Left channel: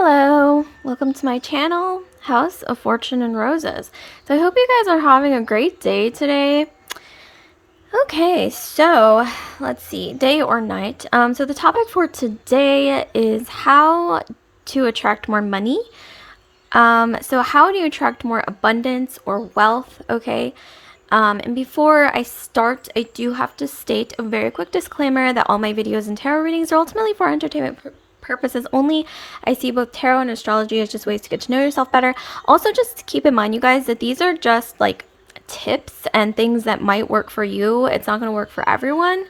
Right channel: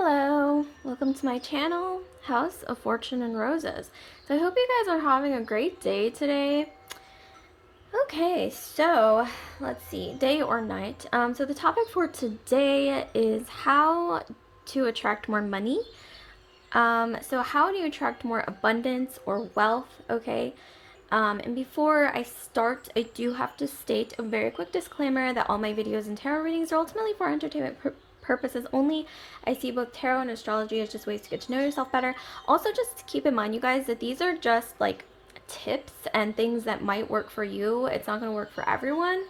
Hello, welcome to my channel, House of Fortune and Roses. So I hope you guys are having a great day today. Okay, so let's see, day or night. So the topic for today is how to attract more money. So how do you attract more abundance or wealth? Okay. And before I start, I do have to state a very quick disclaimer that all my videos and tarot readings are ultimately for entertainment purposes only. I see both tarot and astrology as just ways to get to know yourself better. Also, just keep in mind, you guys, that these are just like tips and things that might work for you. It's not going to work for everyone.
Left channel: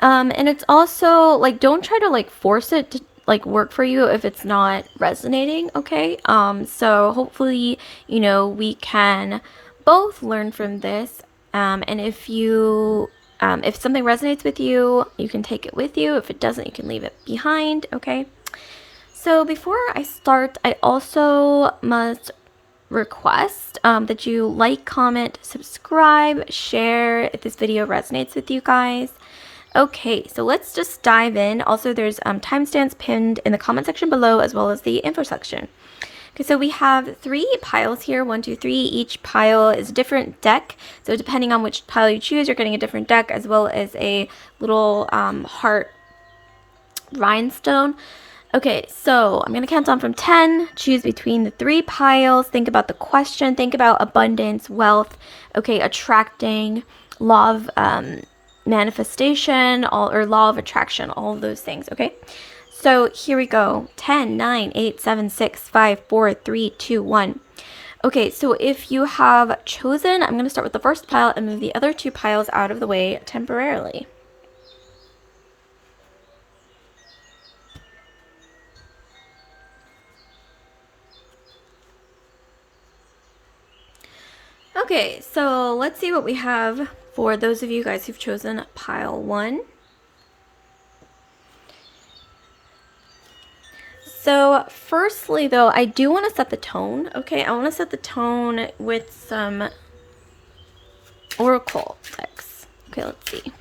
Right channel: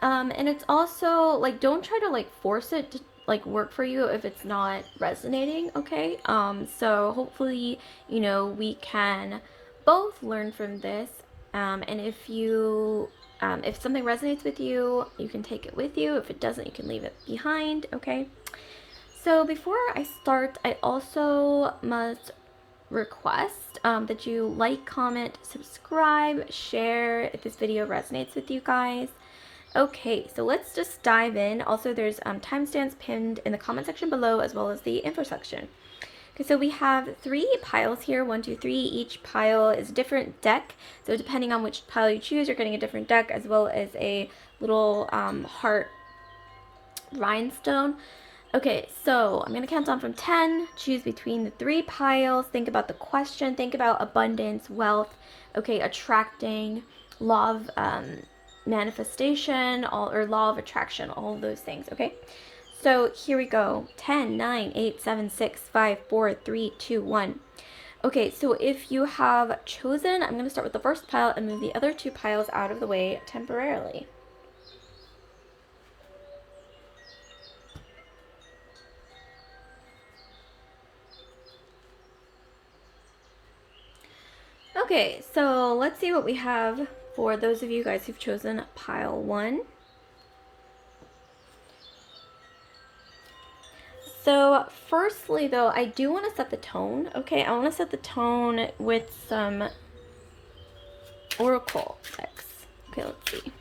And it's also like, don't try to like force it to like work for you if it's not resonating. Okay. So hopefully, we can both learn from this. And if something resonates with you, you can take it with you. If it doesn't, you can leave it behind. Okay. So before I start, I also must request that you like, comment, subscribe, share if this video resonates with you guys. Okay, so let's just dive in. Also, there's timestamps pinned in the comment section below as well as the info section. Okay, so we have 3 piles here, 1, 2, 3. Each pile is a different deck. So depending on which pile you choose, you're getting a different deck as well as a little heart rhinestone. Okay, so I'm going to count down from 10. Choose between the 3 piles. Think about the question. Think about abundance, wealth, okay, attracting, law of manifestation, or law of attraction, all of those things, okay? So here we go. 10, 9, 8, 7, 6, 5, 4, 3, 2, 1. Okay, so if you have chosen, I'm going to start with the first pile and move the other 2 piles out of the way temporarily. Okay, so let's see what we have for those of you guys who've chosen pile 1. So firstly, though, I do want to set the tone, okay? I want to set the tone with some oracle decks. Okay, let's see.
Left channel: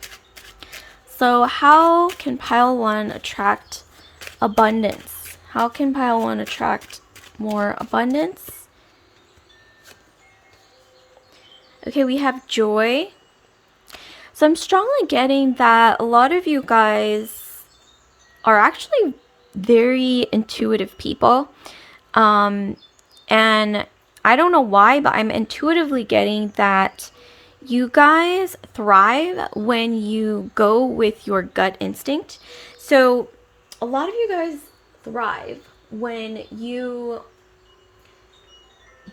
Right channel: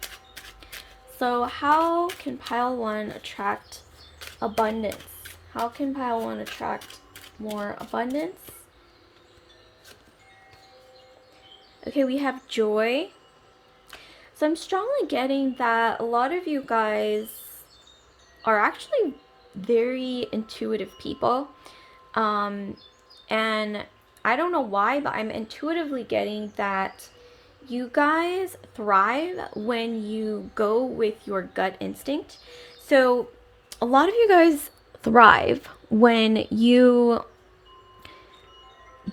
So how can pile 1 attract abundance? How can pile 1 attract more abundance? Okay, we have joy. So I'm strongly getting that a lot of you guys are actually very intuitive people. And I don't know why, but I'm intuitively getting that you guys thrive when you go with your gut instinct. So a lot of you guys thrive when you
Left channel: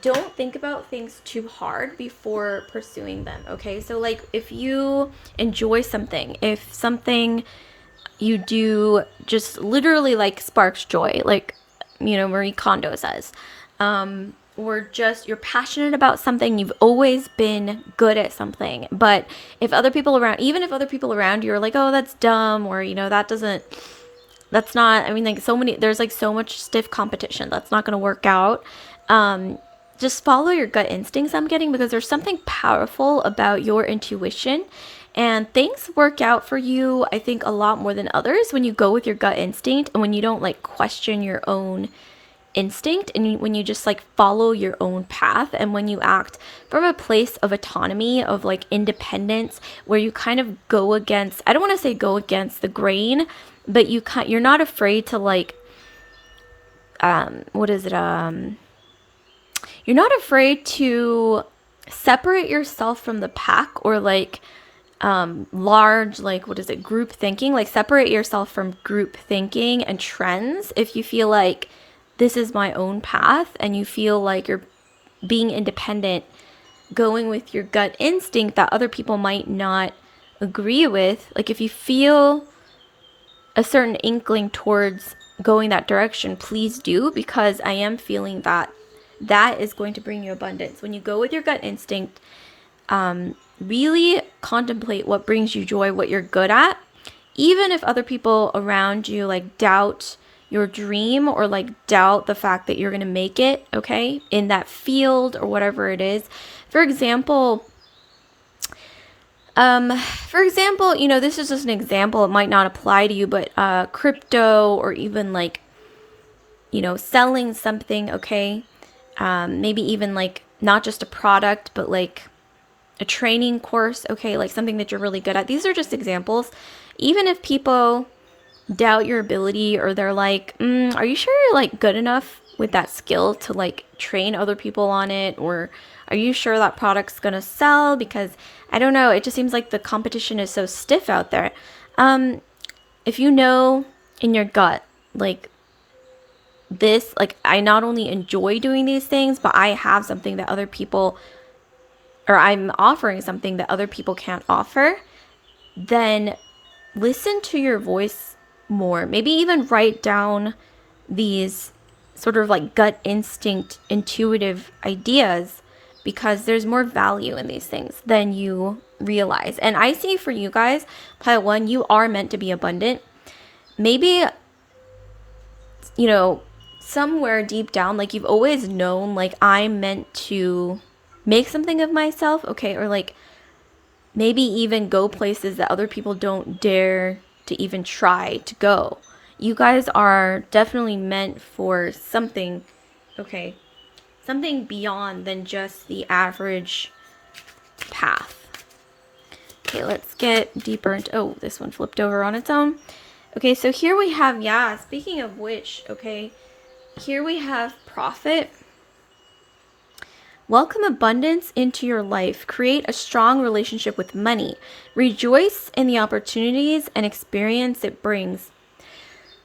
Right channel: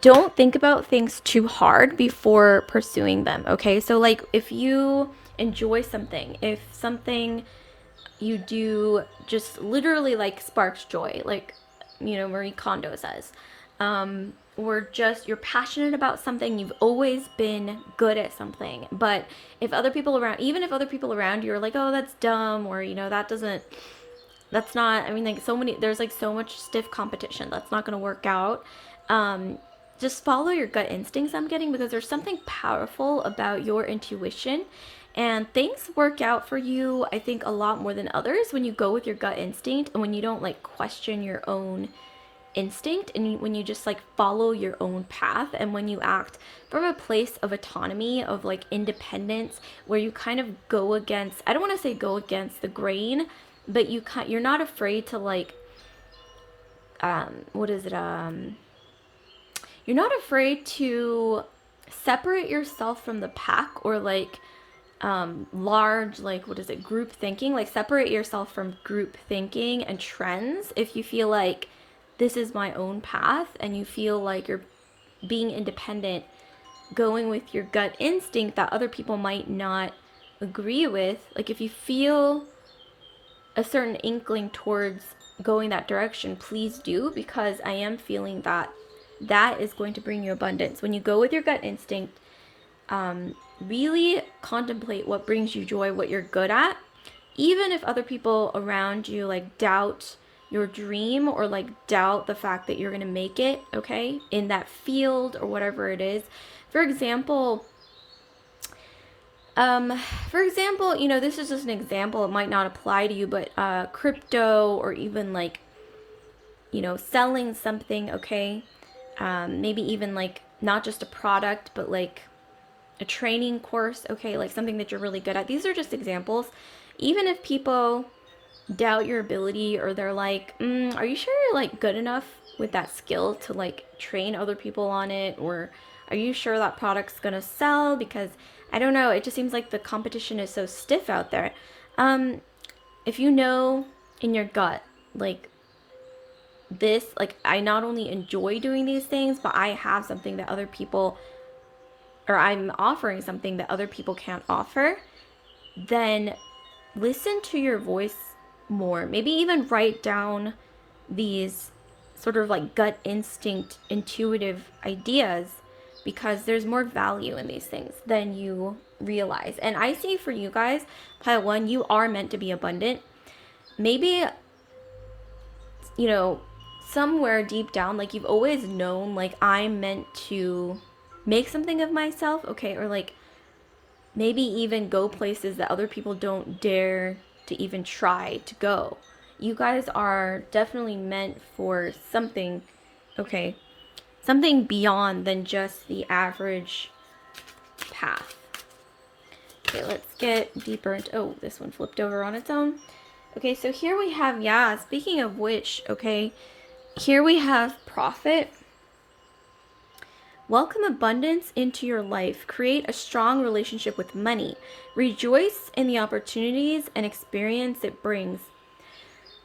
don't think about things too hard before pursuing them, okay? So like if you enjoy something, if something you do just literally like sparks joy, like Marie Kondo says, or just you're passionate about something, you've always been good at something, but if other people around, even if other people around you are like, oh, that's dumb, or that's not, I mean, like there's like so much stiff competition that's not going to work out. Just follow your gut instincts, I'm getting, because there's something powerful about your intuition, and things work out for you, I think, a lot more than others when you go with your gut instinct and when you don't like question your own instinct, and when you just like follow your own path, and when you act from a place of autonomy, of like independence, where you kind of go against, I don't want to say go against the grain, but you're not afraid to like you're not afraid to separate yourself from the pack, or like large, like group thinking, like separate yourself from group thinking and trends if you feel like this is my own path, and you feel like you're being independent, going with your gut instinct that other people might not agree with. Like if you feel a certain inkling towards going that direction, please do, because I am feeling that is going to bring you abundance. When you go with your gut instinct, really contemplate what brings you joy, what you're good at, even if other people around you like doubt your dream, or like doubt the fact that you're going to make it, okay, in that field or whatever it is. For example, this is just an example, it might not apply to you, but crypto, or even like selling something, okay? Maybe even like not just a product, but like a training course, okay? Like something that you're really good at. These are just examples. Even if people doubt your ability, or they're like, are you sure you're like good enough with that skill to like train other people on it? Or are you sure that product's gonna sell? Because I don't know, it just seems like the competition is so stiff out there. If you know in your gut, like this, like I not only enjoy doing these things, but I have something that other people, or I'm offering something that other people can't offer, then listen to your voice more. Maybe even write down these sort of like gut instinct, intuitive ideas, because there's more value in these things than you realize. And I see for you guys, pile one, you are meant to be abundant. Maybe, somewhere deep down, like you've always known, like I'm meant to make something of myself, okay? Or like maybe even go places that other people don't dare to even try to go. You guys are definitely meant for something, okay? Something beyond than just the average path. Okay, let's get deeper into, oh, this one flipped over on its own. Okay, so here we have, speaking of which, okay, here we have profit. Welcome abundance into your life. Create a strong relationship with money. Rejoice in the opportunities and experience it brings.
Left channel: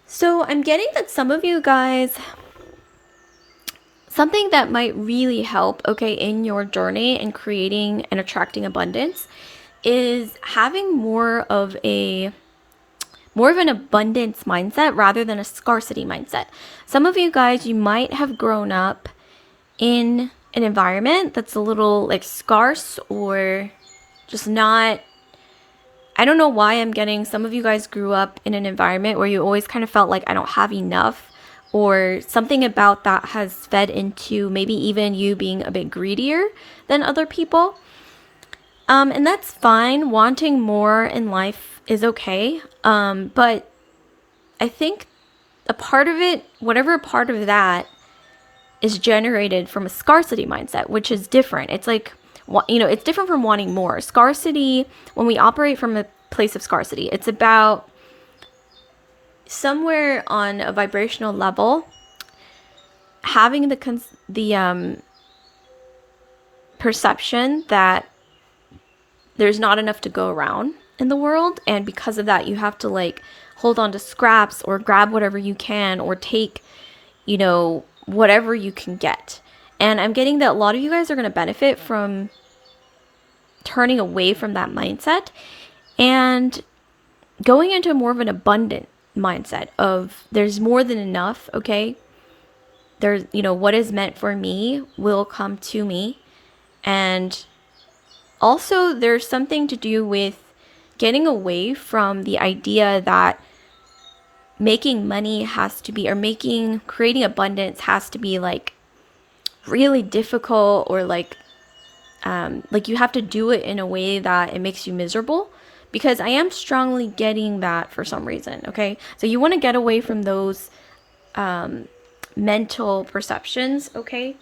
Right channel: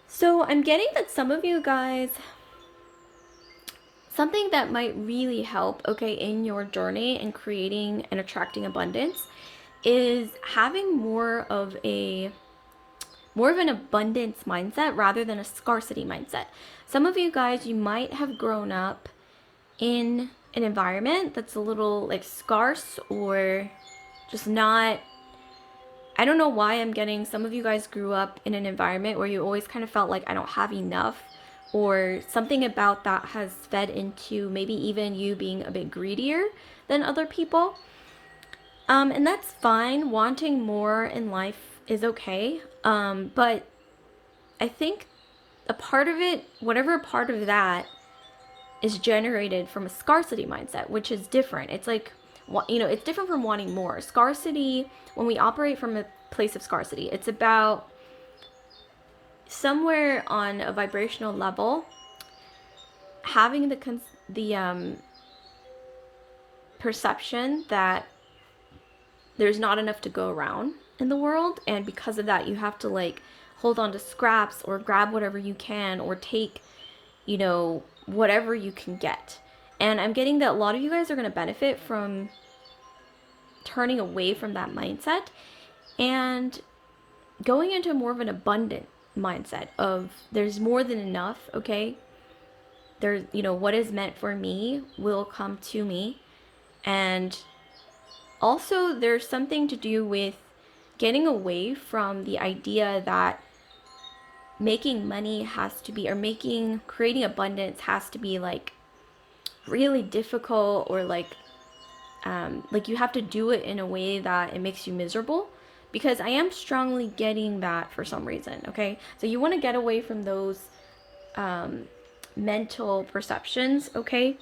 So I'm getting that some of you guys, something that might really help, okay, in your journey in creating and attracting abundance is having more of an abundance mindset rather than a scarcity mindset. Some of you guys, you might have grown up in an environment that's a little like scarce, or just not, I don't know why I'm getting, some of you guys grew up in an environment where you always kind of felt like I don't have enough, or something about that has fed into maybe even you being a bit greedier than other people. And that's fine. Wanting more in life is okay. But I think a part of it, whatever part of that is generated from a scarcity mindset, which is different. It's like, it's different from wanting more. Scarcity, when we operate from a place of scarcity, it's about somewhere on a vibrational level having the perception that there's not enough to go around in the world, and because of that you have to like hold on to scraps or grab whatever you can, or take whatever you can get. And I'm getting that a lot of you guys are going to benefit from turning away from that mindset and going into more of an abundant mindset of there's more than enough, okay? There's, what is meant for me will come to me. And also there's something to do with getting away from the idea that making money has to be, or creating abundance has to be like really difficult, or like you have to do it in a way that it makes you miserable, because I am strongly getting that for some reason, okay? So you want to get away from those mental perceptions, okay?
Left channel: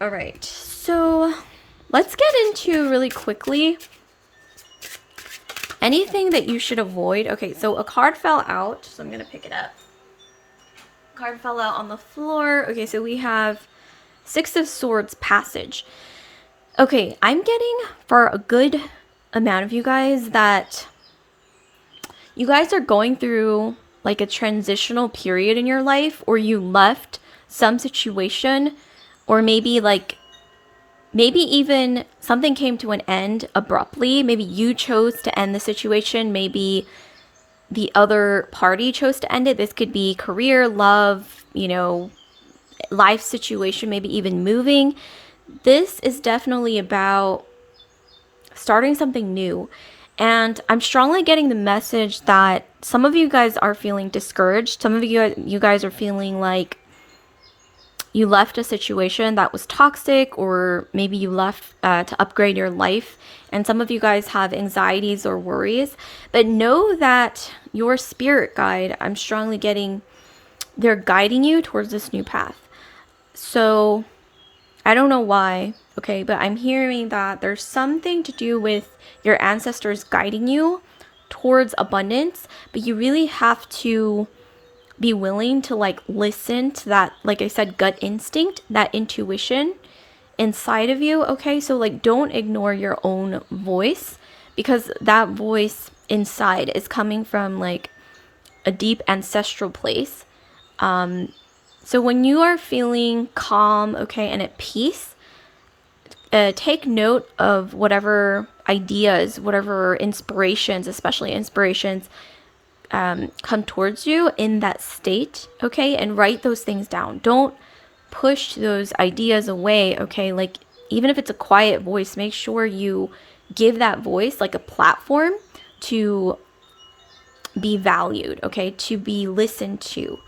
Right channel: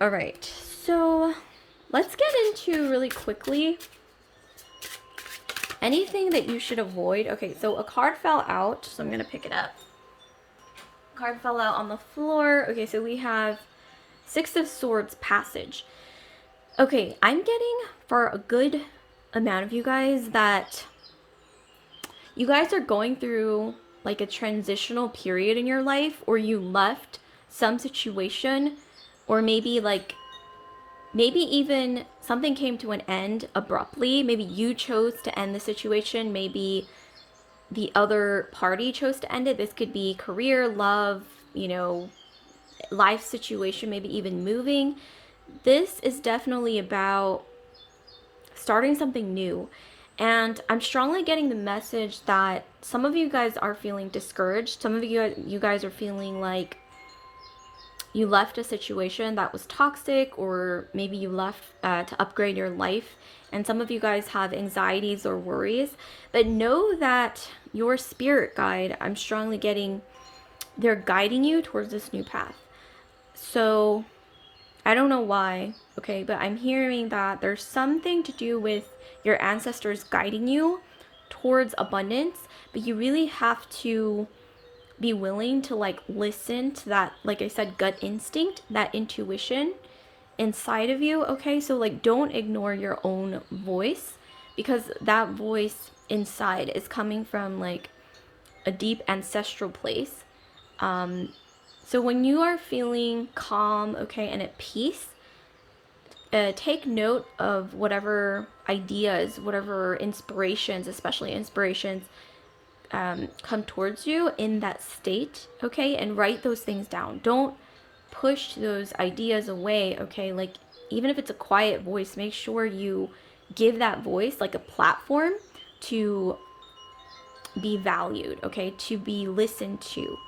All right, so let's get into really quickly anything that you should avoid. Okay, so a card fell out, so I'm going to pick it up. Card fell out on the floor. Okay, so we have Six of Swords, Passage. Okay, I'm getting for a good amount of you guys that you guys are going through like a transitional period in your life, or you left some situation, or maybe even something came to an end abruptly. Maybe you chose to end the situation. Maybe the other party chose to end it. This could be career, love, life situation, maybe even moving. This is definitely about starting something new. And I'm strongly getting the message that some of you guys are feeling discouraged. Some of you guys are feeling like you left a situation that was toxic, or maybe you left to upgrade your life. And some of you guys have anxieties or worries, but know that your spirit guide, I'm strongly getting, they're guiding you towards this new path. So I don't know why, okay, but I'm hearing that there's something to do with your ancestors guiding you towards abundance, but you really have to be willing to like listen to that, like I said, gut instinct, that intuition inside of you, okay? So like don't ignore your own voice, because that voice inside is coming from like a deep ancestral place. So when you are feeling calm, okay, and at peace, take note of whatever ideas, whatever inspirations, especially inspirations, come towards you in that state, okay? And write those things down. Don't push those ideas away, okay? Like, even if it's a quiet voice, make sure you give that voice like a platform to be valued, okay? To be listened to.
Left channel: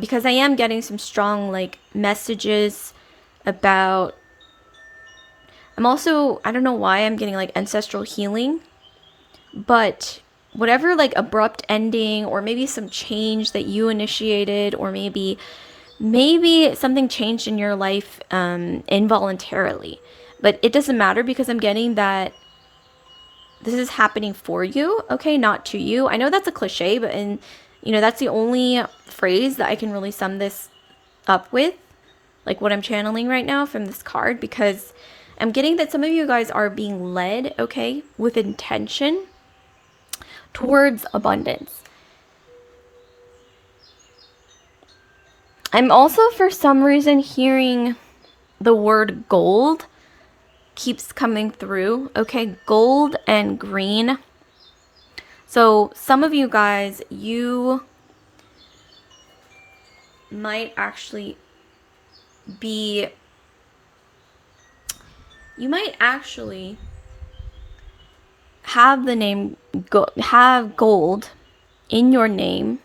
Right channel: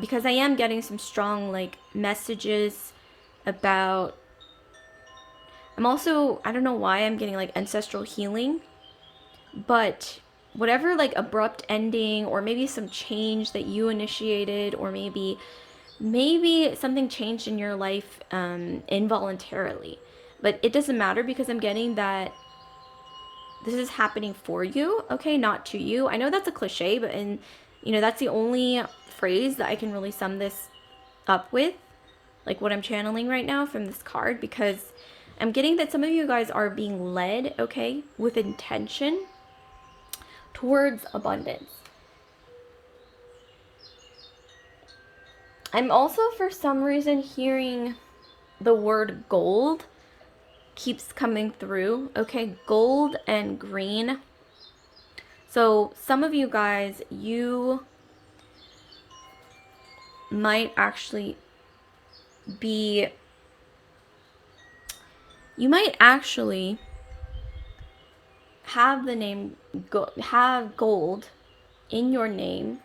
Because I am getting some strong like messages about, I'm also, I don't know why I'm getting like ancestral healing, but whatever like abrupt ending, or maybe some change that you initiated, or maybe something changed in your life involuntarily, but it doesn't matter, because I'm getting that this is happening for you, okay, not to you. I know that's a cliche, but that's the only phrase that I can really sum this up with, like what I'm channeling right now from this card, because I'm getting that some of you guys are being led, okay, with intention towards abundance. I'm also, for some reason, hearing the word gold keeps coming through, okay? Gold and green. So some of you guys, you might actually have the name, have gold in your name,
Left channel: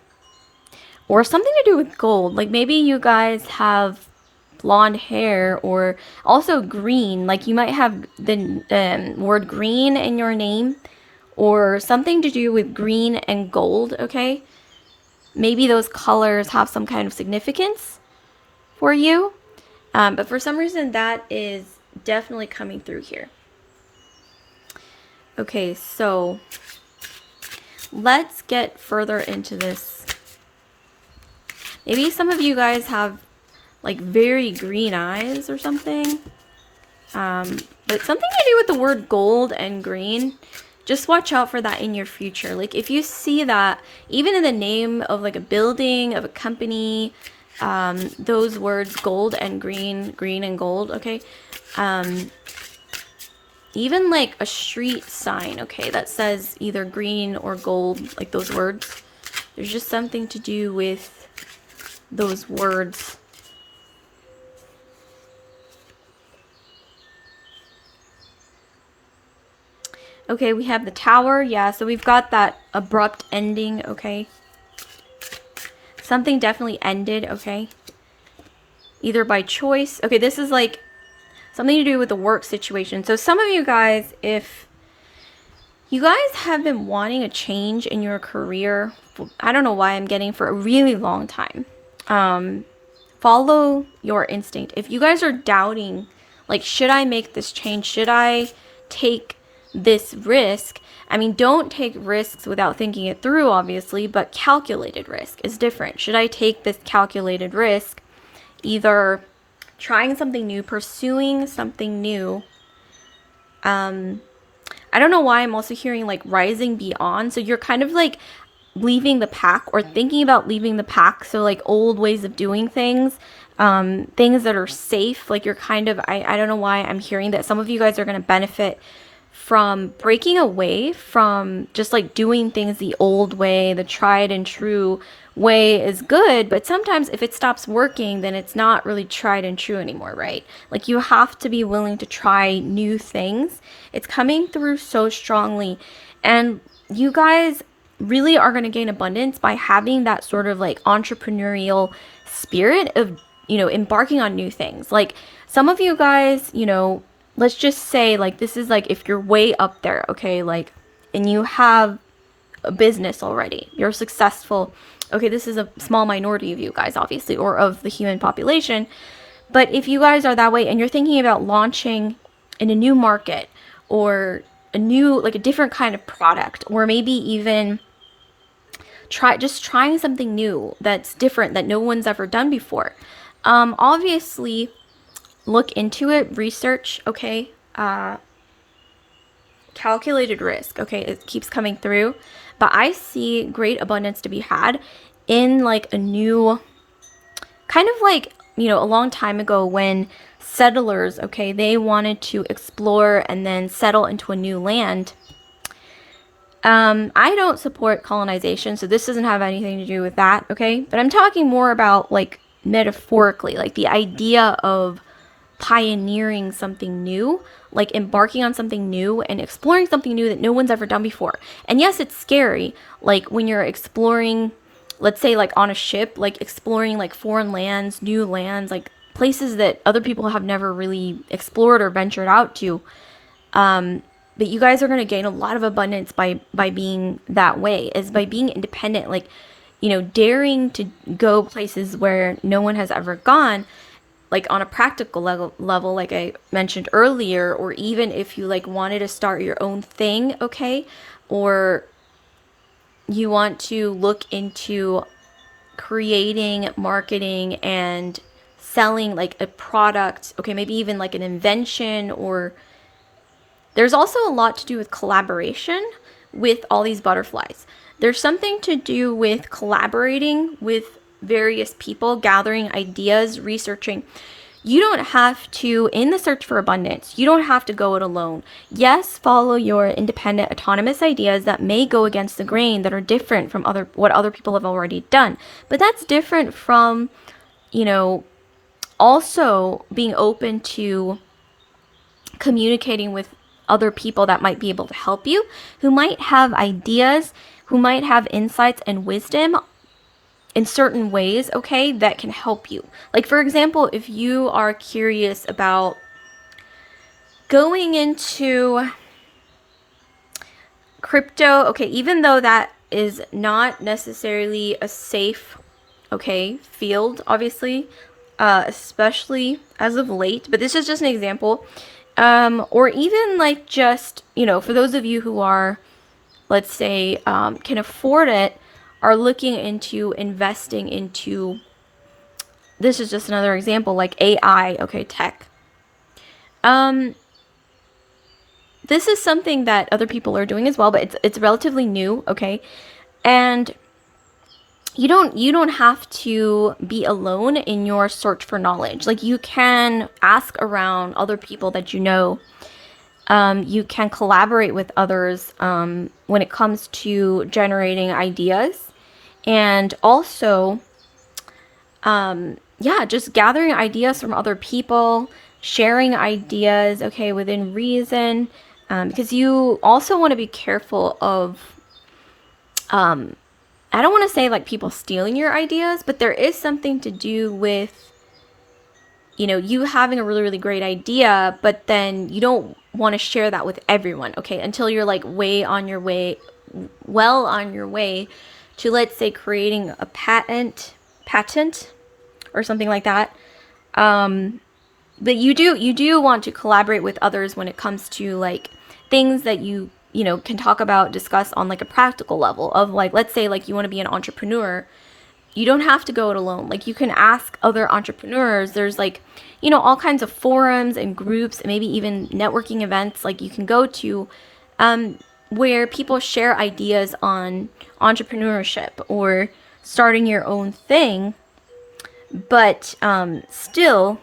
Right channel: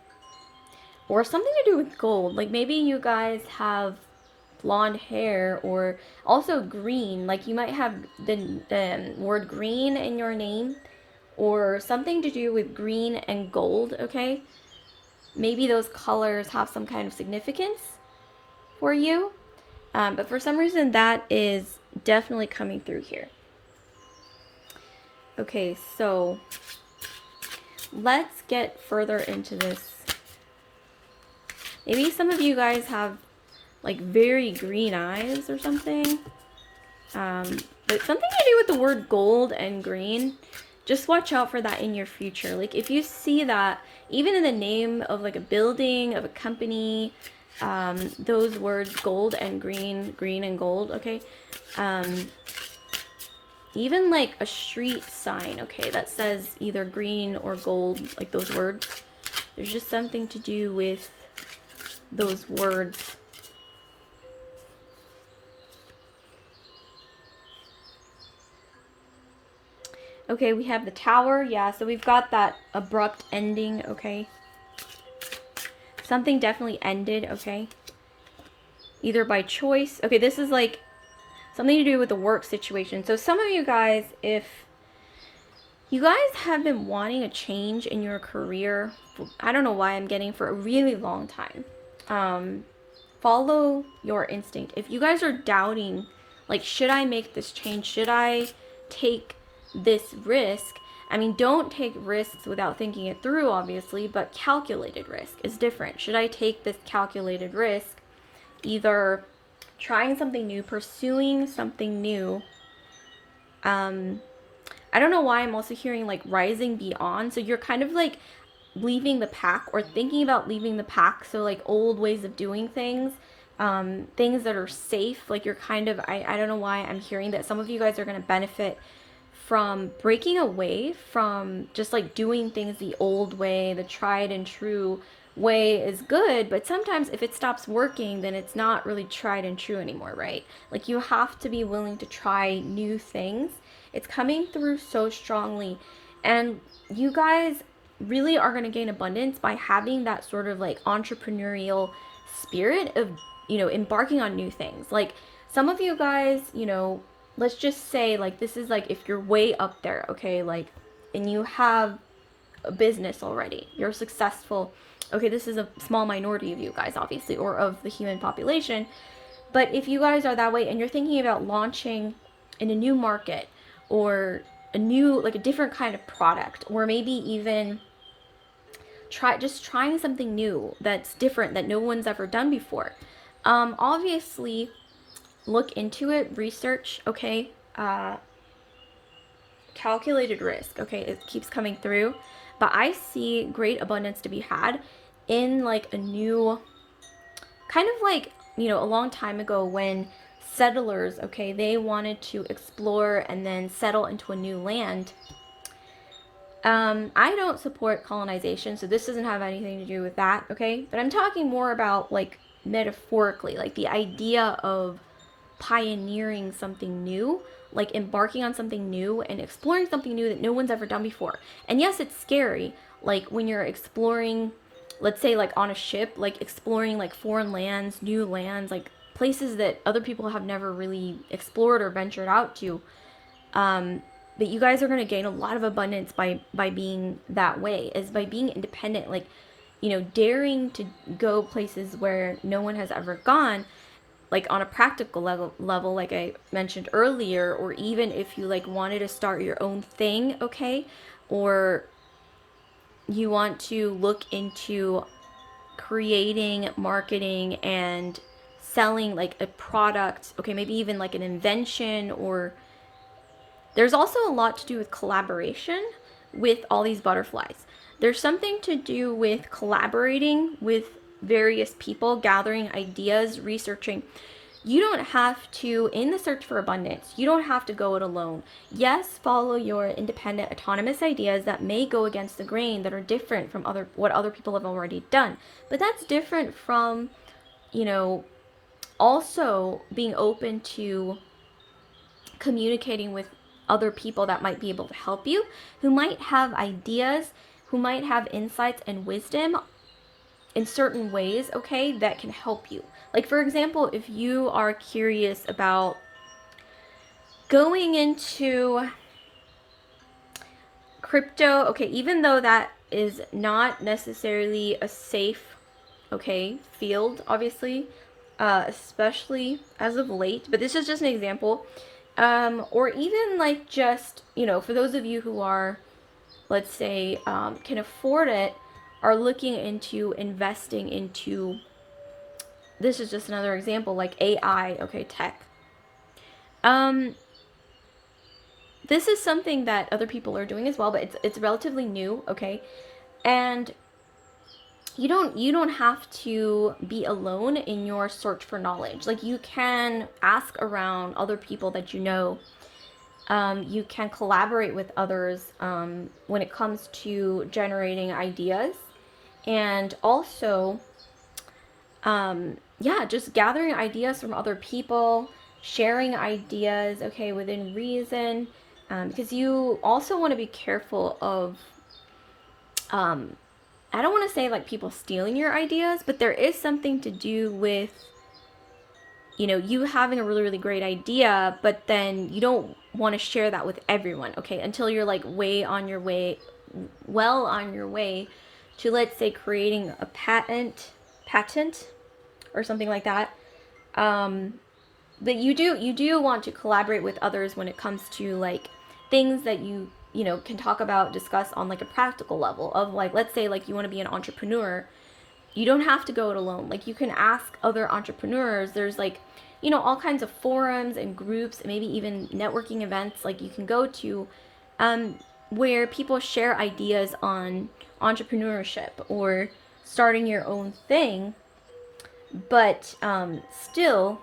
or something to do with gold. Like maybe you guys have blonde hair, or also green. Like you might have the word green in your name, or something to do with green and gold, okay? Maybe those colors have some kind of significance for you. But for some reason, that is definitely coming through here. Okay, so let's get further into this. Maybe some of you guys have like very green eyes or something. But something to do with the word gold and green. Just watch out for that in your future. Like if you see that, even in the name of like a building, of a company, those words gold and green, green and gold, okay? Even like a street sign, okay, that says either green or gold, like those words. There's just something to do with those words. Okay, we have the Tower. Yeah, so we've got that abrupt ending, okay? Something definitely ended, okay? Either by choice. Okay, this is like something to do with the work situation. So some of you guys, if you guys have been wanting a change in your career, I don't know why I'm getting, for a really long time. Follow your instinct. If you guys are doubting, like, should I make this change? Should I take this risk? I mean, don't take risks without thinking it through, obviously, but calculated risk is different. Should I take this calculated risk, either trying something new, pursuing something new? I don't know why I'm also hearing like rising beyond. So you're kind of like leaving the pack, or thinking about leaving the pack. So like old ways of doing things, things that are safe. Like you're kind of, I don't know why I'm hearing that some of you guys are going to benefit from breaking away from just like doing things the old way. The tried and true way is good, but sometimes if it stops working, then it's not really tried and true anymore, right? Like you have to be willing to try new things. It's coming through so strongly, and you guys really are going to gain abundance by having that sort of like entrepreneurial spirit of embarking on new things. Like some of you guys, let's just say like this is like if you're way up there, okay, like, and you have a business already, you're successful. Okay, this is a small minority of you guys, obviously, or of the human population. But if you guys are that way and you're thinking about launching in a new market or like a different kind of product, or maybe even trying something new that's different that no one's ever done before, obviously look into it, research, okay, calculated risk, okay, it keeps coming through. But I see great abundance to be had in like a new kind of like, a long time ago when settlers, okay, they wanted to explore and then settle into a new land. I don't support colonization, so this doesn't have anything to do with that, okay? But I'm talking more about like metaphorically, like the idea of pioneering something new, like embarking on something new and exploring something new that no one's ever done before. And yes, it's scary, like when you're exploring, let's say like on a ship, like exploring like foreign lands, new lands, like places that other people have never really explored or ventured out to. But you guys are going to gain a lot of abundance by being that way, is by being independent, like, daring to go places where no one has ever gone, like on a practical level, like I mentioned earlier, or even if you like wanted to start your own thing, okay, or you want to look into creating, marketing, and selling like a product, okay, maybe even like an invention. Or there's also a lot to do with collaboration with all these butterflies. There's something to do with collaborating with various people, gathering ideas, researching. You don't have to, in the search for abundance, you don't have to go it alone. Yes, follow your independent, autonomous ideas that may go against the grain, that are different from what other people have already done. But that's different from, also being open to communicating with other people that might be able to help you, who might have ideas, who might have insights and wisdom in certain ways, okay, that can help you. Like, for example, if you are curious about going into crypto, okay, even though that is not necessarily a safe, okay, field, obviously, especially as of late, but this is just an example. Or even like just, for those of you who are, let's say, can afford it, are looking into investing into, this is just another example, like AI, okay, tech. This is something that other people are doing as well, but it's relatively new, okay? And you don't have to be alone in your search for knowledge. Like, you can ask around other people that you know. You can collaborate with others when it comes to generating ideas. And also, just gathering ideas from other people, sharing ideas, okay, within reason. Because you also want to be careful of, I don't want to say like people stealing your ideas, but there is something to do with, you having a really, really great idea, but then you don't want to share that with everyone, okay, until you're like well on your way to, let's say, creating a patent or something like that. But you do want to collaborate with others when it comes to like things that you can talk about, discuss on like a practical level of, like, let's say like you want to be an entrepreneur. You don't have to go it alone. Like, you can ask other entrepreneurs. There's like, all kinds of forums and groups, and maybe even networking events like you can go to, where people share ideas on entrepreneurship or starting your own thing. But still,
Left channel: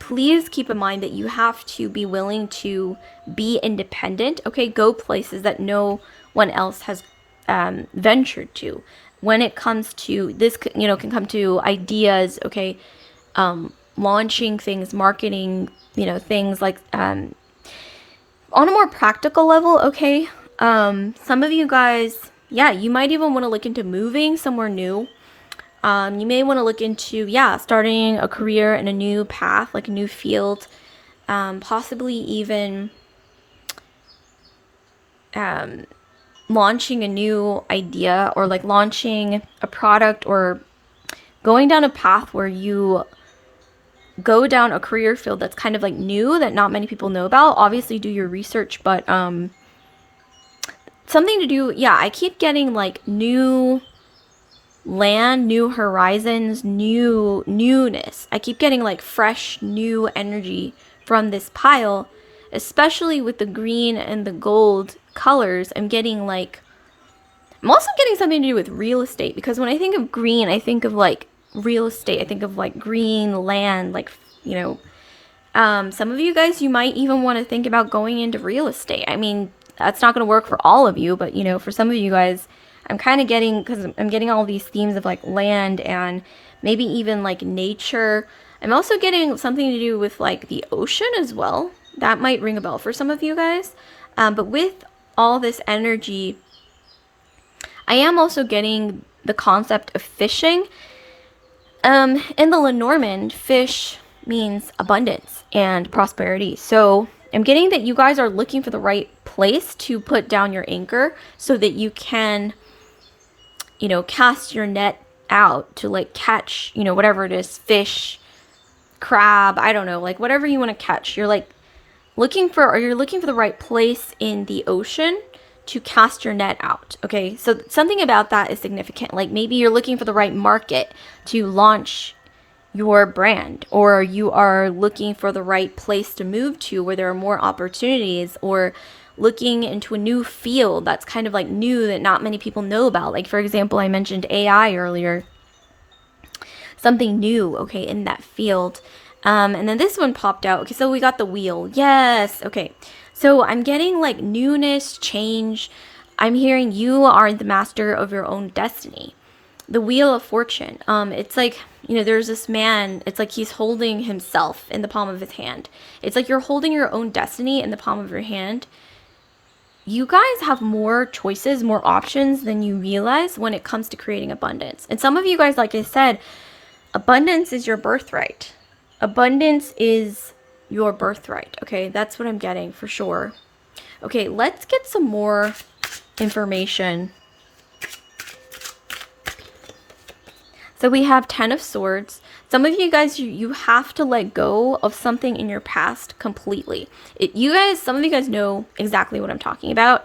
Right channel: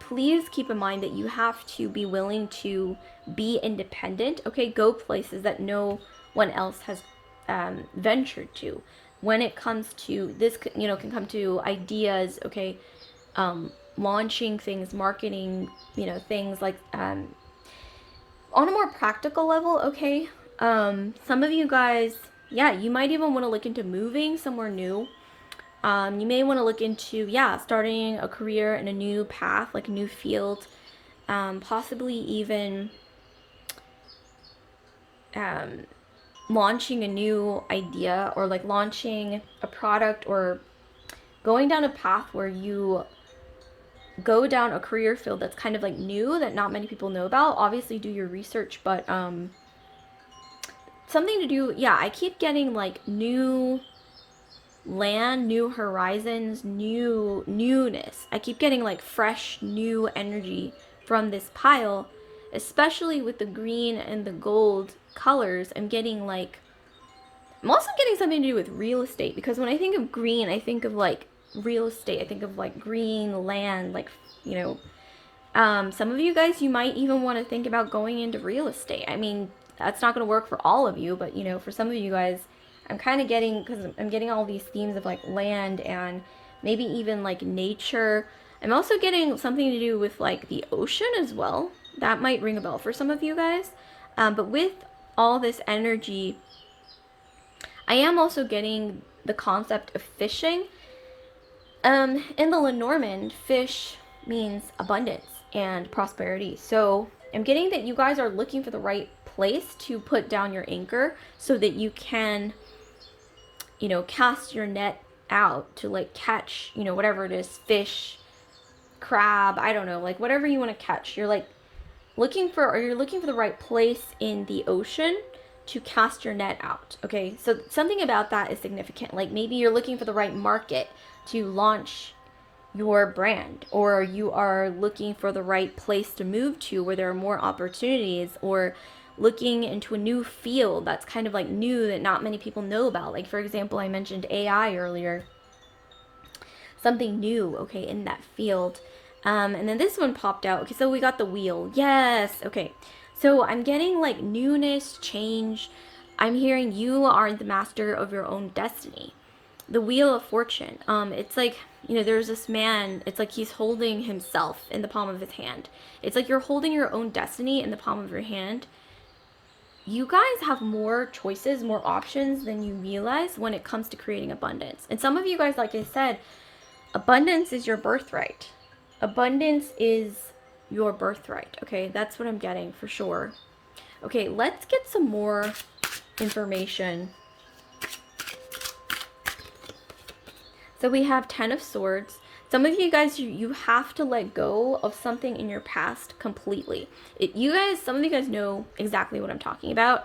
please keep in mind that you have to be willing to be independent, okay? Go places that no one else has ventured to. When it comes to this, can come to ideas, okay? Launching things, marketing, things like on a more practical level, okay? Some of you guys, yeah, you might even want to look into moving somewhere new. You may want to look into, starting a career in a new path, like a new field, possibly even launching a new idea, or like launching a product, or going down a path where you go down a career field that's kind of like new, that not many people know about. Obviously do your research, but something to do, I keep getting like new land, new horizons, newness. I keep getting like fresh new energy from this pile, especially with the green and the gold colors. I'm also getting something to do with real estate, because when I think of green, I think of like real estate. I think of like green land, like, some of you guys, you might even want to think about going into real estate. I mean, that's not going to work for all of you, but for some of you guys, I'm kind of getting, because I'm getting all these themes of like land and maybe even like nature. I'm also getting something to do with like the ocean as well. That might ring a bell for some of you guys. But with all this energy, I am also getting the concept of fishing. In the Lenormand, fish means abundance and prosperity. So I'm getting that you guys are looking for the right place to put down your anchor so that you can, cast your net out to like catch, whatever it is, fish, crab, I don't know, like whatever you want to catch. You're looking for the right place in the ocean to cast your net out. Okay, so something about that is significant. Like maybe you're looking for the right market to launch your brand, or you are looking for the right place to move to where there are more opportunities, or looking into a new field that's kind of like new that not many people know about. Like for example, I mentioned AI earlier, something new, okay, in that field. And then this one popped out. Okay, so we got the wheel. Yes. Okay. So I'm getting like newness, change. I'm hearing you are the master of your own destiny. The Wheel of Fortune. It's like, there's this man, it's like he's holding himself in the palm of his hand. It's like you're holding your own destiny in the palm of your hand. You guys have more choices, more options than you realize when it comes to creating abundance. And some of you guys, like I said, abundance is your birthright. Abundance is your birthright. Okay, that's what I'm getting for sure. Okay, let's get some more information. So we have 10 of Swords. Some of you guys, you have to let go of something in your past completely. Some of you guys know exactly what I'm talking about.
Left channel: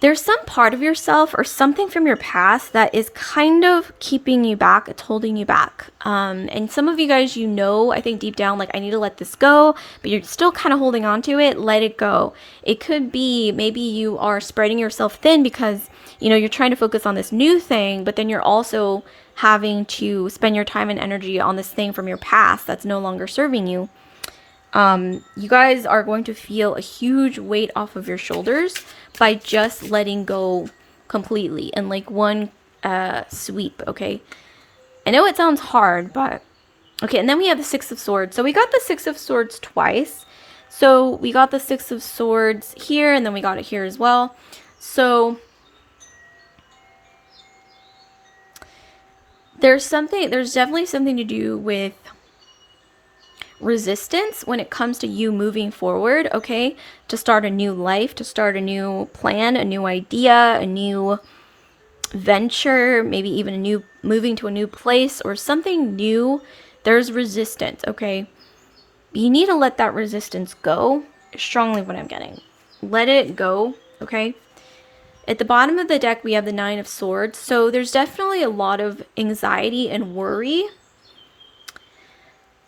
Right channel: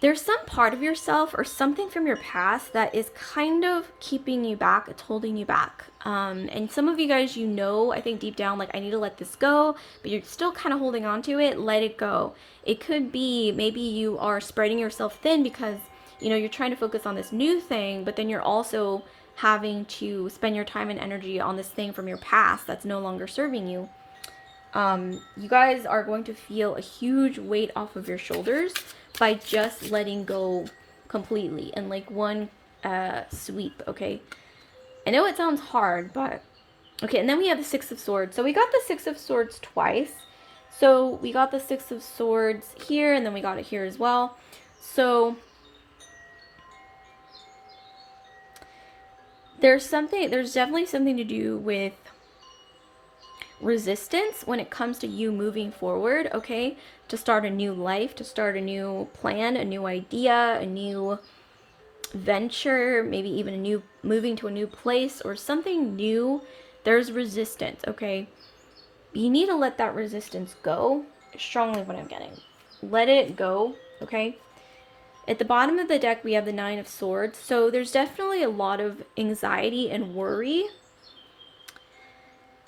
There's some part of yourself or something from your past that is kind of keeping you back. It's holding you back. And some of you guys, I think deep down, like, I need to let this go, but you're still kind of holding on to it. Let it go. It could be maybe you are spreading yourself thin because, you're trying to focus on this new thing, but then you're also having to spend your time and energy on this thing from your past that's no longer serving you. You guys are going to feel a huge weight off of your shoulders by just letting go completely in like one sweep, okay? I know it sounds hard, but okay. And then we have the Six of Swords. So we got the Six of Swords twice. So we got the Six of Swords here, and then we got it here as well. So there's definitely something to do with resistance when it comes to you moving forward, okay? To start a new life, to start a new plan, a new idea, a new venture, maybe even moving to a new place or something new. There's resistance, okay? You need to let that resistance go. Strongly what I'm getting. Let it go, okay? At the bottom of the deck, we have the Nine of Swords. So there's definitely a lot of anxiety and worry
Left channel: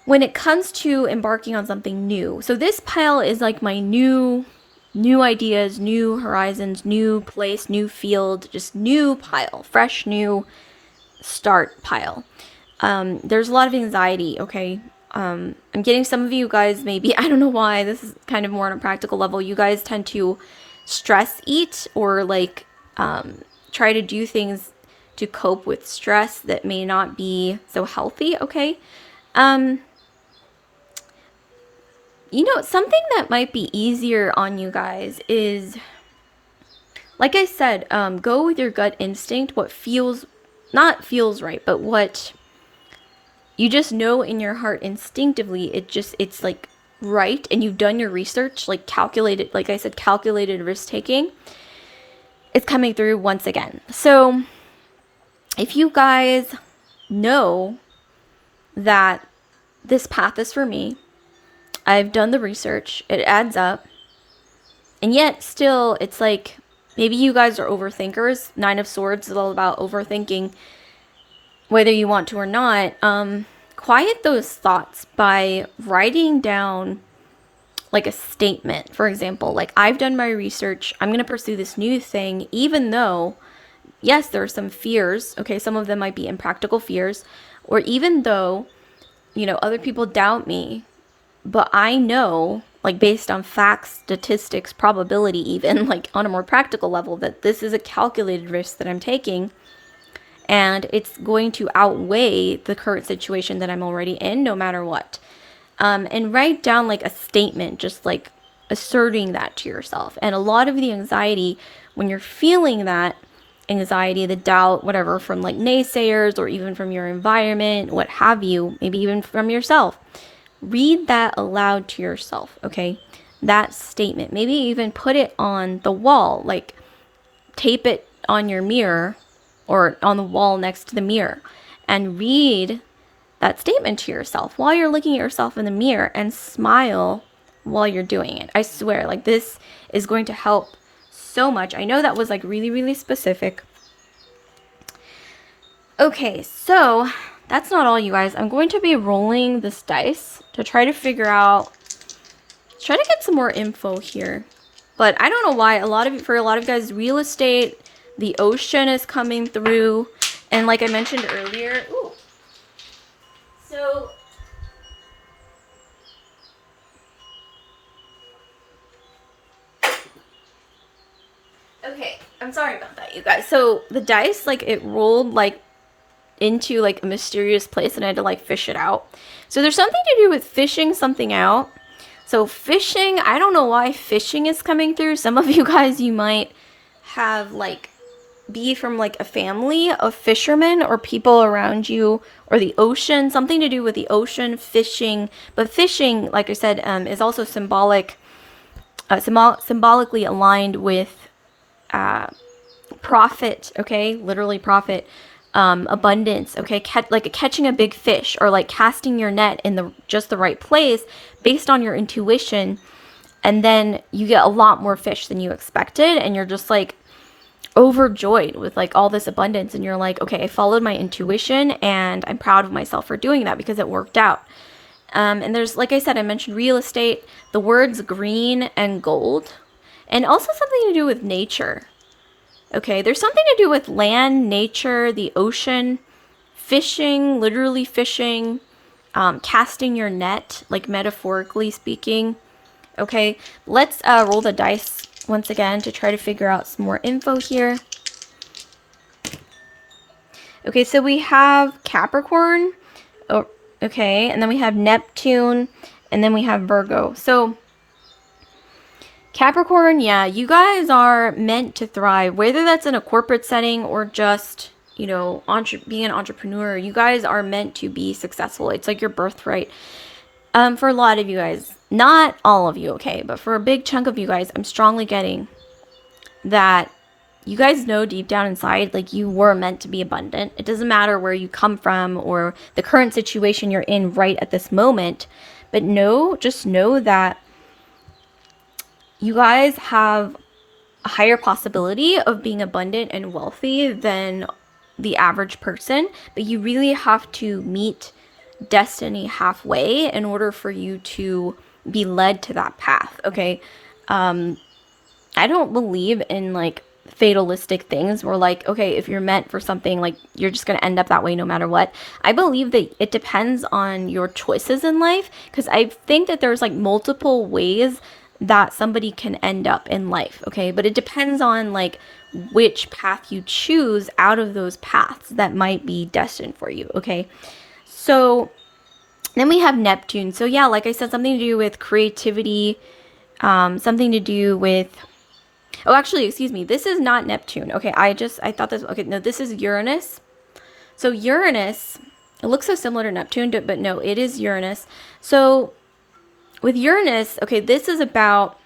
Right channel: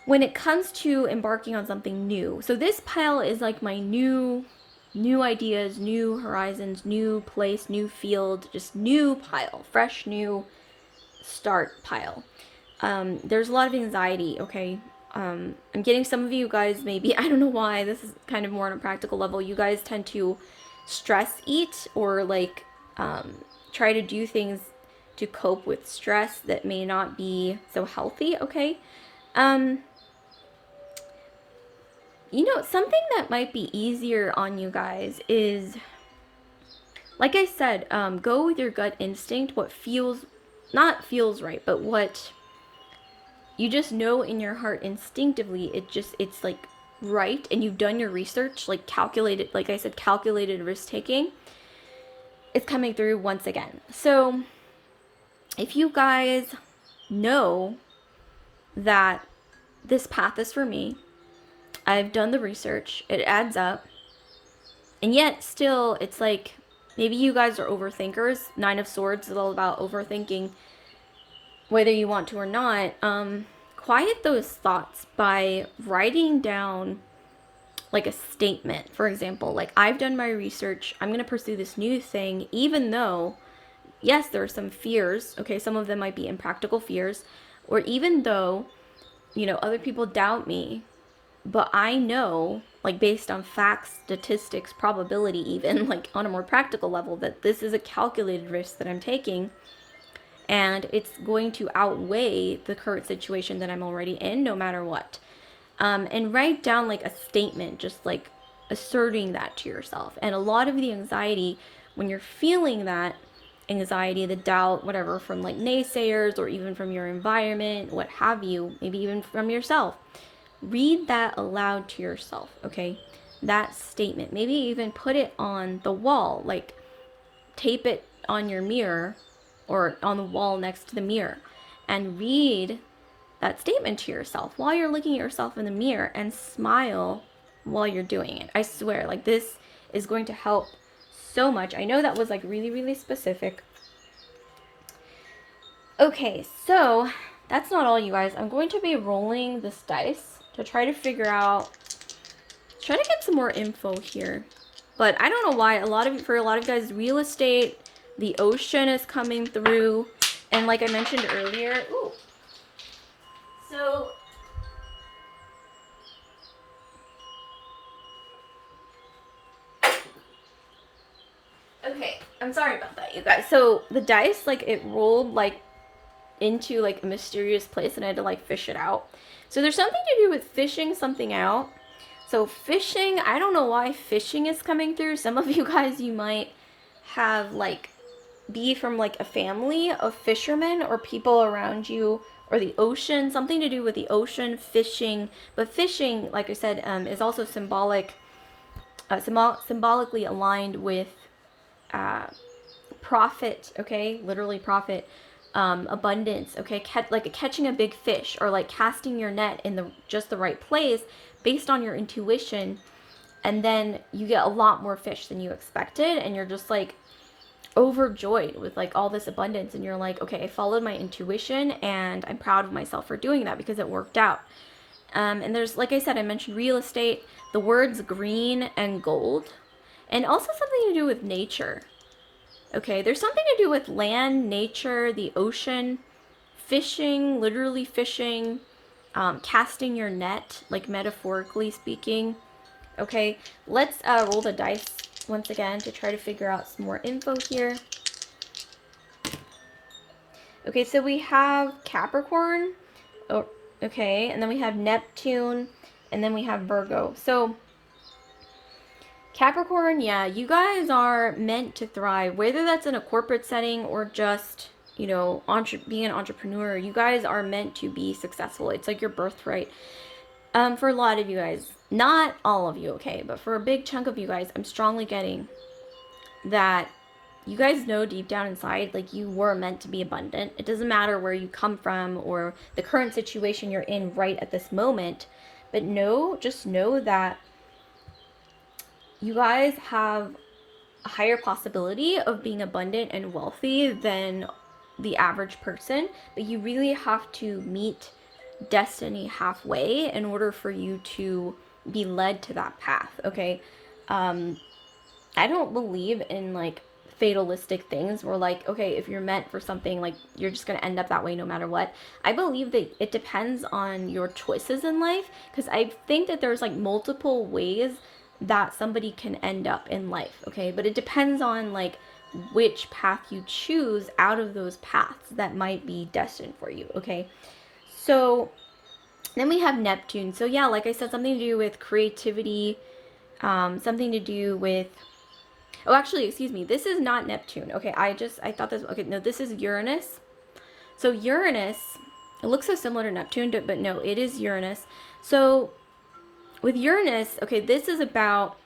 when it comes to embarking on something new. So this pile is like my new ideas, new horizons, new place, new field, just new pile, fresh, new start pile. There's a lot of anxiety, okay? I'm getting some of you guys, maybe, I don't know why, this is kind of more on a practical level. You guys tend to stress eat or like try to do things to cope with stress that may not be so healthy, okay? Something that might be easier on you guys is, like I said, go with your gut instinct, what feels not feels right, but what you just know in your heart instinctively, it's like right, and you've done your research, like calculated, like I said, calculated risk taking, it's coming through once again. So if you guys know that this path is for me, I've done the research, it adds up, and yet still it's like maybe you guys are overthinkers. Nine of Swords is all about overthinking, whether you want to or not. Quiet those thoughts by writing down like a statement. For example, like, I've done my research, I'm going to pursue this new thing, even though, yes, there are some fears. Okay, some of them might be impractical fears, or even though, other people doubt me, but I know, like, based on facts, statistics, probability, even like on a more practical level, that this is a calculated risk that I'm taking, and it's going to outweigh the current situation that I'm already in, no matter what. And write down like a statement, just like asserting that to yourself. And a lot of the anxiety, when you're feeling that anxiety, the doubt, whatever, from like naysayers or even from your environment, what have you, maybe even from yourself, read that aloud to yourself, okay? That statement. Maybe even put it on the wall, like tape it on your mirror or on the wall next to the mirror, and read that statement to yourself while you're looking at yourself in the mirror, and smile while you're doing it. I swear, like, this is going to help so much. I know that was like really, really specific. Okay, so that's not all, you guys. I'm going to be rolling this dice to try to figure out, try to get some more info here. But I don't know why for a lot of guys, real estate, the ocean is coming through. And like I mentioned earlier, so okay, I'm sorry about that, you guys. So the dice, like, it rolled like into like a mysterious place, and I had to like fish it out. So there's something to do with fishing something out. So fishing, I don't know why fishing is coming through. Some of you guys, you might have like be from like a family of fishermen or people around you, or the ocean, something to do with the ocean, fishing. But fishing, like I said, is also symbolically aligned with profit, okay? Literally profit, abundance, okay? Like catching a big fish, or like casting your net in just the right place based on your intuition, and then you get a lot more fish than you expected, and you're just like overjoyed with like all this abundance, and you're like, okay, I followed my intuition, and I'm proud of myself for doing that because it worked out. And there's, like I said, I mentioned real estate, the words green and gold, and also something to do with nature. Okay, there's something to do with land, nature, the ocean, fishing, literally fishing, casting your net, like metaphorically speaking. Okay, let's roll the dice once again to try to figure out some more info here. Okay, so we have Capricorn, okay, and then we have Neptune, and then we have Virgo. So Capricorn, yeah, you guys are meant to thrive, whether that's in a corporate setting or just, being an entrepreneur. You guys are meant to be successful. It's like your birthright. For a lot of you guys, not all of you, okay, but for a big chunk of you guys, I'm strongly getting that you guys know deep down inside, like, you were meant to be abundant. It doesn't matter where you come from or the current situation you're in right at this moment, but just know that you guys have a higher possibility of being abundant and wealthy than the average person, but you really have to meet destiny halfway in order for you to be led to that path, okay? I don't believe in like fatalistic things where, like, okay, if you're meant for something, like, you're just going to end up that way no matter what. I believe that it depends on your choices in life, because I think that there's like multiple ways that somebody can end up in life, okay? But it depends on like which path you choose out of those paths that might be destined for you, okay? So then we have Neptune. So yeah, like I said, something to do with creativity, something to do with, oh, actually, excuse me, this is not Neptune. Okay, I thought this, okay, no, this is Uranus. So Uranus, it looks so similar to Neptune, but no, it is Uranus. So with Uranus, okay, this is about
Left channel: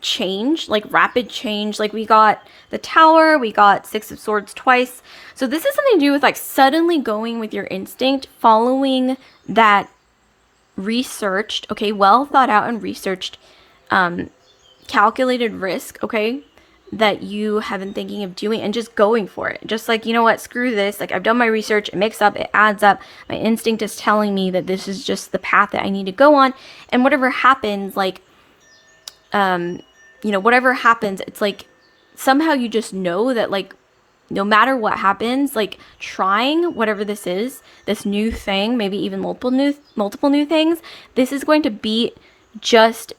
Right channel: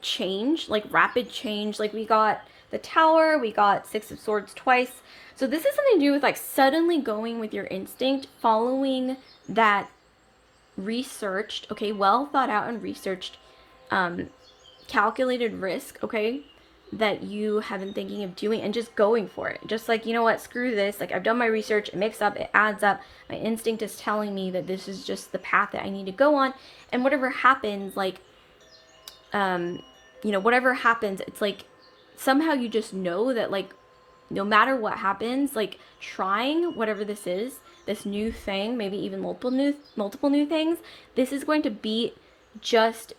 change, like rapid change. Like we got the Tower, we got Six of Swords twice. So this is something to do with like suddenly going with your instinct, following that researched, okay, well thought out and researched, calculated risk, okay, that you have been thinking of doing and just going for it. Just like, you know what, screw this. Like I've done my research, it makes up, it adds up. My instinct is telling me that this is just the path that I need to go on. And whatever happens, like, whatever happens, it's like somehow you just know that like no matter what happens, like trying whatever this is, this new thing, maybe even multiple new things, this is going to be just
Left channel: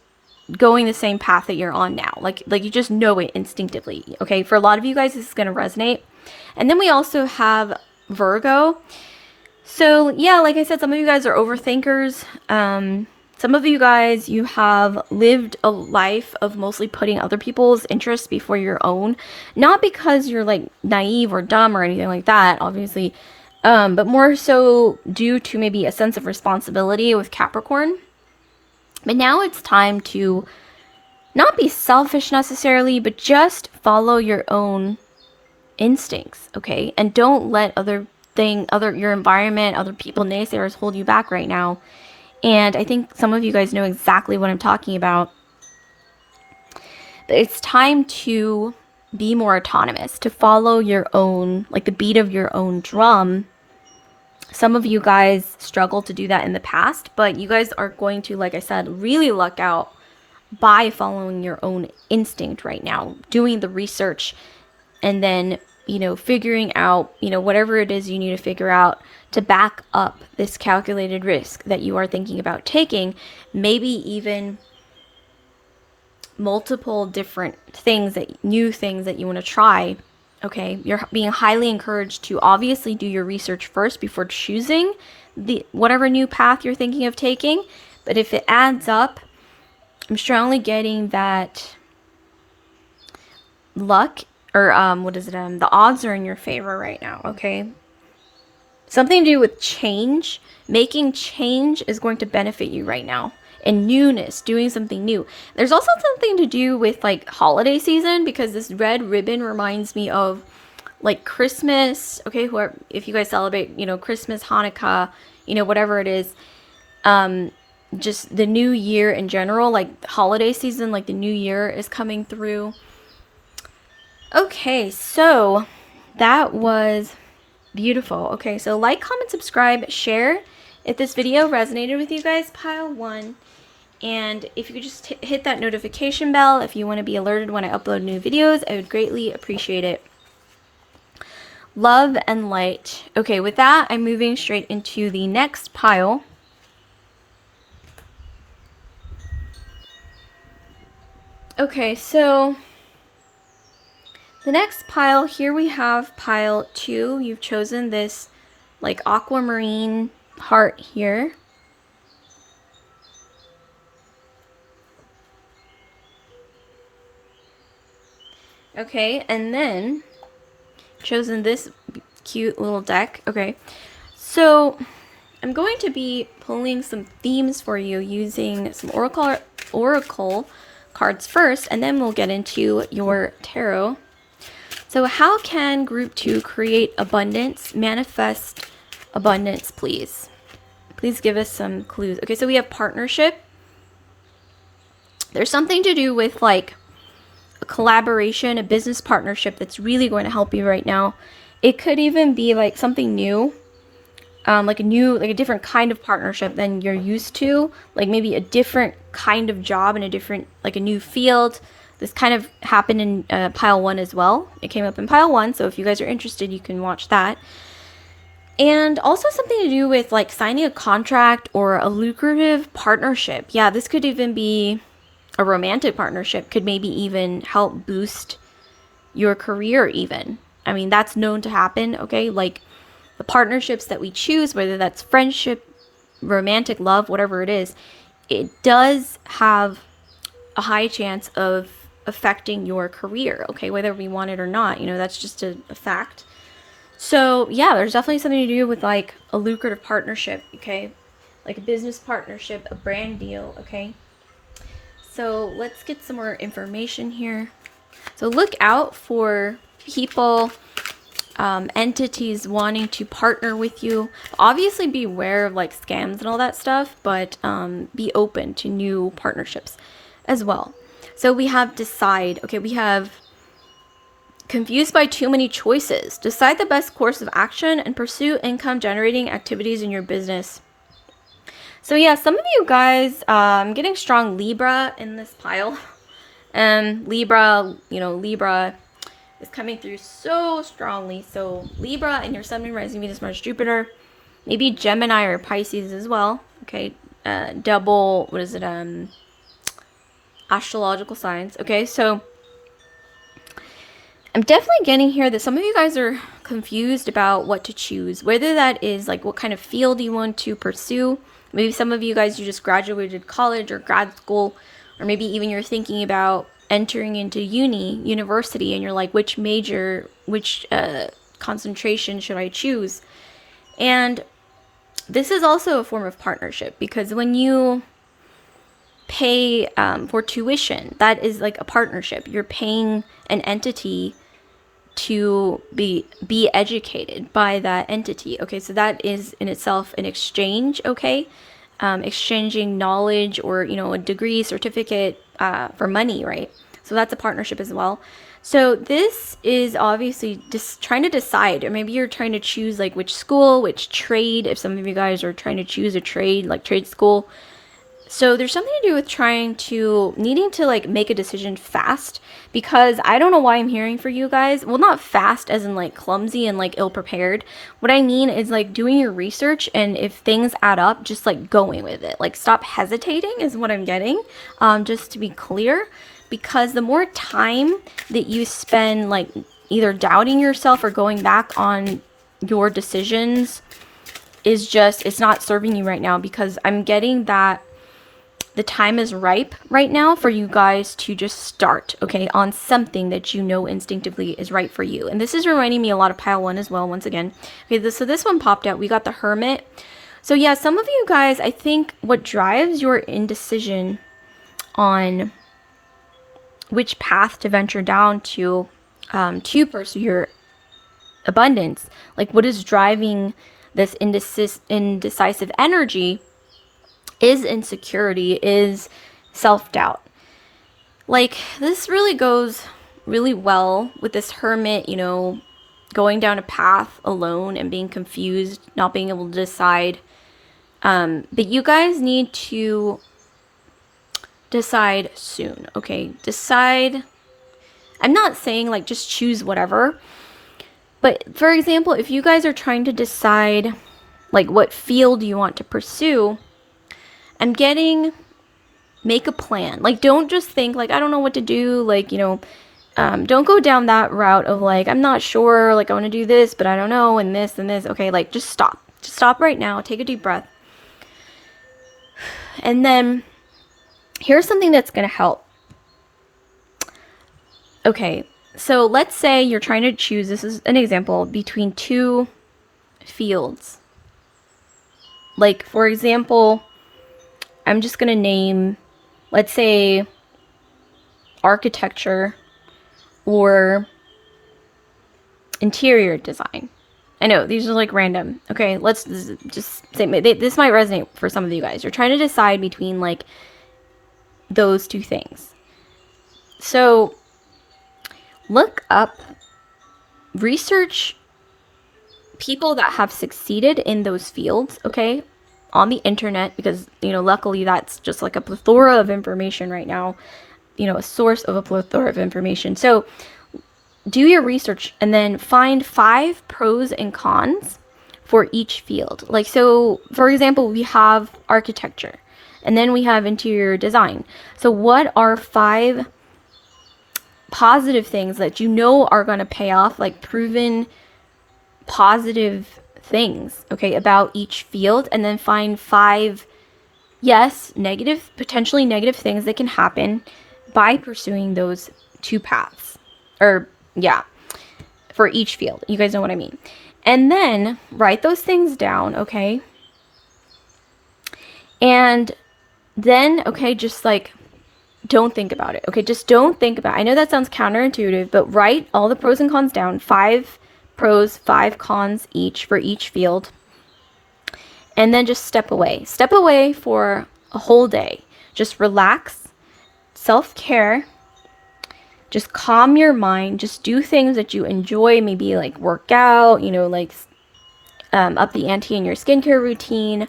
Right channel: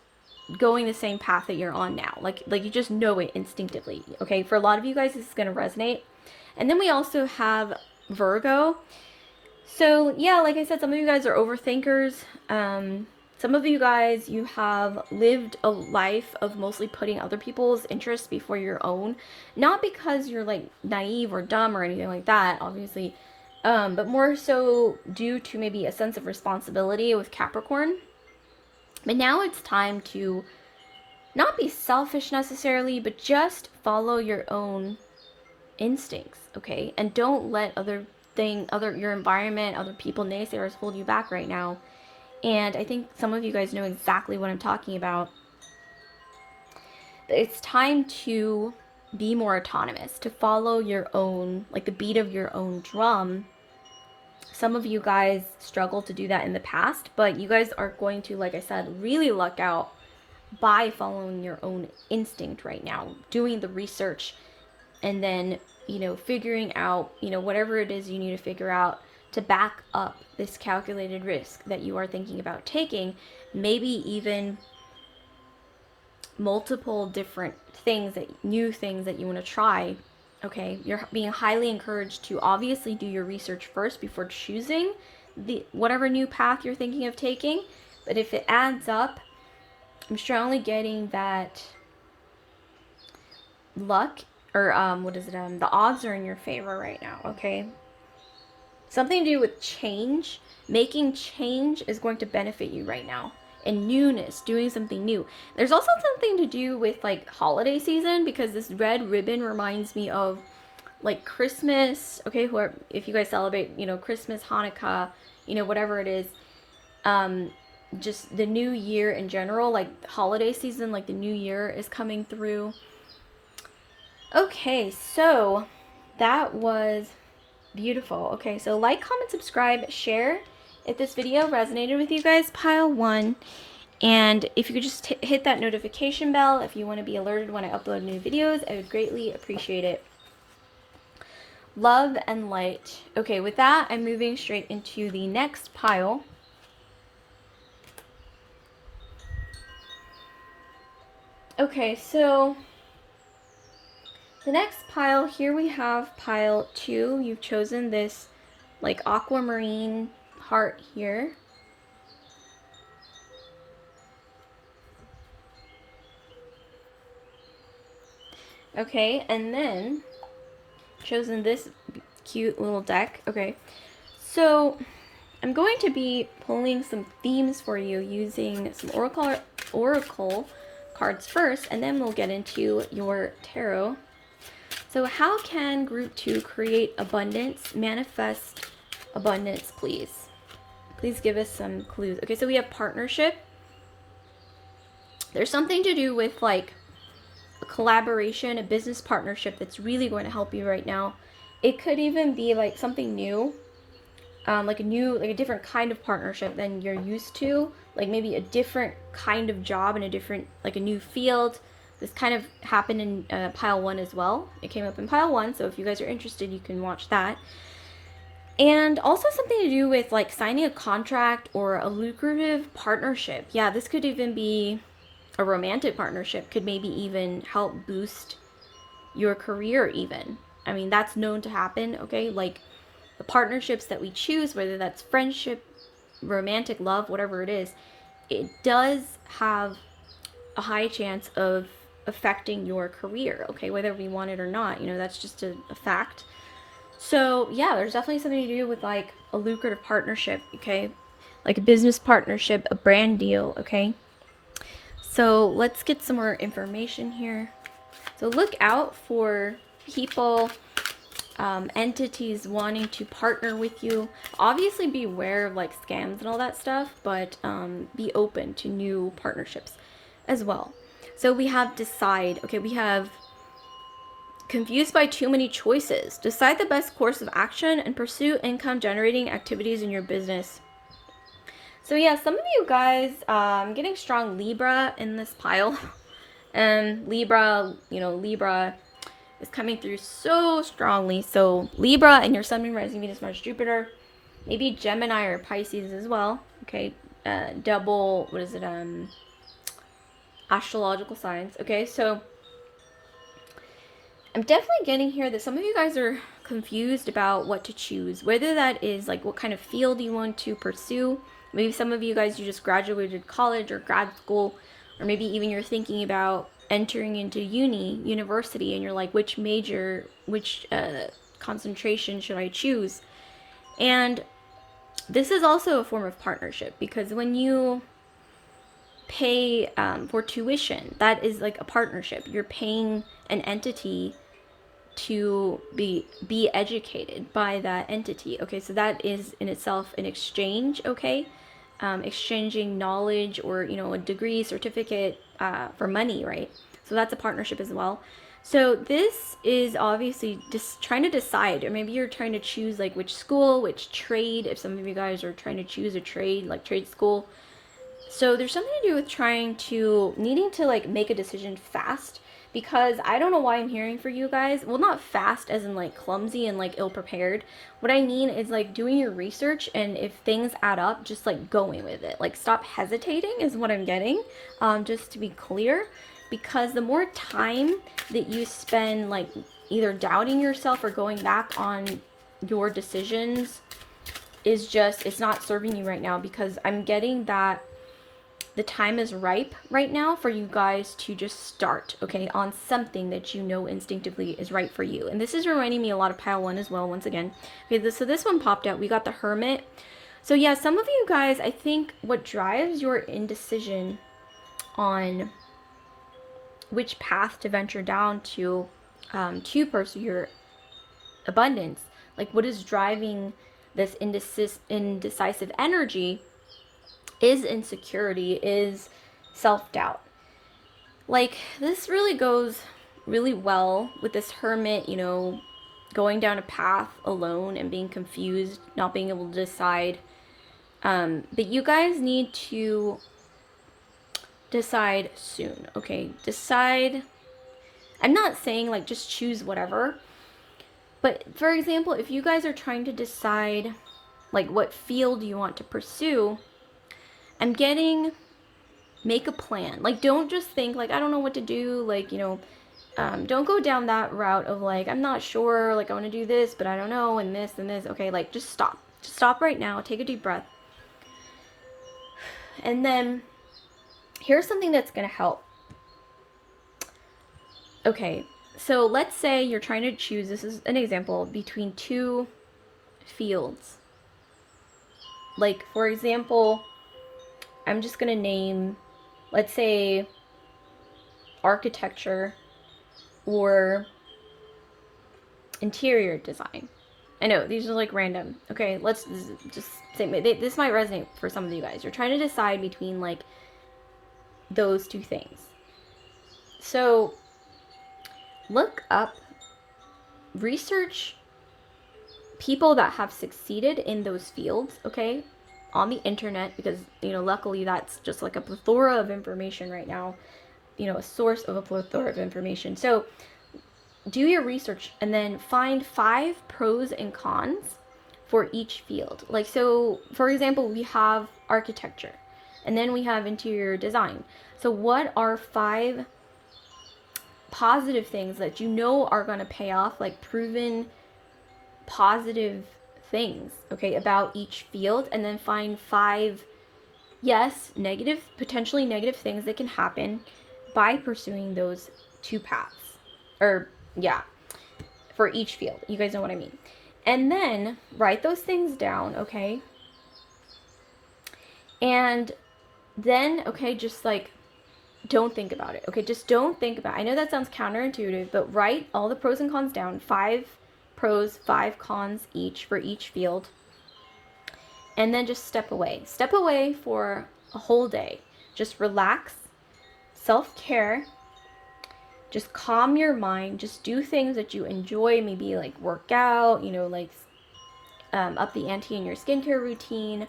going the same path that you're on now. Like you just know it instinctively. Okay, for a lot of you guys, this is going to resonate. And then we also have Virgo. So yeah, like I said, some of you guys are overthinkers. Some of you guys, you have lived a life of mostly putting other people's interests before your own. Not because you're like naive or dumb or anything like that, obviously, but more so due to maybe a sense of responsibility with Capricorn. But now it's time to not be selfish necessarily, but just follow your own instincts, okay? And don't let your environment, other people, naysayers hold you back right now. And I think some of you guys know exactly what I'm talking about. But it's time to be more autonomous, to follow your own, like the beat of your own drum. Some of you guys struggled to do that in the past, but you guys are going to, like I said, really luck out by following your own instinct right now, doing the research, and then, figuring out, whatever it is you need to figure out to back up this calculated risk that you are thinking about taking, maybe even multiple different new things that you want to try. Okay, you're being highly encouraged to obviously do your research first before choosing whatever new path you're thinking of taking. But if it adds up, I'm strongly getting that luck, or the odds are in your favor right now, okay? Something to do with change. Making change is going to benefit you right now. And newness, doing something new. There's also something to do with like holiday season, because this red ribbon reminds me of like Christmas, okay? If you guys celebrate, Christmas, Hanukkah, whatever it is, just the new year in general, like holiday season, like the new year is coming through. Okay, so that was beautiful. Okay, so like, comment, subscribe, share if this video resonated with you guys, pile 1. And if you could just hit that notification bell if you want to be alerted when I upload new videos, I would greatly appreciate it. Love and light. Okay, with that, I'm moving straight into the next pile. Okay, so the next pile, here we have pile 2. You've chosen this like aquamarine heart here. Okay, and then chosen this cute little deck. Okay, so I'm going to be pulling some themes for you using some oracle cards first, and then we'll get into your tarot. So how can group 2 create abundance, manifest abundance, please? Please give us some clues. Okay, so we have partnership. There's something to do with like a collaboration, a business partnership that's really going to help you right now. It could even be like something new, like a different kind of partnership than you're used to, like maybe a different kind of job in a new field. This kind of happened in pile 1 as well. It came up in pile 1, so if you guys are interested, you can watch that. And also something to do with like signing a contract or a lucrative partnership. Yeah, this could even be a romantic partnership, could maybe even help boost your career even. I mean, that's known to happen, okay? Like the partnerships that we choose, whether that's friendship, romantic love, whatever it is, it does have a high chance of affecting your career, okay? Whether we want it or not, that's just a fact. So yeah, there's definitely something to do with like a lucrative partnership, okay? Like a business partnership, a brand deal, okay? So let's get some more information here. So look out for people, entities wanting to partner with you. Obviously be aware of like scams and all that stuff, but be open to new partnerships as well. So we have decide. Okay, we have confused by too many choices. Decide the best course of action and pursue income generating activities in your business. So yeah, some of you guys, getting strong Libra in this pile. Libra, Libra is coming through so strongly. So Libra and your Sun, Moon, Rising, Venus, Mars, Jupiter, maybe Gemini or Pisces as well. Okay, double, what is it? Astrological signs. Okay, so I'm definitely getting here that some of you guys are confused about what to choose, whether that is like what kind of field you want to pursue. Maybe some of you guys, you just graduated college or grad school, or maybe even you're thinking about entering into university, and you're like, which major, which concentration should I choose? And this is also a form of partnership, because when you pay for tuition, that is like a partnership. You're paying an entity to be educated by that entity. Okay, so that is in itself an exchange. Okay, exchanging knowledge or a degree, certificate for money, right? So that's a partnership as well. So this is obviously just trying to decide, or maybe you're trying to choose like which school, which trade. If some of you guys are trying to choose a trade, like trade school. So there's something to do with needing to like make a decision fast, because I don't know why I'm hearing for you guys. Well, not fast as in like clumsy and like ill prepared. What I mean is like doing your research, and if things add up, just like going with it. Like stop hesitating is what I'm getting. Just to be clear, because the more time that you spend like either doubting yourself or going back on your decisions it's not serving you right now, because I'm getting that the time is ripe right now for you guys to just start, okay, on something that you know instinctively is right for you. And this is reminding me a lot of pile one as well, once again. Okay, so this one popped out. We got the Hermit. So yeah, some of you guys, I think what drives your indecision on which path to venture down to pursue your abundance, like what is driving this indecisive energy, is insecurity, is self-doubt. Like this really goes really well with this Hermit, going down a path alone and being confused, not being able to decide. But you guys need to decide soon, okay? Decide. I'm not saying like just choose whatever, but for example, if you guys are trying to decide like what field you want to pursue, I'm getting make a plan. Like don't just think like I don't know what to do, like don't go down that route of like I'm not sure, like I want to do this but I don't know, and this and this. Okay, like just stop right now, take a deep breath, and then here's something that's going to help. Okay, so let's say you're trying to choose, this is an example, between two fields. Like for example, I'm just going to name, let's say, architecture or interior design. I know these are like random. Okay, let's just say this might resonate for some of you guys. You're trying to decide between like those two things. So look up, research people that have succeeded in those fields, okay, on the internet, because luckily that's just like a plethora of information right now, a source of a plethora of information. So do your research and then find 5 pros and cons for each field. Like, so for example, we have architecture and then we have interior design. So what are 5 positive things that are going to pay off, like proven positive things, okay, about each field, and then find 5, yes, potentially negative things that can happen by pursuing those 2 paths, or yeah, for each field. You guys know what I mean. And then write those things down, okay? And then, okay, just like, don't think about it, okay? Just don't think about it. I know that sounds counterintuitive, but write all the pros and cons down. 5 pros, 5 cons each for each field. And then just step away. Step away for a whole day. Just relax, self-care. Just calm your mind. Just do things that you enjoy. Maybe like work out, you know, like up the ante in your skincare routine.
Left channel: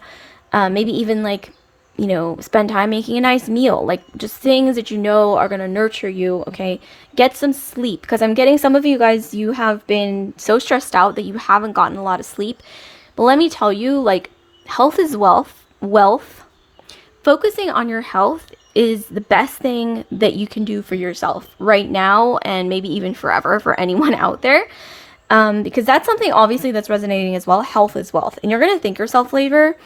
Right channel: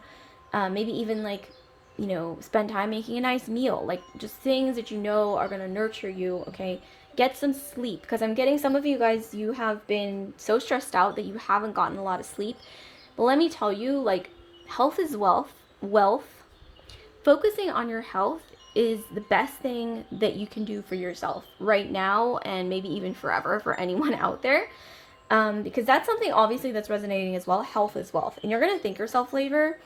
Maybe even like, you know, spend time making a nice meal. Like just things that you know are going to nurture you, okay? Get some sleep, because I'm getting some of you guys, you have been so stressed out that you haven't gotten a lot of sleep. But let me tell you, like, health is wealth. Wealth. Focusing on your health is the best thing that you can do for yourself right now, and maybe even forever for anyone out there. Because that's something obviously that's resonating as well. Health is wealth. And you're going to thank yourself later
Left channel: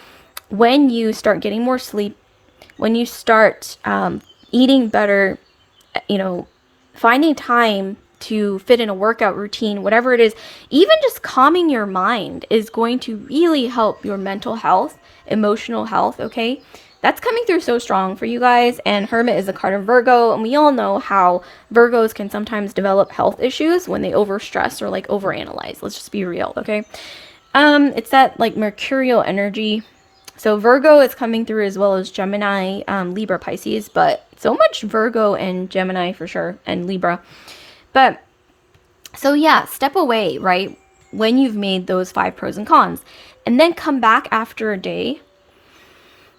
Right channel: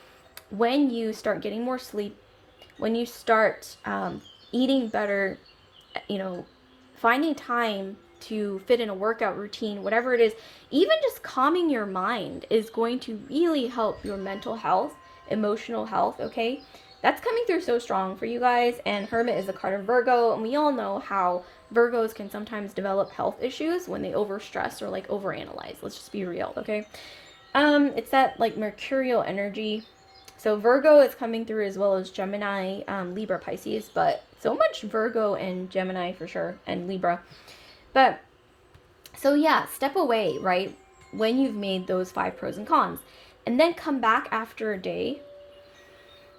when you start getting more sleep, when you start eating better, you know, finding time to fit in a workout routine, whatever it is. Even just calming your mind is going to really help your mental health, emotional health, okay? That's coming through so strong for you guys. And Hermit is a card of Virgo, and we all know how Virgos can sometimes develop health issues when they overstress or like overanalyze. Let's just be real, okay? It's that like mercurial energy. So Virgo is coming through, as well as Gemini, Libra, Pisces, but so much Virgo and Gemini for sure, and Libra. But so yeah, step away, right? When you've made those 5 pros and cons, and then come back after a day.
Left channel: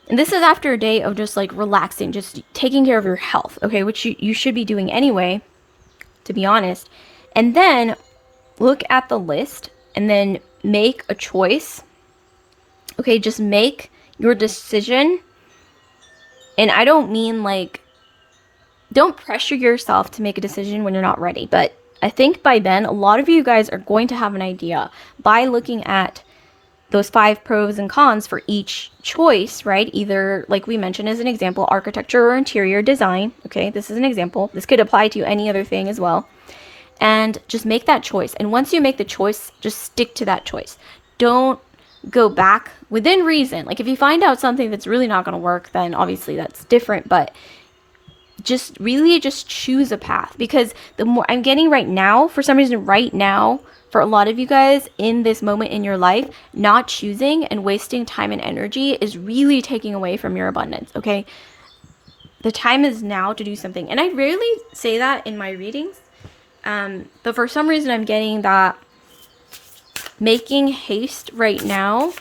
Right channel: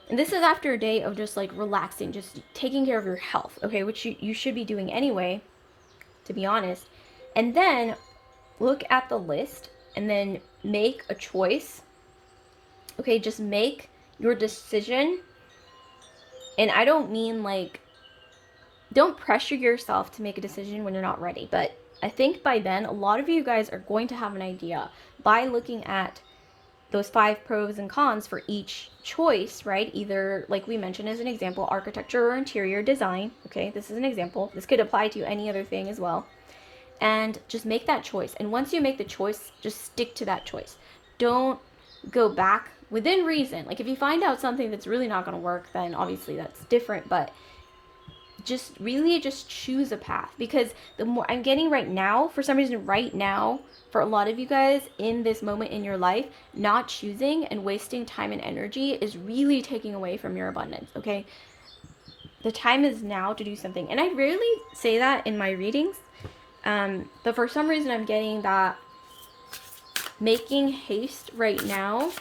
And this is after a day of just like relaxing, just taking care of your health, okay? Which you should be doing anyway, to be honest. And then look at the list and then make a choice. Okay, just make your decision. And I don't mean like, don't pressure yourself to make a decision when you're not ready. But I think by then, a lot of you guys are going to have an idea by looking at those 5 pros and cons for each choice, right? Either, like we mentioned as an example, architecture or interior design. Okay, this is an example. This could apply to any other thing as well. And just make that choice. And once you make the choice, just stick to that choice. Don't go back within reason. Like if you find out something that's really not going to work, then obviously that's different. But just really just choose a path, because the more I'm getting right now, for some reason right now, for a lot of you guys in this moment in your life, not choosing and wasting time and energy is really taking away from your abundance, okay? The time is now to do something. And I rarely say that in my readings, but for some reason I'm getting that making haste right now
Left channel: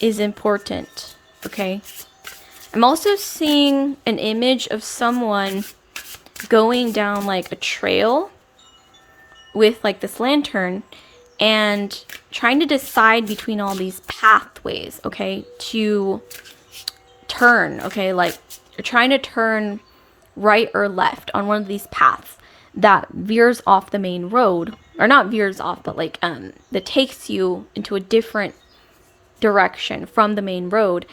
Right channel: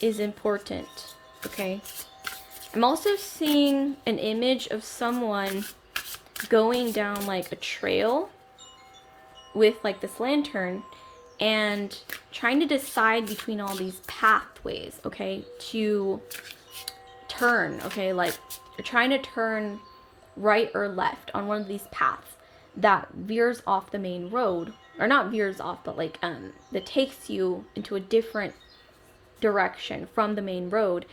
is important, okay? I'm also seeing an image of someone going down like a trail with like this lantern and trying to decide between all these pathways, okay, to turn, okay, like trying to turn right or left on one of these paths that veers off the main road, or not veers off, but like that takes you into a different direction from the main road.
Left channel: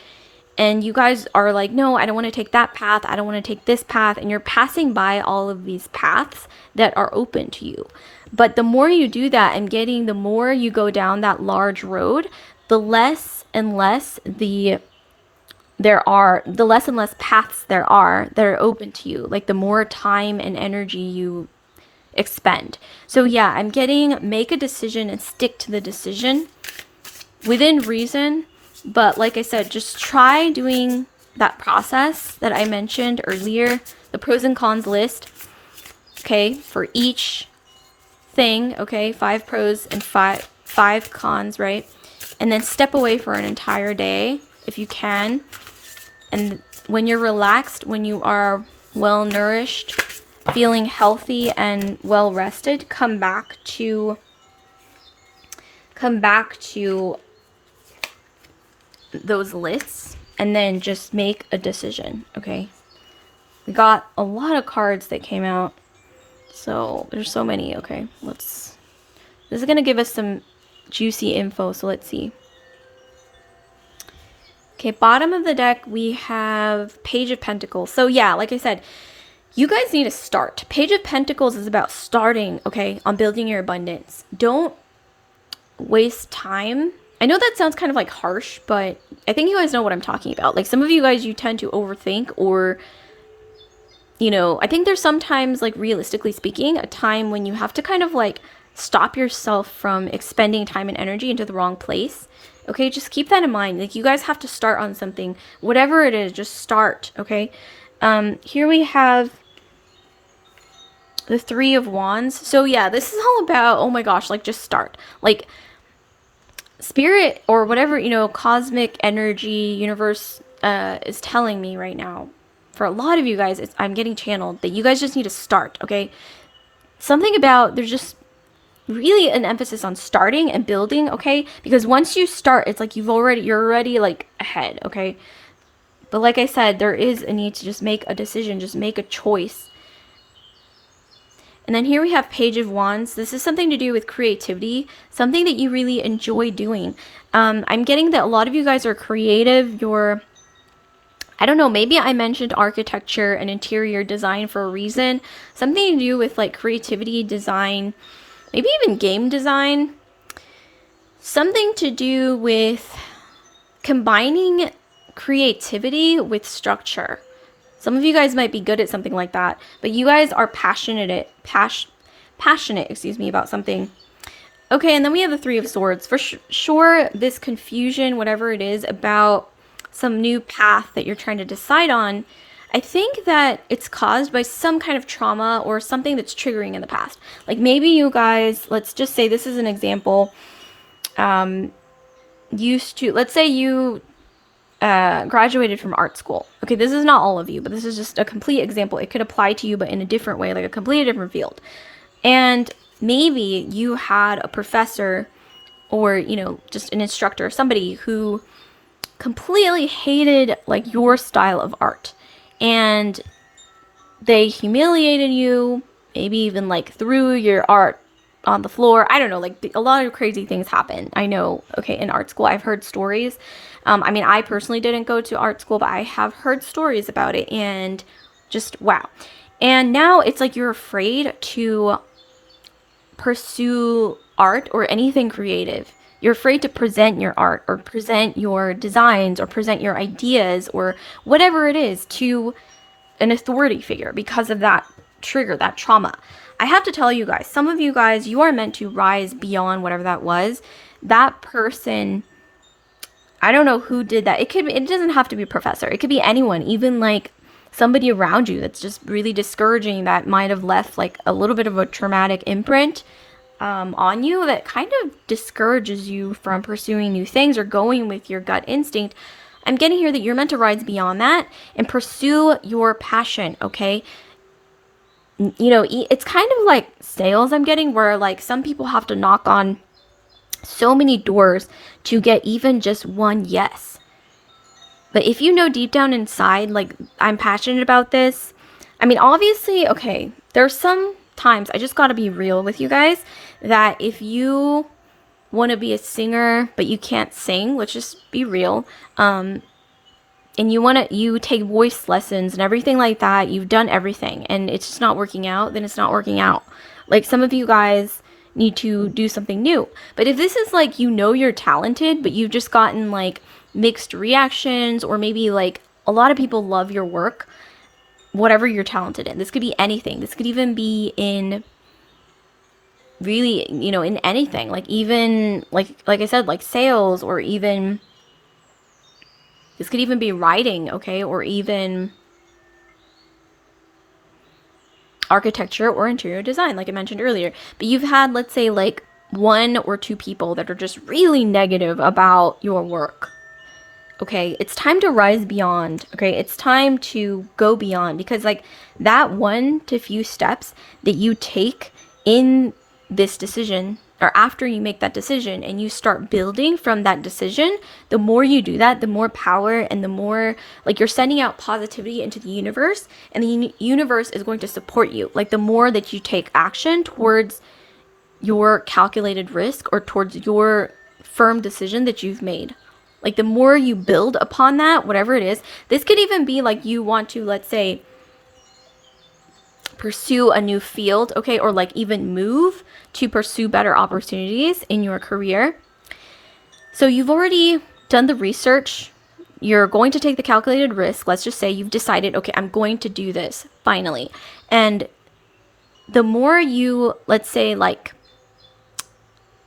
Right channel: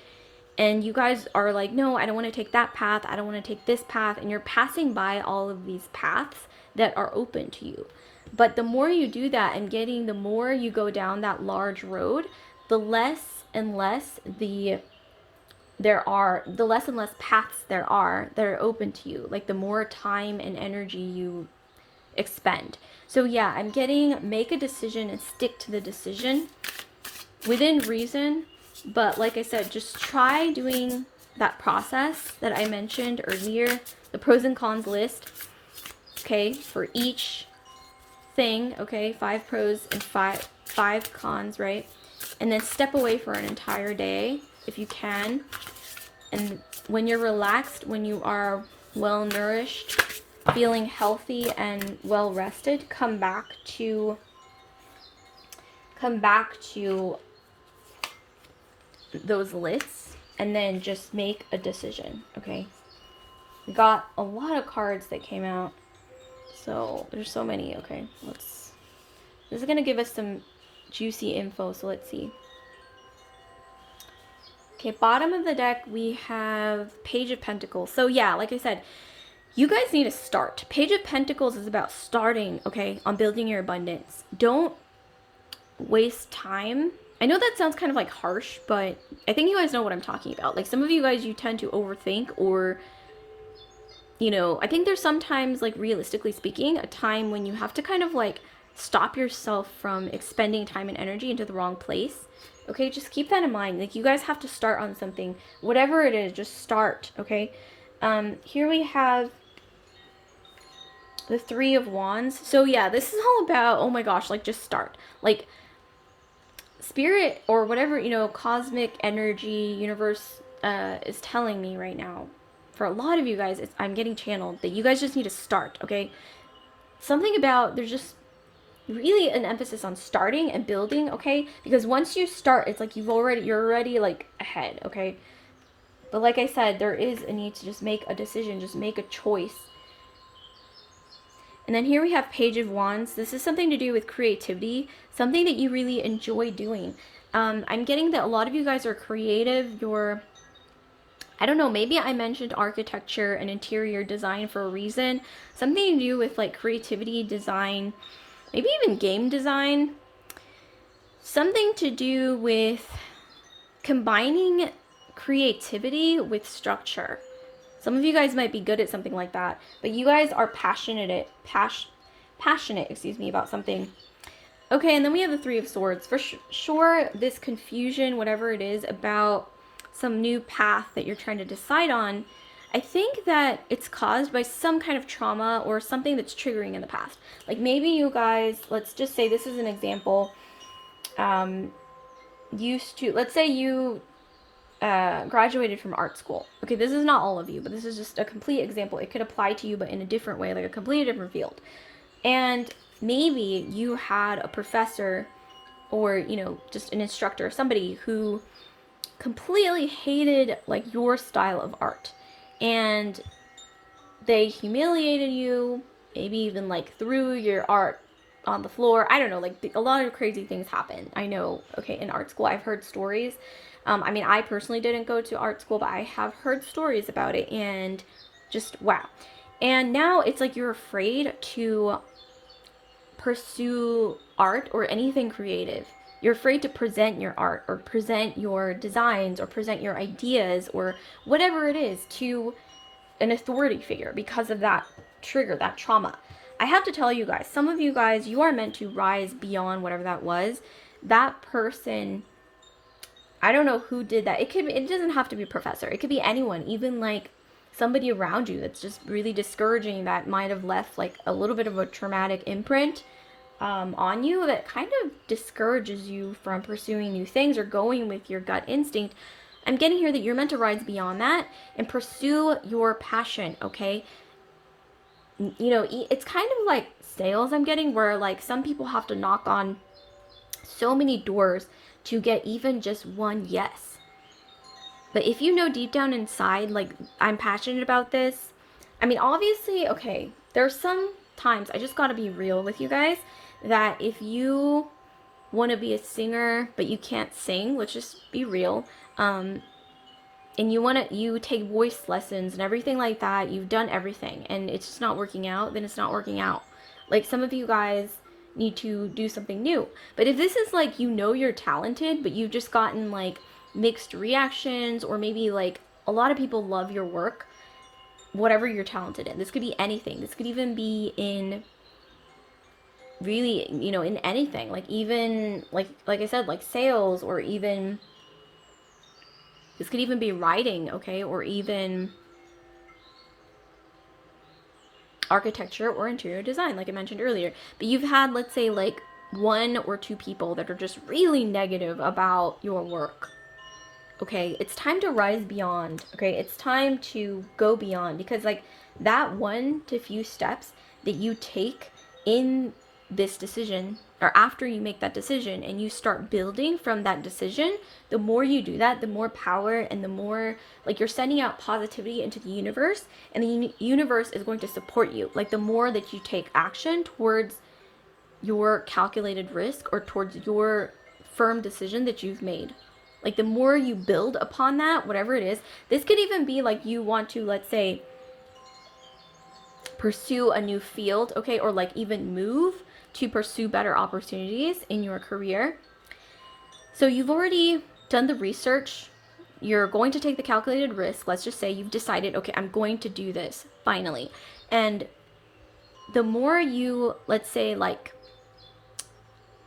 And you guys are like, no, I don't want to take that path. I don't want to take this path. And you're passing by all of these paths that are open to you. But the more you do that, the more you go down that large road, the less and less paths there are that are open to you. Like the more time and energy you expend. So yeah, I'm getting make a decision and stick to the decision within reason. But like I said, just try doing that process that I mentioned earlier, the pros and cons list, okay, for each thing, okay, 5 pros and five cons, right? And then step away for an entire day if you can. And when you're relaxed, when you are well nourished, feeling healthy and well rested, come back to those lists and then just make a decision, okay? We got a lot of cards that came out, so there's so many. Okay, this is gonna give us some juicy info, so let's see. Okay, bottom of the deck we have Page of Pentacles. So yeah, like I said, you guys need to start. Page of Pentacles is about starting, okay, on building your abundance. Don't waste time. I know that sounds kind of like harsh, but I think you guys know what I'm talking about. Like some of you guys, you tend to overthink, or, I think there's sometimes, like realistically speaking, a time when you have to kind of like stop yourself from expending time and energy into the wrong place. Okay, just keep that in mind. Like you guys have to start on something, whatever it is, just start. Okay. Here we have the Three of Wands. So yeah, this is all about, oh my gosh, like just start. Like spirit or whatever, cosmic energy, universe is telling me right now. For a lot of you guys, I'm getting channeled that you guys just need to start, okay? Something about, there's just really an emphasis on starting and building, okay? Because once you start, it's like you're already like ahead, okay? But like I said, there is a need to just make a decision, just make a choice. And then here we have Page of Wands. This is something to do with creativity, something that you really enjoy doing. I'm getting that a lot of you guys are creative. I don't know, maybe I mentioned architecture and interior design for a reason. Something to do with like creativity, design, maybe even game design. Something to do with combining creativity with structure. Some of you guys might be good at something like that, but you guys are passionate, about something. Okay, and then we have the Three of Swords. For sure, this confusion, whatever it is, about some new path that you're trying to decide on, I think that it's caused by some kind of trauma or something that's triggering in the past. Like maybe you guys, let's just say this is an example, let's say you graduated from art school. Okay, this is not all of you, but this is just a complete example. It could apply to you, but in a different way, like a completely different field. And maybe you had a professor or, just an instructor, somebody who completely hated like your style of art. And they humiliated you, maybe even like threw your art on the floor. I don't know, like a lot of crazy things happen. I know, okay, in art school, I've heard stories. I personally didn't go to art school, but I have heard stories about it, and just wow. And now it's like you're afraid to pursue art or anything creative. You're afraid to present your art or present your designs or present your ideas or whatever it is to an authority figure because of that trigger, that trauma. I have to tell you guys, some of you guys, you are meant to rise beyond whatever that was. That person, I don't know who did that. It doesn't have to be a professor. It could be anyone, even like somebody around you that's just really discouraging, that might have left like a little bit of a traumatic imprint on you, that kind of discourages you from pursuing new things or going with your gut instinct. I'm getting here that you're meant to rise beyond that and pursue your passion, okay? It's kind of like sales, I'm getting, where like some people have to knock on so many doors to get even just one yes. But if you know deep down inside, like, I'm passionate about this, obviously, okay, there's some times, I just gotta be real with you guys, that if you want to be a singer but you can't sing, let's just be real, and you take voice lessons and everything like that, you've done everything and it's just not working out, then it's not working out. Like, some of you guys need to do something new. But if this is like, you're talented, but you've just gotten like mixed reactions, or maybe like a lot of people love your work, whatever you're talented in, this could be anything. This could even be in really, in anything, like even like I said, like sales, or even this could even be writing, okay, or even architecture or interior design, like I mentioned earlier. But you've had, let's say, like one or two people that are just really negative about your work. Okay, it's time to rise beyond. Okay, it's time to go beyond, because like that one to few steps that you take in this decision, or after you make that decision and you start building from that decision, the more you do that, the more power and the more like you're sending out positivity into the universe, and the universe is going to support you. Like, the more that you take action towards your calculated risk or towards your firm decision that you've made, like the more you build upon that, whatever it is, this could even be like you want to, let's say, pursue a new field, okay, or like even move to pursue better opportunities in your career. So you've already done the research. You're going to take the calculated risk. Let's just say you've decided, okay, I'm going to do this finally. And the more you, let's say, like,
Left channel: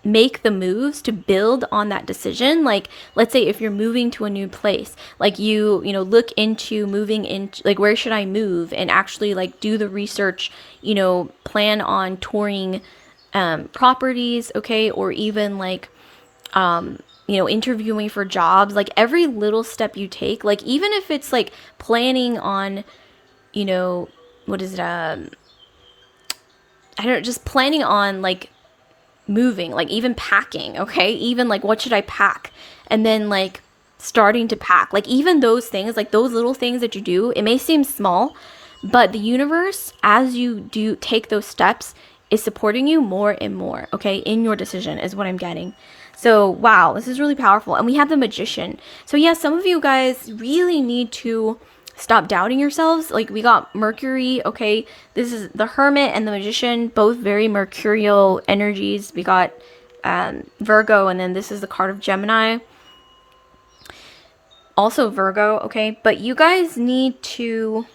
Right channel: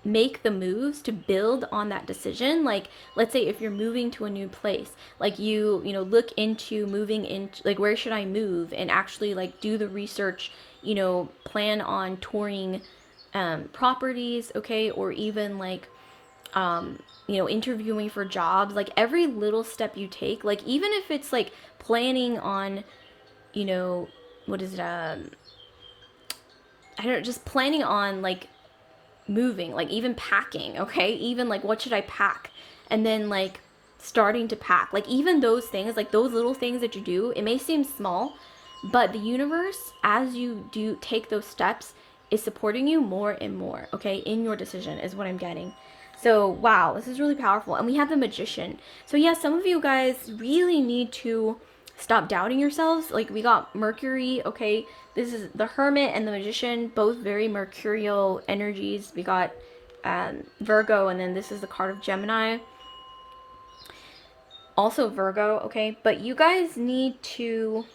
make the moves to build on that decision, like, let's say if you're moving to a new place, like you know, look into moving into, like, where should I move, and actually like do the research, you know, plan on touring properties, okay, or even like you know, interviewing for jobs. Like every little step you take, like even if it's like planning on, you know, what is it, I don't know, just planning on like moving, like even packing, okay? Even like what should I pack? And then like starting to pack. Like even those things, like those little things that you do, it may seem small, but the universe, as you do take those steps, is supporting you more and more, okay? In your decision is what I'm getting. So, wow, this is really powerful. And we have the Magician. So, yeah, some of you guys really need to stop doubting yourselves. Like, we got Mercury, okay? This is the Hermit and the Magician, both very mercurial energies. We got Virgo, and then this is the card of Gemini. Also Virgo, okay? But you guys need to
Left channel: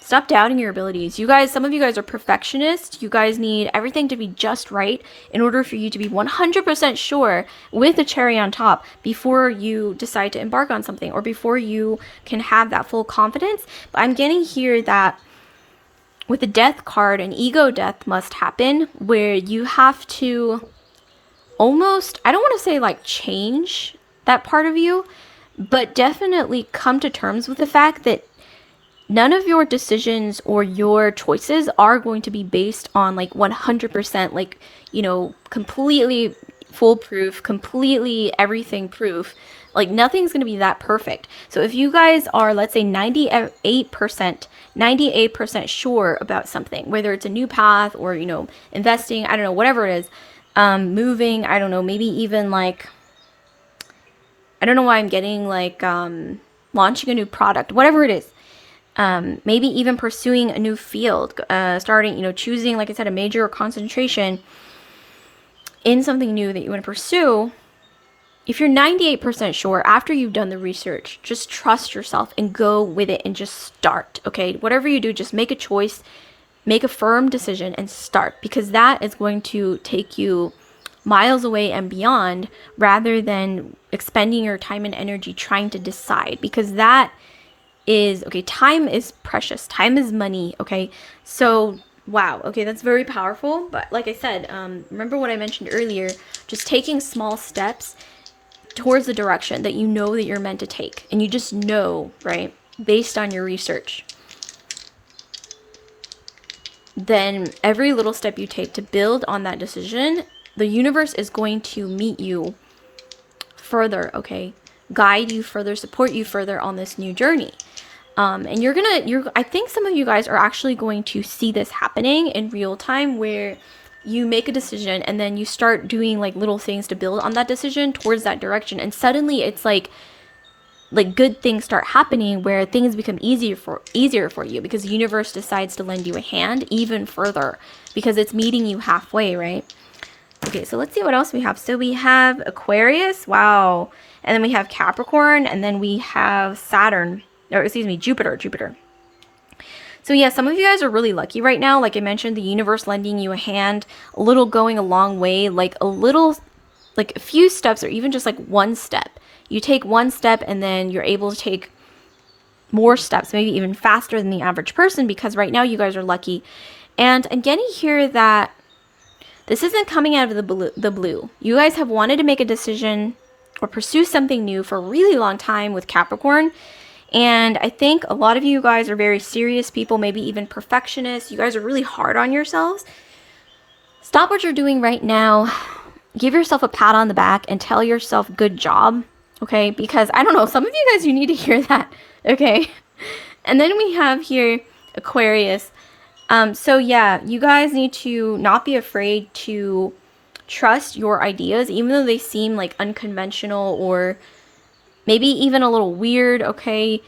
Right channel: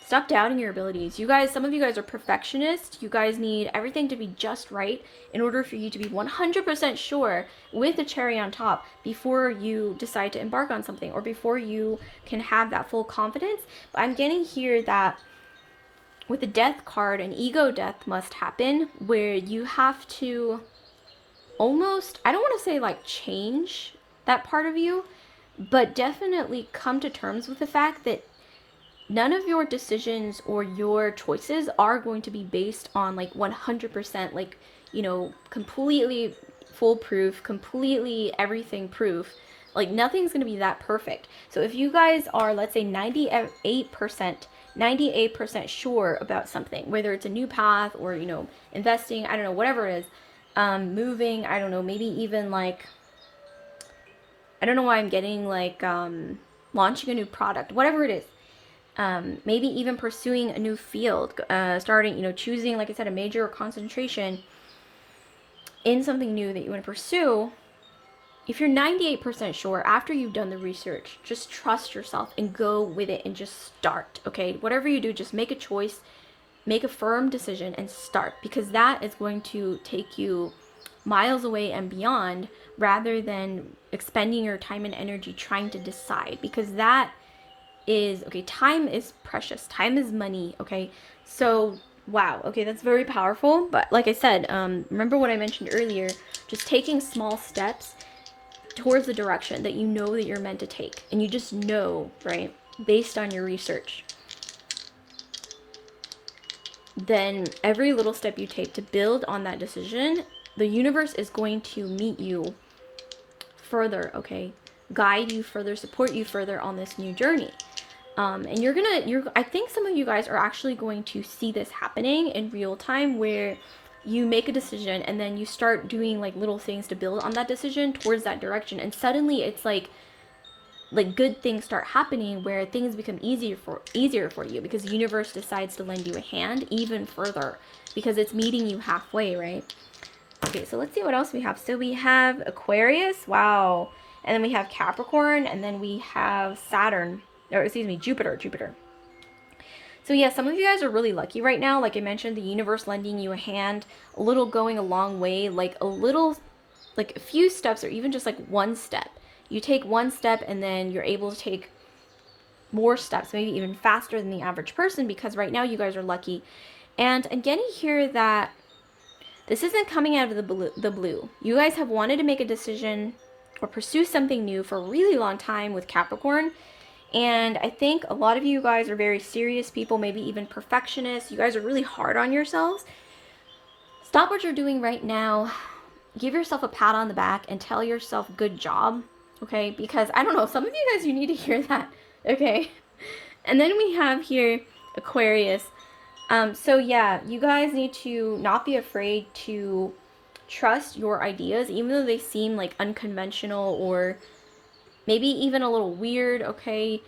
stop doubting your abilities. You guys, some of you guys are perfectionists. You guys need everything to be just right in order for you to be 100% sure with a cherry on top before you decide to embark on something, or before you can have that full confidence. But I'm getting here that with the Death card, an ego death must happen, where you have to almost, I don't want to say like change that part of you, but definitely come to terms with the fact that none of your decisions or your choices are going to be based on like 100%, like, you know, completely foolproof, completely everything proof. Like nothing's going to be that perfect. So if you guys are, let's say 98% sure about something, whether it's a new path or, you know, investing, I don't know, whatever it is, moving, I don't know, maybe even like, I don't know why I'm getting like, launching a new product, whatever it is. Maybe even pursuing a new field, starting, you know, choosing, like I said, a major or concentration in something new that you want to pursue. If you're 98% sure after you've done the research, just trust yourself and go with it and just start, okay? Whatever you do, just make a choice, make a firm decision and start, because that is going to take you miles away and beyond, rather than expending your time and energy trying to decide, because that is, okay, time is precious. Time is money, okay? So, wow, okay, that's very powerful. But like I said, remember what I mentioned earlier, just taking small steps towards the direction that you know that you're meant to take. And you just know, right, based on your research. Then every little step you take to build on that decision, the universe is going to meet you further, okay? Guide you further, support you further on this new journey. And I think some of you guys are actually going to see this happening in real time, where you make a decision and then you start doing like little things to build on that decision towards that direction. And suddenly it's like good things start happening, where things become easier for you, because the universe decides to lend you a hand even further, because it's meeting you halfway, right? Okay, so let's see what else we have. So we have Aquarius, wow. And then we have Capricorn, and then we have Saturn. Or excuse me, Jupiter. So yeah, some of you guys are really lucky right now. Like I mentioned, the universe lending you a hand, a little going a long way, like a few steps, or even just like one step. You take one step and then you're able to take more steps, maybe even faster than the average person, because right now you guys are lucky. And I'm getting here that this isn't coming out of the blue. You guys have wanted to make a decision or pursue something new for a really long time with Capricorn. And I think a lot of you guys are very serious people, maybe even perfectionists. You guys are really hard on yourselves. Stop what you're doing right now. Give yourself a pat on the back and tell yourself good job, okay? Because I don't know, some of you guys, you need to hear that, okay? And then we have here Aquarius. So yeah, you guys need to not be afraid to trust your ideas, even though they seem like unconventional or maybe even a little weird, okay?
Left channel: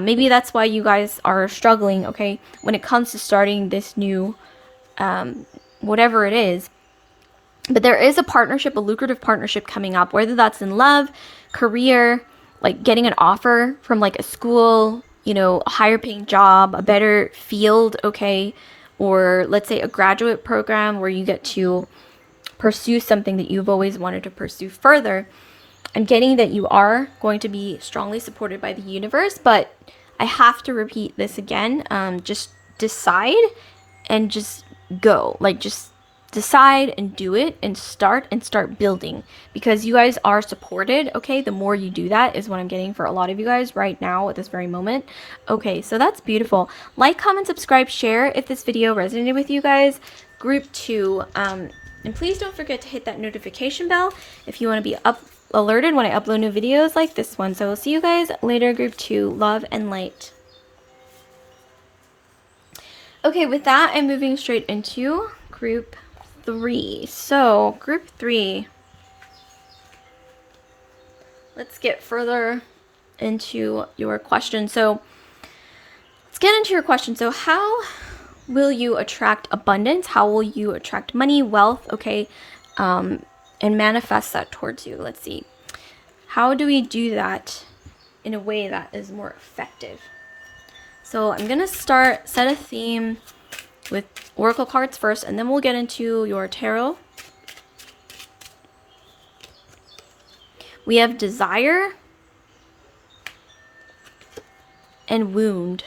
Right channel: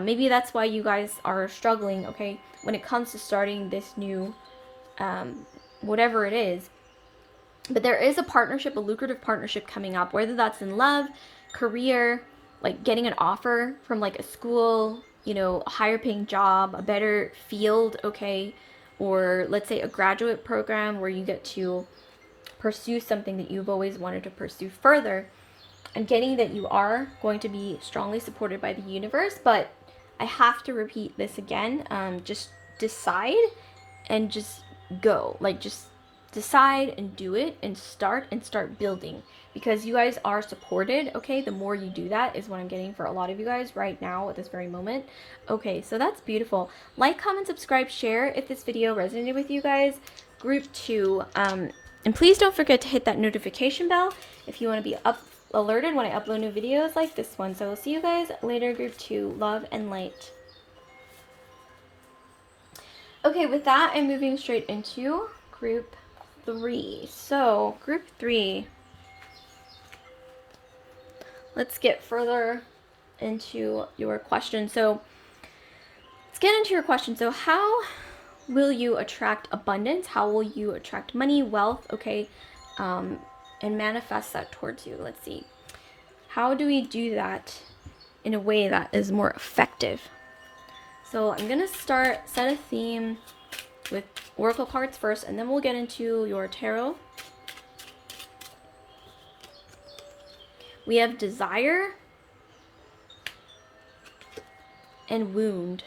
Maybe that's why you guys are struggling, okay, when it comes to starting this new, whatever it is. But there is a partnership, a lucrative partnership coming up, whether that's in love, career, like getting an offer from like a school, you know, a higher paying job, a better field, okay, or let's say a graduate program where you get to pursue something that you've always wanted to pursue further. I'm getting that you are going to be strongly supported by the universe, but I have to repeat this again. Just decide and just go. Like, just decide and do it and start building, because you guys are supported, okay? The more you do that is what I'm getting for a lot of you guys right now at this very moment. Okay, so that's beautiful. Like, comment, subscribe, share if this video resonated with you guys. Group 2, and please don't forget to hit that notification bell if you want to be alerted when I upload new videos like this one. So we'll see you guys later. Group 2, love and light. Okay, with that, I'm moving straight into group 3. So group 3, let's get further into your question. So let's get into your question. So how will you attract abundance? How will you attract money, wealth, okay, and manifest that towards you? Let's see. How do we do that in a way that is more effective? So I'm going to set a theme with oracle cards first, and then we'll get into your tarot. We have desire and wound.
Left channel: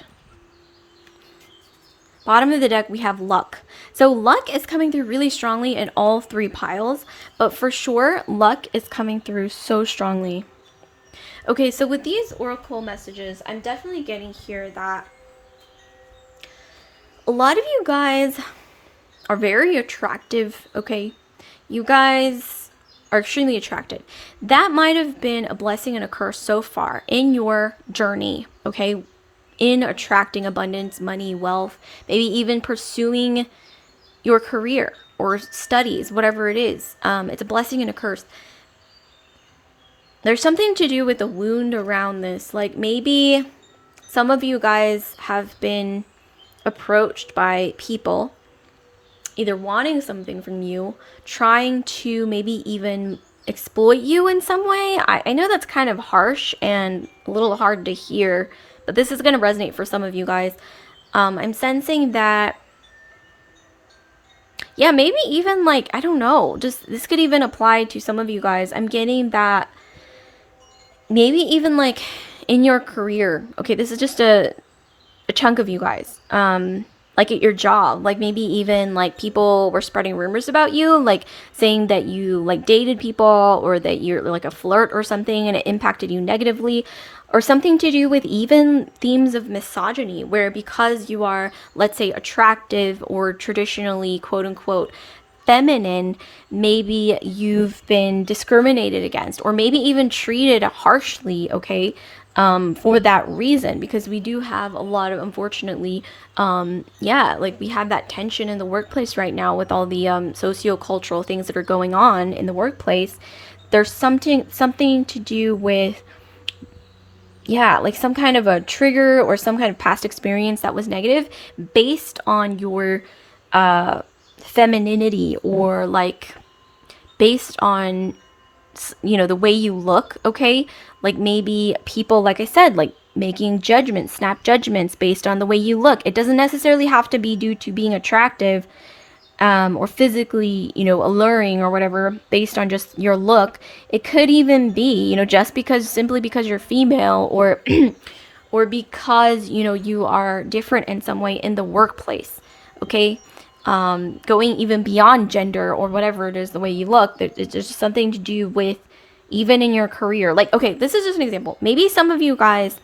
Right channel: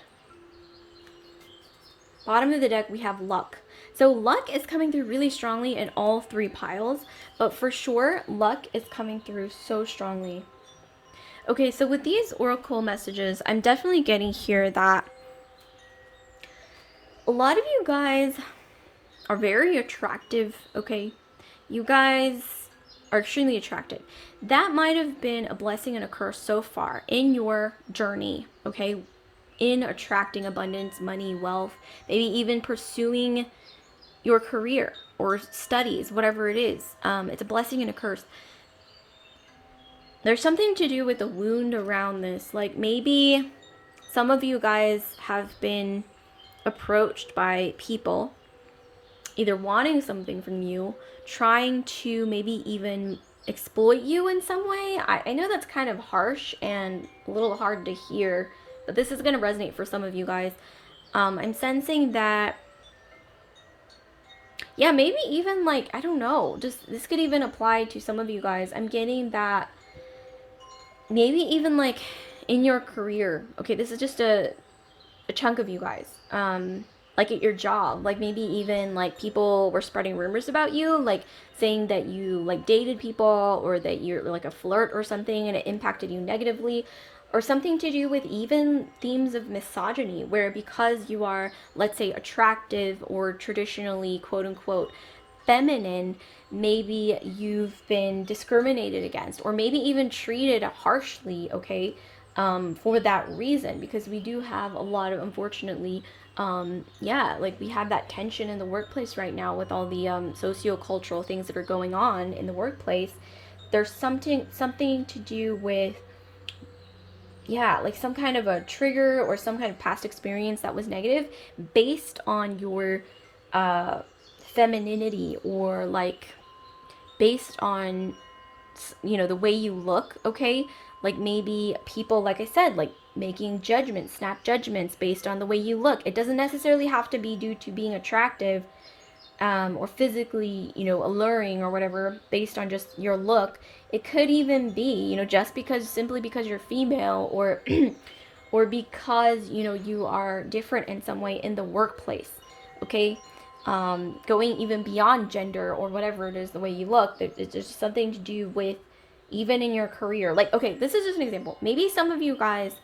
Bottom of the deck, we have luck. So luck is coming through really strongly in all 3 piles, but for sure, luck is coming through so strongly. Okay, so with these oracle messages, I'm definitely getting here that a lot of you guys are very attractive, okay? You guys are extremely attractive. That might have been a blessing and a curse so far in your journey, okay? In attracting abundance, money, wealth, maybe even pursuing your career or studies, whatever it is. It's a blessing and a curse. There's something to do with the wound around this. Like, maybe some of you guys have been approached by people either wanting something from you, trying to maybe even exploit you in some way. I know that's kind of harsh and a little hard to hear, but this is going to resonate for some of you guys. I'm sensing that, yeah, maybe even like, I don't know, just this could even apply to some of you guys. I'm getting that maybe even like in your career, okay, this is just a chunk of you guys, like at your job, like maybe even like people were spreading rumors about you, like saying that you like dated people or that you're like a flirt or something, and it impacted you negatively, or something to do with even themes of misogyny, where because you are, let's say, attractive or traditionally quote unquote feminine, maybe you've been discriminated against or maybe even treated harshly, okay, for that reason, because we do have a lot of, unfortunately, like we have that tension in the workplace right now with all the socio-cultural things that are going on in the workplace. There's something to do with, yeah, like some kind of a trigger or some kind of past experience that was negative based on your femininity, or like based on, you know, the way you look, okay? Like maybe people, like I said, like making judgments, snap judgments based on the way you look. It doesn't necessarily have to be due to being attractive or physically, you know, alluring or whatever, based on just your look. It could even be, you know, just simply because you're female, or or because, you know, you are different in some way in the workplace, okay? Going even beyond gender or whatever it is, the way you look, it's just something to do with even in your career. Like, okay, this is just an example. Maybe some of you guys,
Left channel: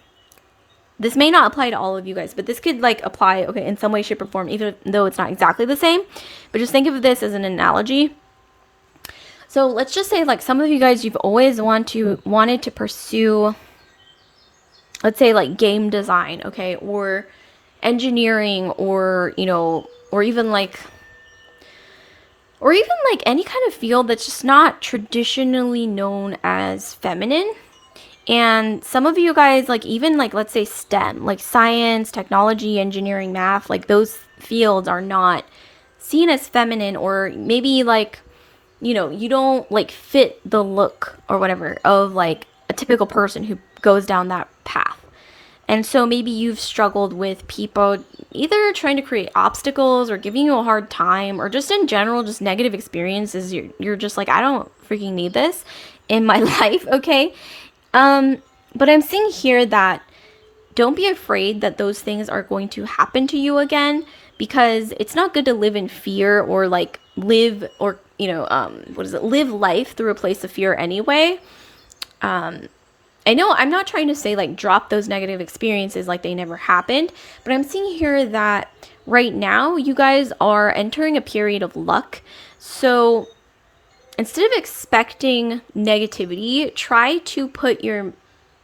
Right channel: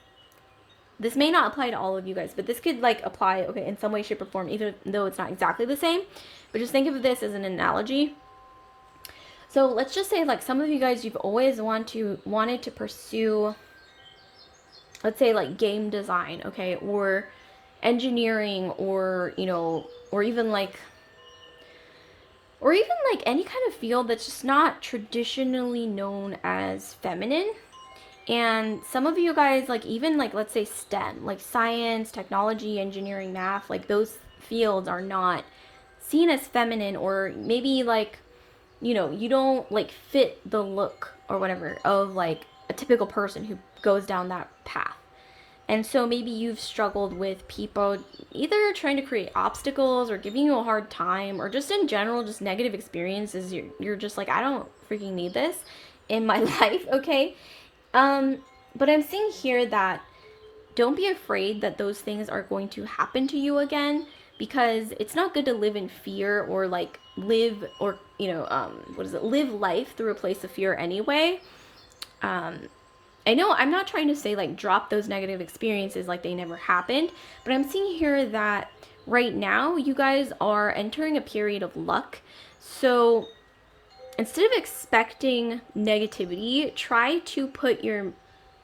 this may not apply to all of you guys, but this could like apply, okay, in some way, shape, or form, even though it's not exactly the same. But just think of this as an analogy. So let's just say, like, some of you guys, you've always wanted to pursue, let's say, like game design, okay, or engineering, or, you know, or even like any kind of field that's just not traditionally known as feminine. And some of you guys, like even like, let's say STEM, like science, technology, engineering, math, like those fields are not seen as feminine, or maybe like, you don't like fit the look or whatever of like a typical person who goes down that path. And so maybe you've struggled with people either trying to create obstacles or giving you a hard time, or just in general, just negative experiences. You're just like, I don't freaking need this in my life, okay? But I'm seeing here that don't be afraid that those things are going to happen to you again, because it's not good to live in fear, or like live, or live life through a place of fear anyway. I know I'm not trying to say like drop those negative experiences like they never happened, but I'm seeing here that right now you guys are entering a period of luck. So instead of expecting negativity, try to put your,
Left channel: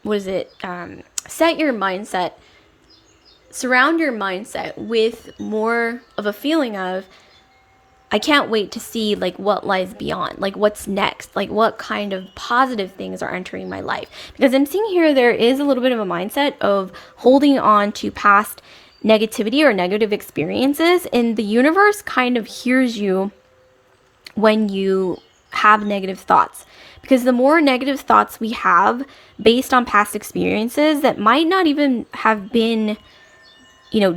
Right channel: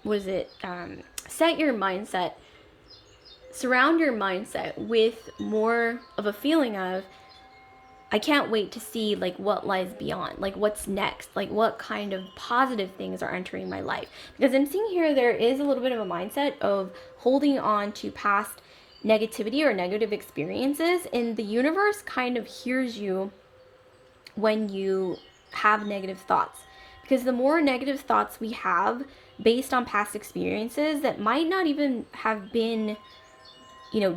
set your mindset, surround your mindset with more of a feeling of, I can't wait to see like what lies beyond, like what's next, like what kind of positive things are entering my life. Because I'm seeing here there is a little bit of a mindset of holding on to past negativity or negative experiences, and the universe kind of hears you when you have negative thoughts. Because the more negative thoughts we have based on past experiences that might not even have been,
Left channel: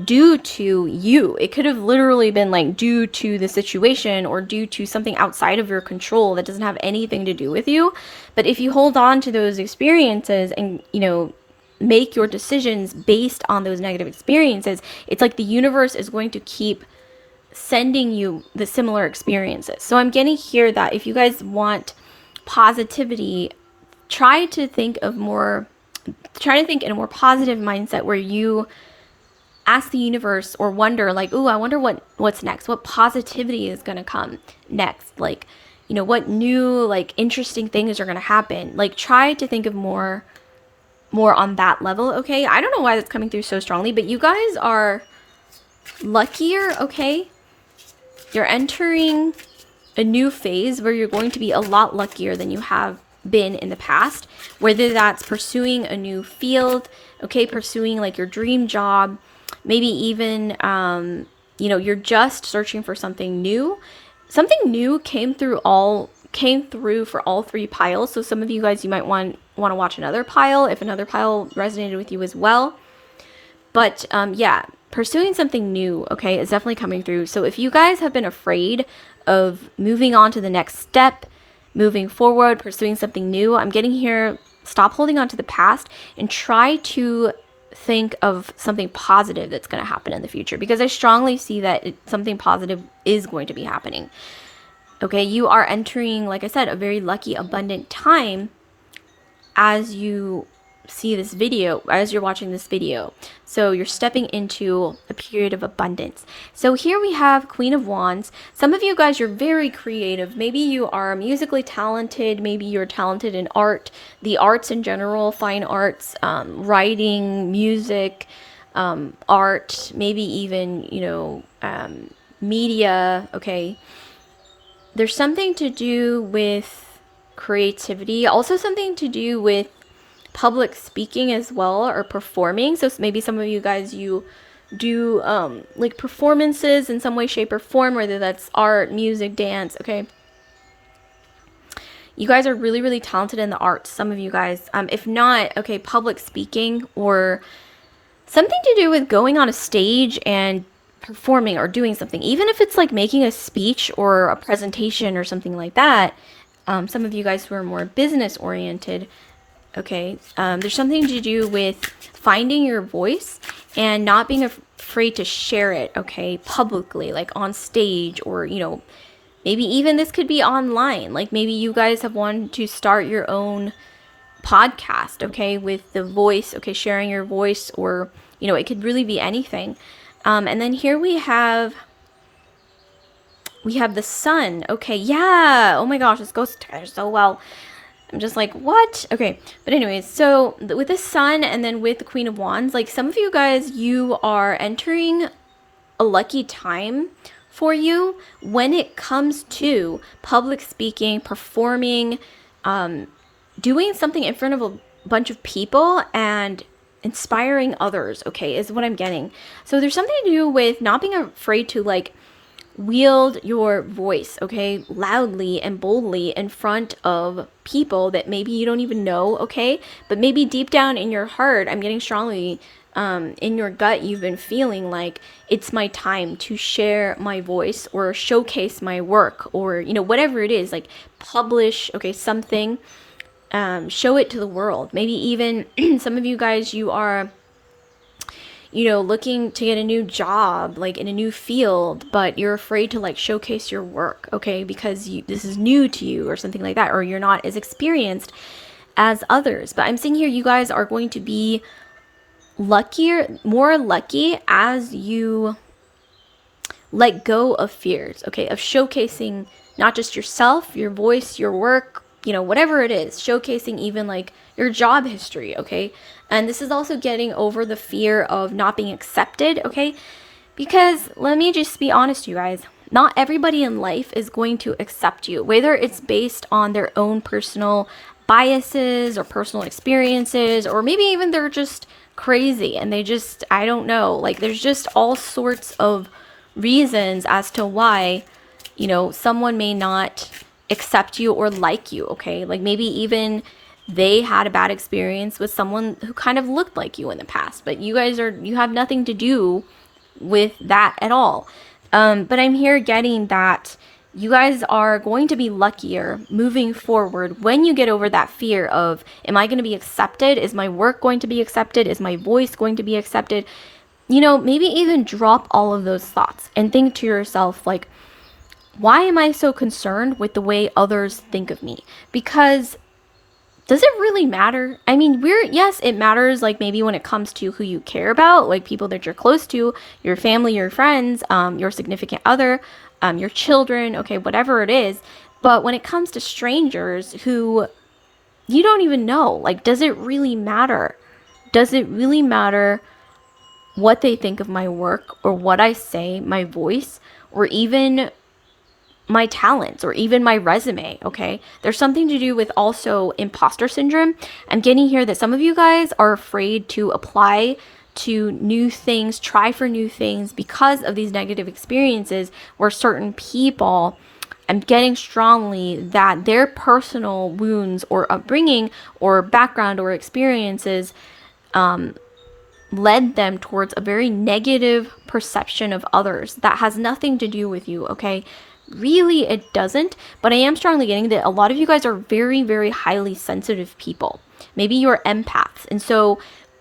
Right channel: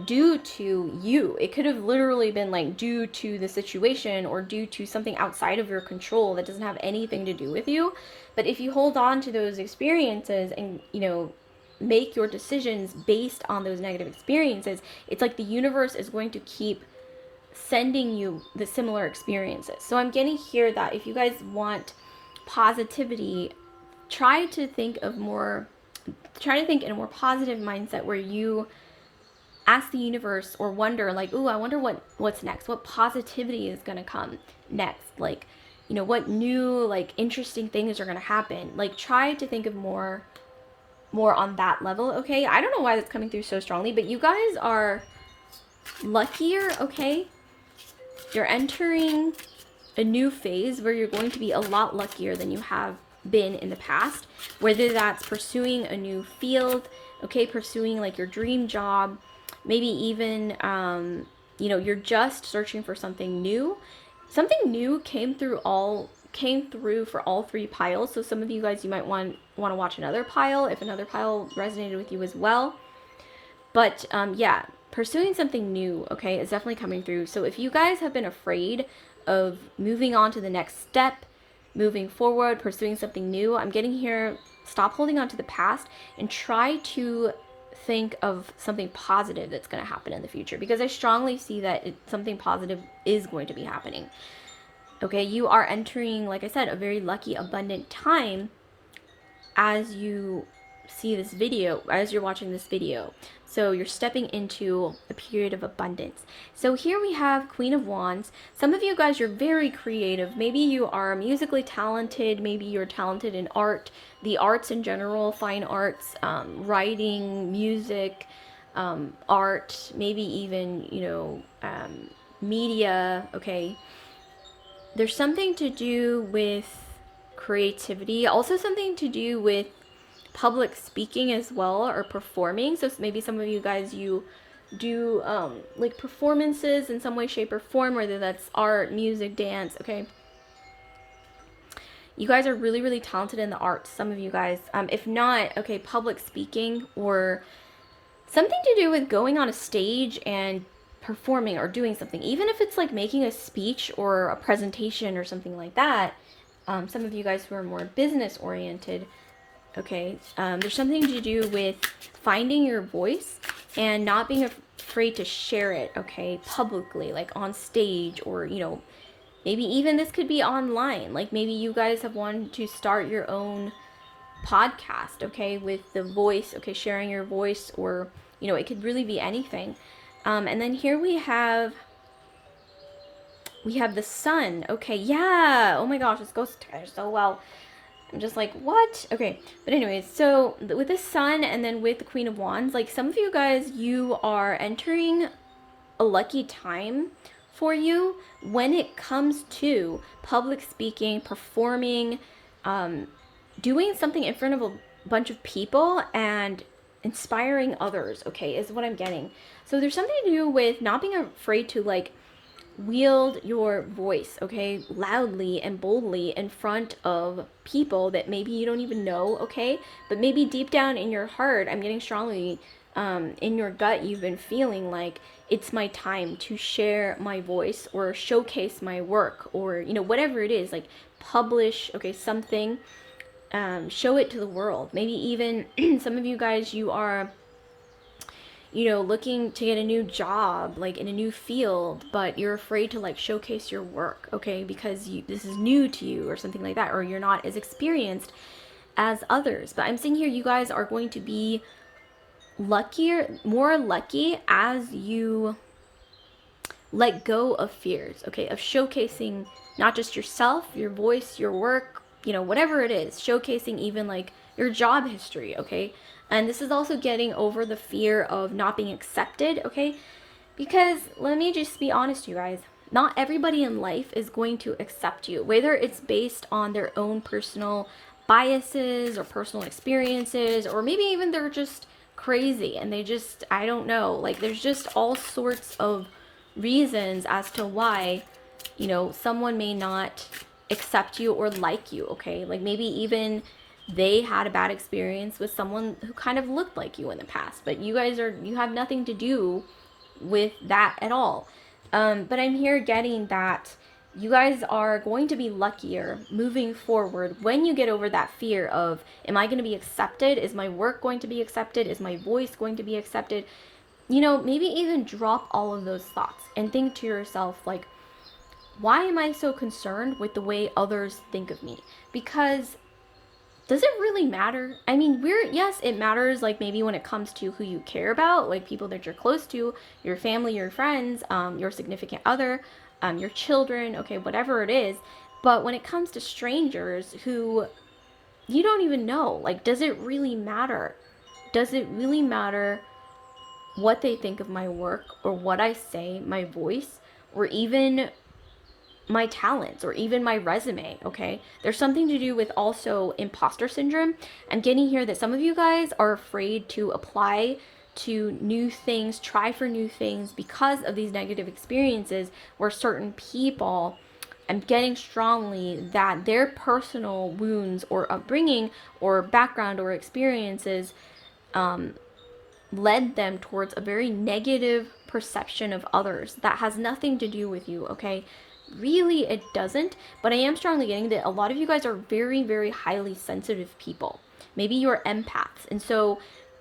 due to you. It could have literally been like due to the situation or due to something outside of your control that doesn't have anything to do with you. But if you hold on to those experiences and, make your decisions based on those negative experiences, it's like the universe is going to keep sending you the similar experiences. So I'm getting here that if you guys want positivity, try to think in a more positive mindset, where you ask the universe or wonder like, ooh, I wonder what's next, what positivity is going to come next, like, what new like interesting things are going to happen. Like try to think of more on that level, okay? I don't know why that's coming through so strongly, but you guys are luckier, okay? You're entering a new phase where you're going to be a lot luckier than you have been in the past, whether that's pursuing a new field, okay, pursuing like your dream job, maybe even you're just searching for something new. Something new came through for all three piles. So some of you guys, you might want to watch another pile if another pile resonated with you as well. But yeah, pursuing something new, okay, is definitely coming through. So if you guys have been afraid of moving on to the next step, moving forward, pursuing something new, I'm getting here, stop holding on to the past and try to think of something positive that's going to happen in the future, because I strongly see that something positive is going to be happening. Okay, you are entering, like I said, a very lucky, abundant time as you see this video, as you're watching this video. So you're stepping into a period of abundance. So here we have Queen of Wands. Some of you guys, you're very creative. Maybe you are musically talented. Maybe you're talented in art, the arts in general, fine arts, writing, music, art, maybe even, media, okay? There's something to do with creativity, also something to do with public speaking as well, or performing. So maybe some of you guys, you do like performances in some way, shape, or form, whether that's art, music, dance, okay? You guys are really, really talented in the arts, some of you guys. If not, okay, public speaking or something to do with going on a stage and performing or doing something, even if it's like making a speech or a presentation or something like that. Some of you guys who are more business oriented, okay, there's something to do with finding your voice and not being afraid to share it, okay, publicly, like on stage, or maybe even this could be online. Like maybe you guys have wanted to start your own podcast, okay, with the voice, okay, sharing your voice, or it could really be anything. And then here we have the sun. Okay, yeah, oh my gosh, this goes together so well. I'm just like, what? Okay, but anyways, so with the sun and then with the Queen of Wands, like some of you guys, you are entering a lucky time for you when it comes to public speaking, performing, doing something in front of bunch of people and inspiring others, okay, is what I'm getting. So there's something to do with not being afraid to like wield your voice, okay, loudly and boldly in front of people that maybe you don't even know, okay, but maybe deep down in your heart, I'm getting strongly in your gut, you've been feeling like it's my time to share my voice or showcase my work, or whatever it is, like publish, okay, something, show it to the world. Maybe even some of you guys, you are looking to get a new job, like in a new field, but you're afraid to like showcase your work, okay, because this is new to you or something like that, or you're not as experienced as others. But I'm seeing here you guys are going to be more lucky as you let go of fears, okay, of showcasing not just yourself, your voice, your work, whatever it is, showcasing even like your job history, okay? And this is also getting over the fear of not being accepted, okay? Because let me just be honest, you guys, not everybody in life is going to accept you, whether it's based on their own personal biases or personal experiences, or maybe even they're just crazy and they just, I don't know, like there's just all sorts of reasons as to why, someone may not accept you or like you, okay? Like maybe even they had a bad experience with someone who kind of looked like you in the past, but you have nothing to do with that at all. But I'm here getting that you guys are going to be luckier moving forward when you get over that fear of, am I going to be accepted? Is my work going to be accepted? Is my voice going to be accepted? Maybe even drop all of those thoughts and think to yourself, like, why am I so concerned with the way others think of me? Because does it really matter? I mean, yes, it matters, like maybe when it comes to who you care about, like people that you're close to, your family, your friends, your significant other, your children, okay, whatever it is. But when it comes to strangers who you don't even know, like, does it really matter? Does it really matter what they think of my work or what I say, my voice, or even my talents or even my resume, okay? There's something to do with also imposter syndrome. I'm getting here that some of you guys are afraid to apply to new things, try for new things because of these negative experiences where certain people, I'm getting strongly that their personal wounds or upbringing or background or experiences led them towards a very negative perception of others that has nothing to do with you, okay? Really, it doesn't. But I am strongly getting that a lot of you guys are very, very highly sensitive people. Maybe you're empaths. And so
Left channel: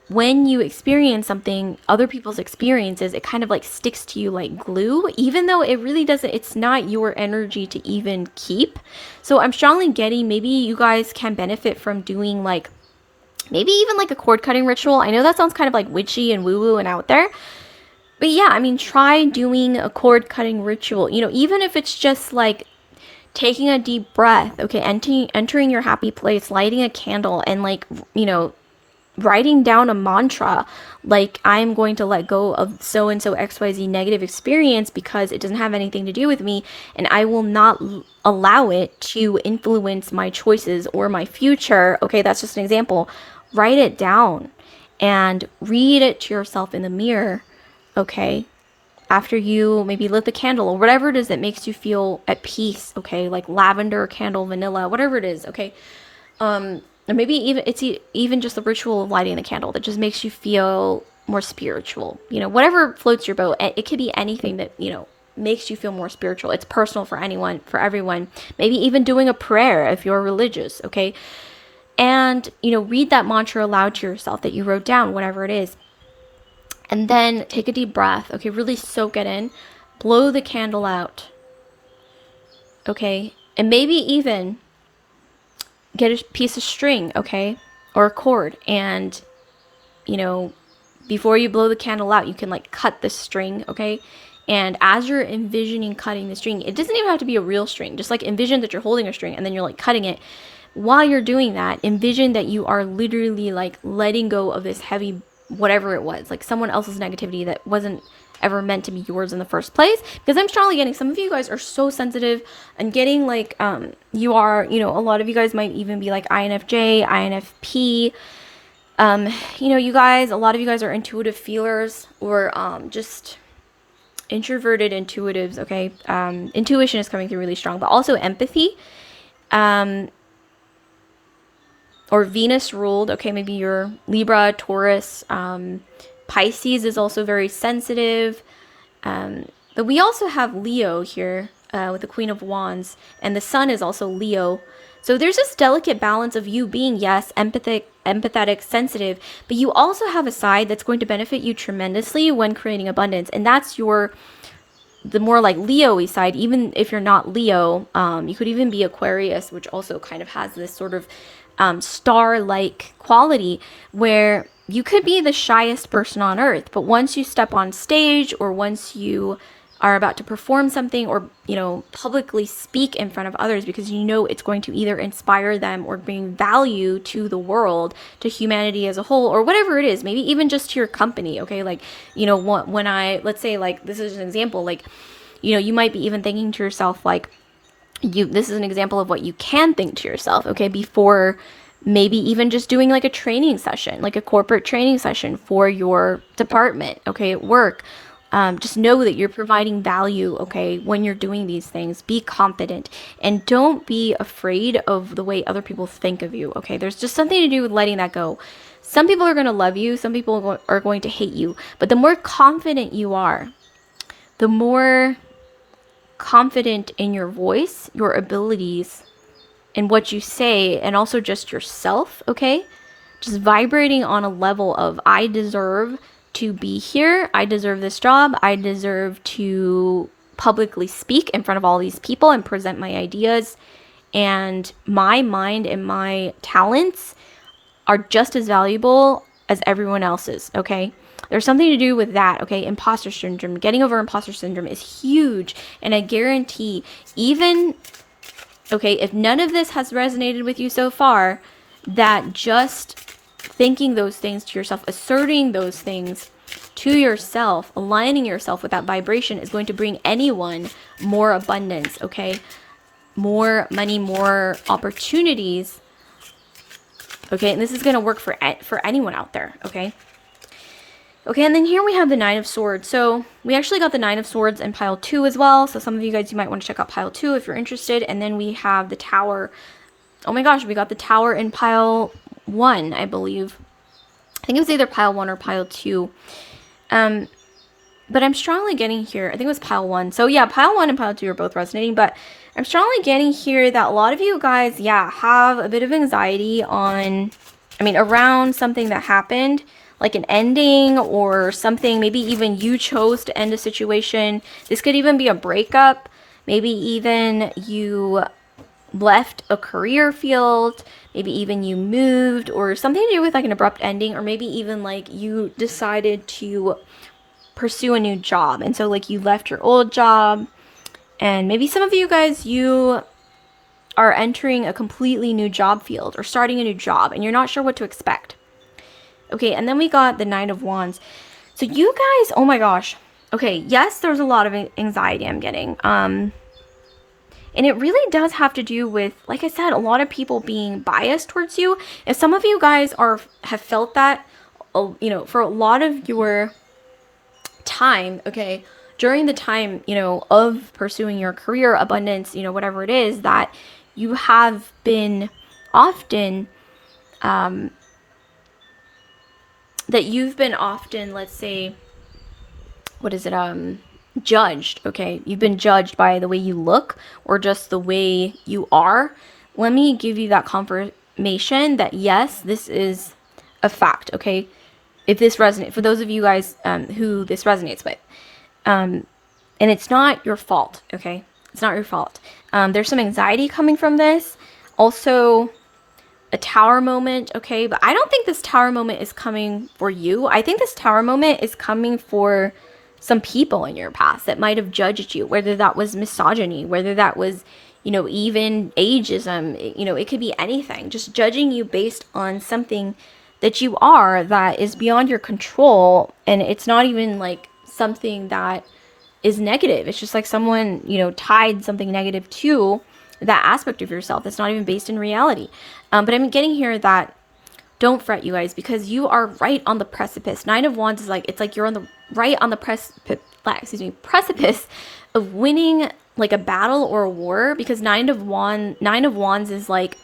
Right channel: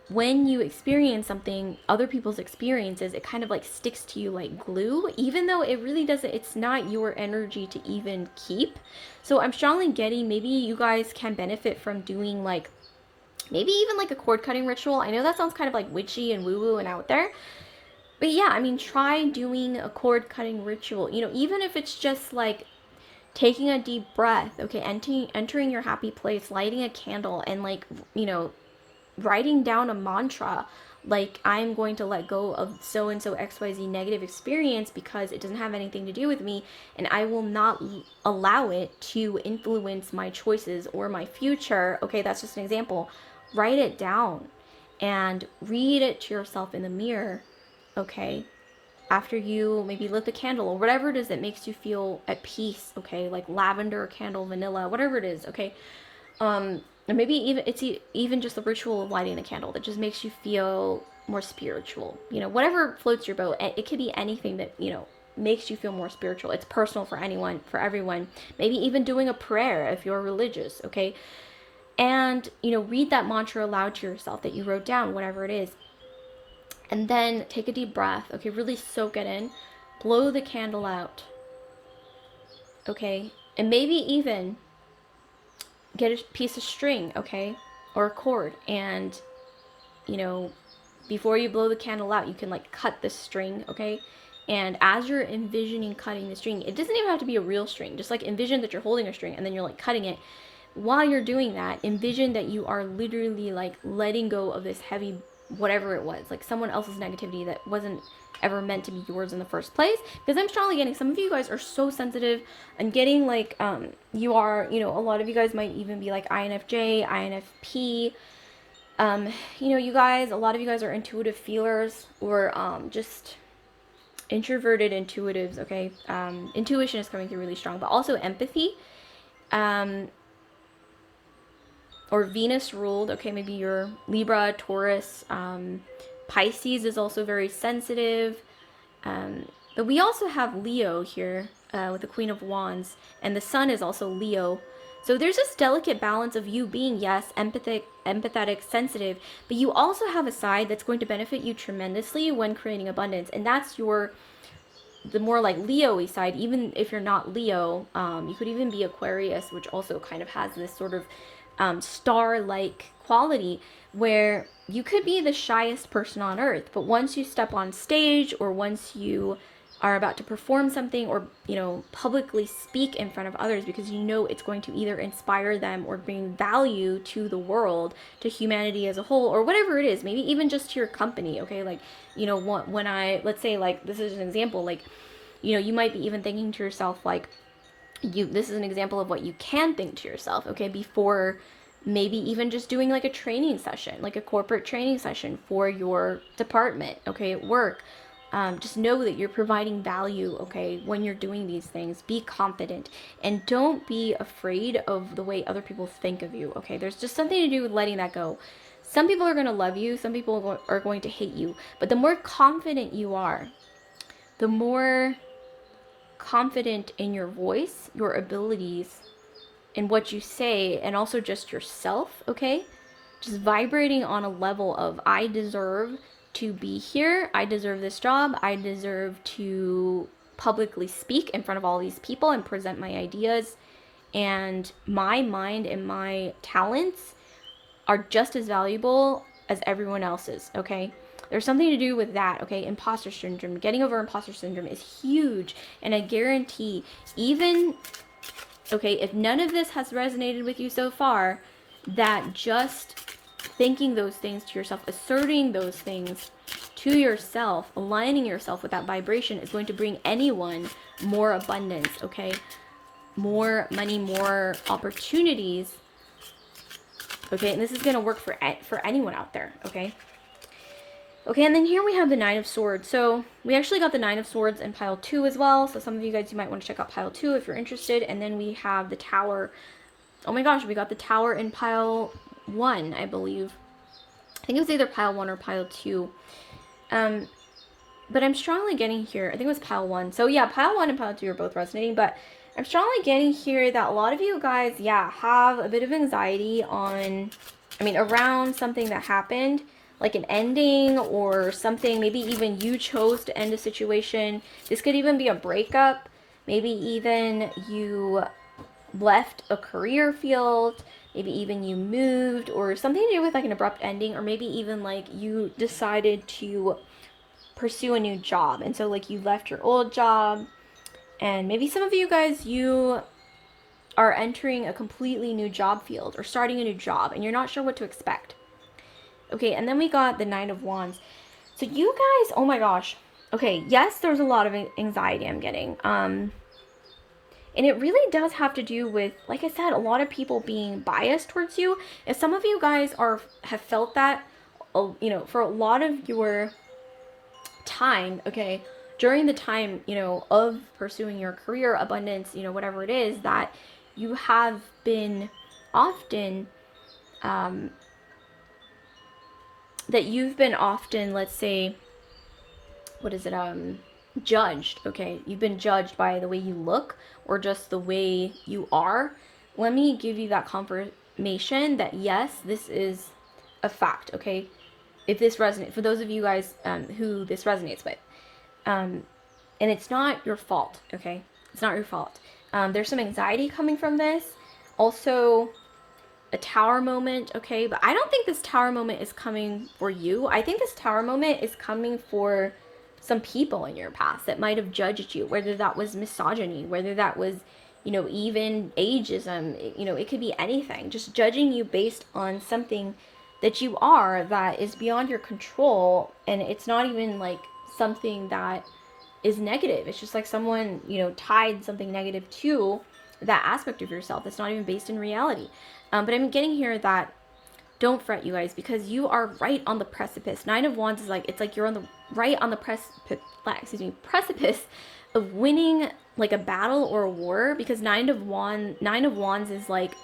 when you experience something, other people's experiences, it kind of like sticks to you like glue, even though it really doesn't, it's not your energy to even keep. So I'm strongly getting maybe you guys can benefit from doing like, maybe even like a cord cutting ritual. I know that sounds kind of like witchy and woo woo and out there. But yeah, I mean, try doing a cord cutting ritual, even if it's just like taking a deep breath, okay, entering your happy place, lighting a candle, and like, writing down a mantra, like, I'm going to let go of so and so XYZ negative experience because it doesn't have anything to do with me, and I will not allow it to influence my choices or my future. Okay, that's just an example. Write it down and read it to yourself in the mirror, okay, after you maybe lit the candle or whatever it is that makes you feel at peace, okay, like lavender candle, vanilla, whatever it is, okay, or maybe even just the ritual of lighting the candle that just makes you feel more spiritual, whatever floats your boat. It could be anything that makes you feel more spiritual. It's personal for anyone, for everyone. Maybe even doing a prayer if you're religious, okay, and read that mantra aloud to yourself that you wrote down, whatever it is. And then take a deep breath, okay, really soak it in, blow the candle out, okay, and maybe even get a piece of string, okay, or a cord, and, before you blow the candle out, you can like cut the string, okay, and as you're envisioning cutting the string, it doesn't even have to be a real string, just like envision that you're holding a string and then you're like cutting it. While you're doing that, envision that you are literally like letting go of this heavy whatever it was, like someone else's negativity that wasn't ever meant to be yours in the first place. Because I'm strongly getting some of you guys are so sensitive. I'm getting like you are, you know, a lot of you guys might even be like INFJ, INFP. You know, you guys, a lot of you guys are intuitive feelers, or just introverted intuitives. Okay, intuition is coming through really strong, but also empathy. Or Venus ruled. Okay, maybe you're Libra, Taurus. Pisces is also very sensitive. But we also have Leo here with the Queen of Wands, and the Sun is also Leo. So there's this delicate balance of you being, yes, empathetic, sensitive, but you also have a side that's going to benefit you tremendously when creating abundance, and that's the more like Leo-y side. Even if you're not Leo, you could even be Aquarius, which also kind of has this sort of star-like quality where you could be the shyest person on earth, but once you step on stage, or once you are about to perform something, or, you know, publicly speak in front of others, because you know it's going to either inspire them or bring value to the world, to humanity as a whole, or whatever it is, maybe even just to your company. Okay, like, you know, when let's say, like, this is an example, like, you know, you might be even thinking to yourself, like, this is an example of what you can think to yourself, okay, before maybe even just doing like a training session, like a corporate training session for your department, okay, at work. Just know that you're providing value, okay, when you're doing these things. Be confident and don't be afraid of the way other people think of you, okay? There's just something to do with letting that go. Some people are going to love you, some people are going to hate you, but the more confident you are, the more confident in your voice, your abilities, and what you say, and also just yourself, okay? Just vibrating on a level of, I deserve to be here, I deserve this job, I deserve to publicly speak in front of all these people and present my ideas, and my mind and my talents are just as valuable as everyone else's, okay? There's something to do with that, okay? Imposter syndrome, getting over imposter syndrome is huge, and I guarantee, even, okay, if none of this has resonated with you so far, that just thinking those things to yourself, asserting those things to yourself, aligning yourself with that vibration is going to bring anyone more abundance, okay? More money, more opportunities, okay? And this is going to work for anyone out there, okay? Okay, and then here we have the Nine of Swords. So we actually got the Nine of Swords in pile 2 as well. So some of you guys, you might want to check out pile 2 if you're interested. And then we have the Tower. Oh my gosh, we got the Tower in pile 1, I believe. I think it was either pile 1 or pile 2. But I'm strongly getting here, I think it was pile 1. So yeah, pile 1 and pile 2 are both resonating, but I'm strongly getting here that a lot of you guys, yeah, have a bit of anxiety around something that happened, like an ending or something. Maybe even you chose to end a situation. This could even be a breakup. Maybe even you left a career field. Maybe even you moved, or something to do with like an abrupt ending, or maybe even like you decided to pursue a new job. And so like you left your old job, and maybe some of you guys, you are entering a completely new job field or starting a new job and you're not sure what to expect. Okay, and then we got the Nine of Wands. So you guys, oh my gosh. Okay, yes, there's a lot of anxiety I'm getting. And it really does have to do with, like I said, a lot of people being biased towards you. If some of you guys have felt that, you know, for a lot of your time, okay, during the time, you know, of pursuing your career, abundance, you know, whatever it is, that you have been often, let's say, judged, okay? You've been judged by the way you look or just the way you are. Let me give you that confirmation that yes, this is a fact, okay? If this resonates, for those of you guys who this resonates with, and it's not your fault, okay? It's not your fault. There's some anxiety coming from this. Also, a tower moment, okay? But I don't think this tower moment is coming for you. I think this tower moment is coming for some people in your past that might have judged you, whether that was misogyny, whether that was, you know, even ageism, you know, it could be anything. Just judging you based on something that you are that is beyond your control, and it's not even like something that is negative. It's just like someone, tied something negative to that aspect of yourself that's not even based in reality. But I'm getting here that don't fret, you guys, because you are right on the precipice. Nine of Wands is like, it's like you're on the right on the precipice of winning like a battle or a war, because Nine of Wands is like,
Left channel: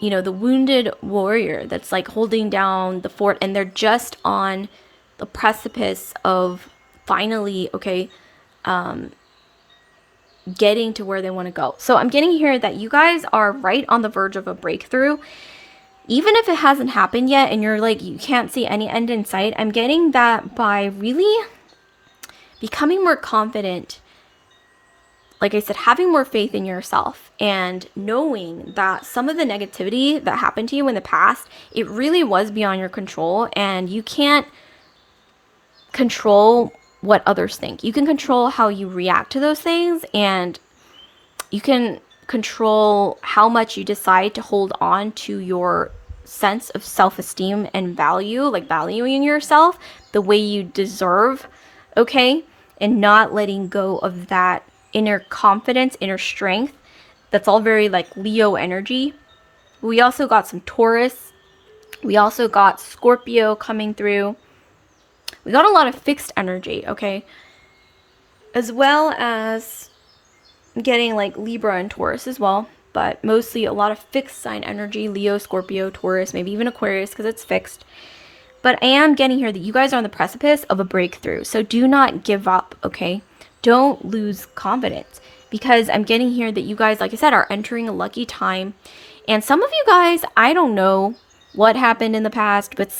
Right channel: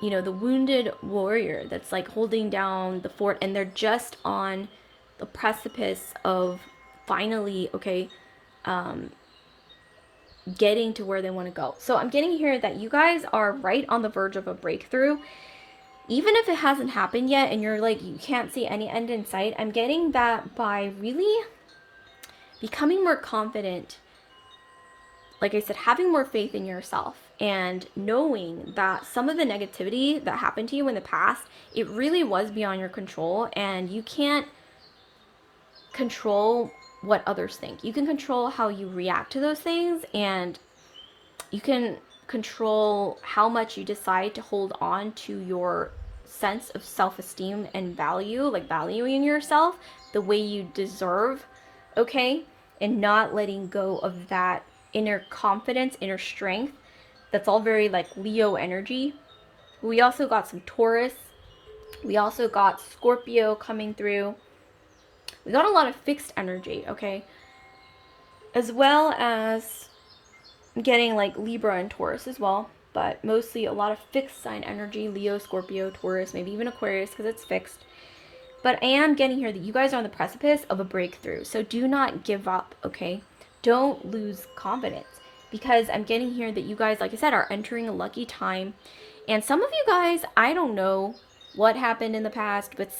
the wounded warrior that's like holding down the fort, and they're just on the precipice of finally, getting to where they want to go. So I'm getting here that you guys are right on the verge of a breakthrough. Even if it hasn't happened yet and you're like, you can't see any end in sight, I'm getting that by really becoming more confident, like I said, having more faith in yourself and knowing that some of the negativity that happened to you in the past, it really was beyond your control, and you can't control what others think. You can control how you react to those things, and you can control how much you decide to hold on to your sense of self-esteem and value, like valuing yourself the way you deserve, and not letting go of that inner confidence, inner strength. That's all very like Leo energy. We also got some Taurus. We also got Scorpio coming through. We got a lot of fixed energy, as well as getting like Libra and Taurus as well, but mostly a lot of fixed sign energy, Leo, Scorpio, Taurus, maybe even Aquarius because it's fixed. But I am getting here that you guys are on the precipice of a breakthrough. So do not give up, Don't lose confidence, because I'm getting here that you guys, like I said, are entering a lucky time. And some of you guys, I don't know what happened in the past, but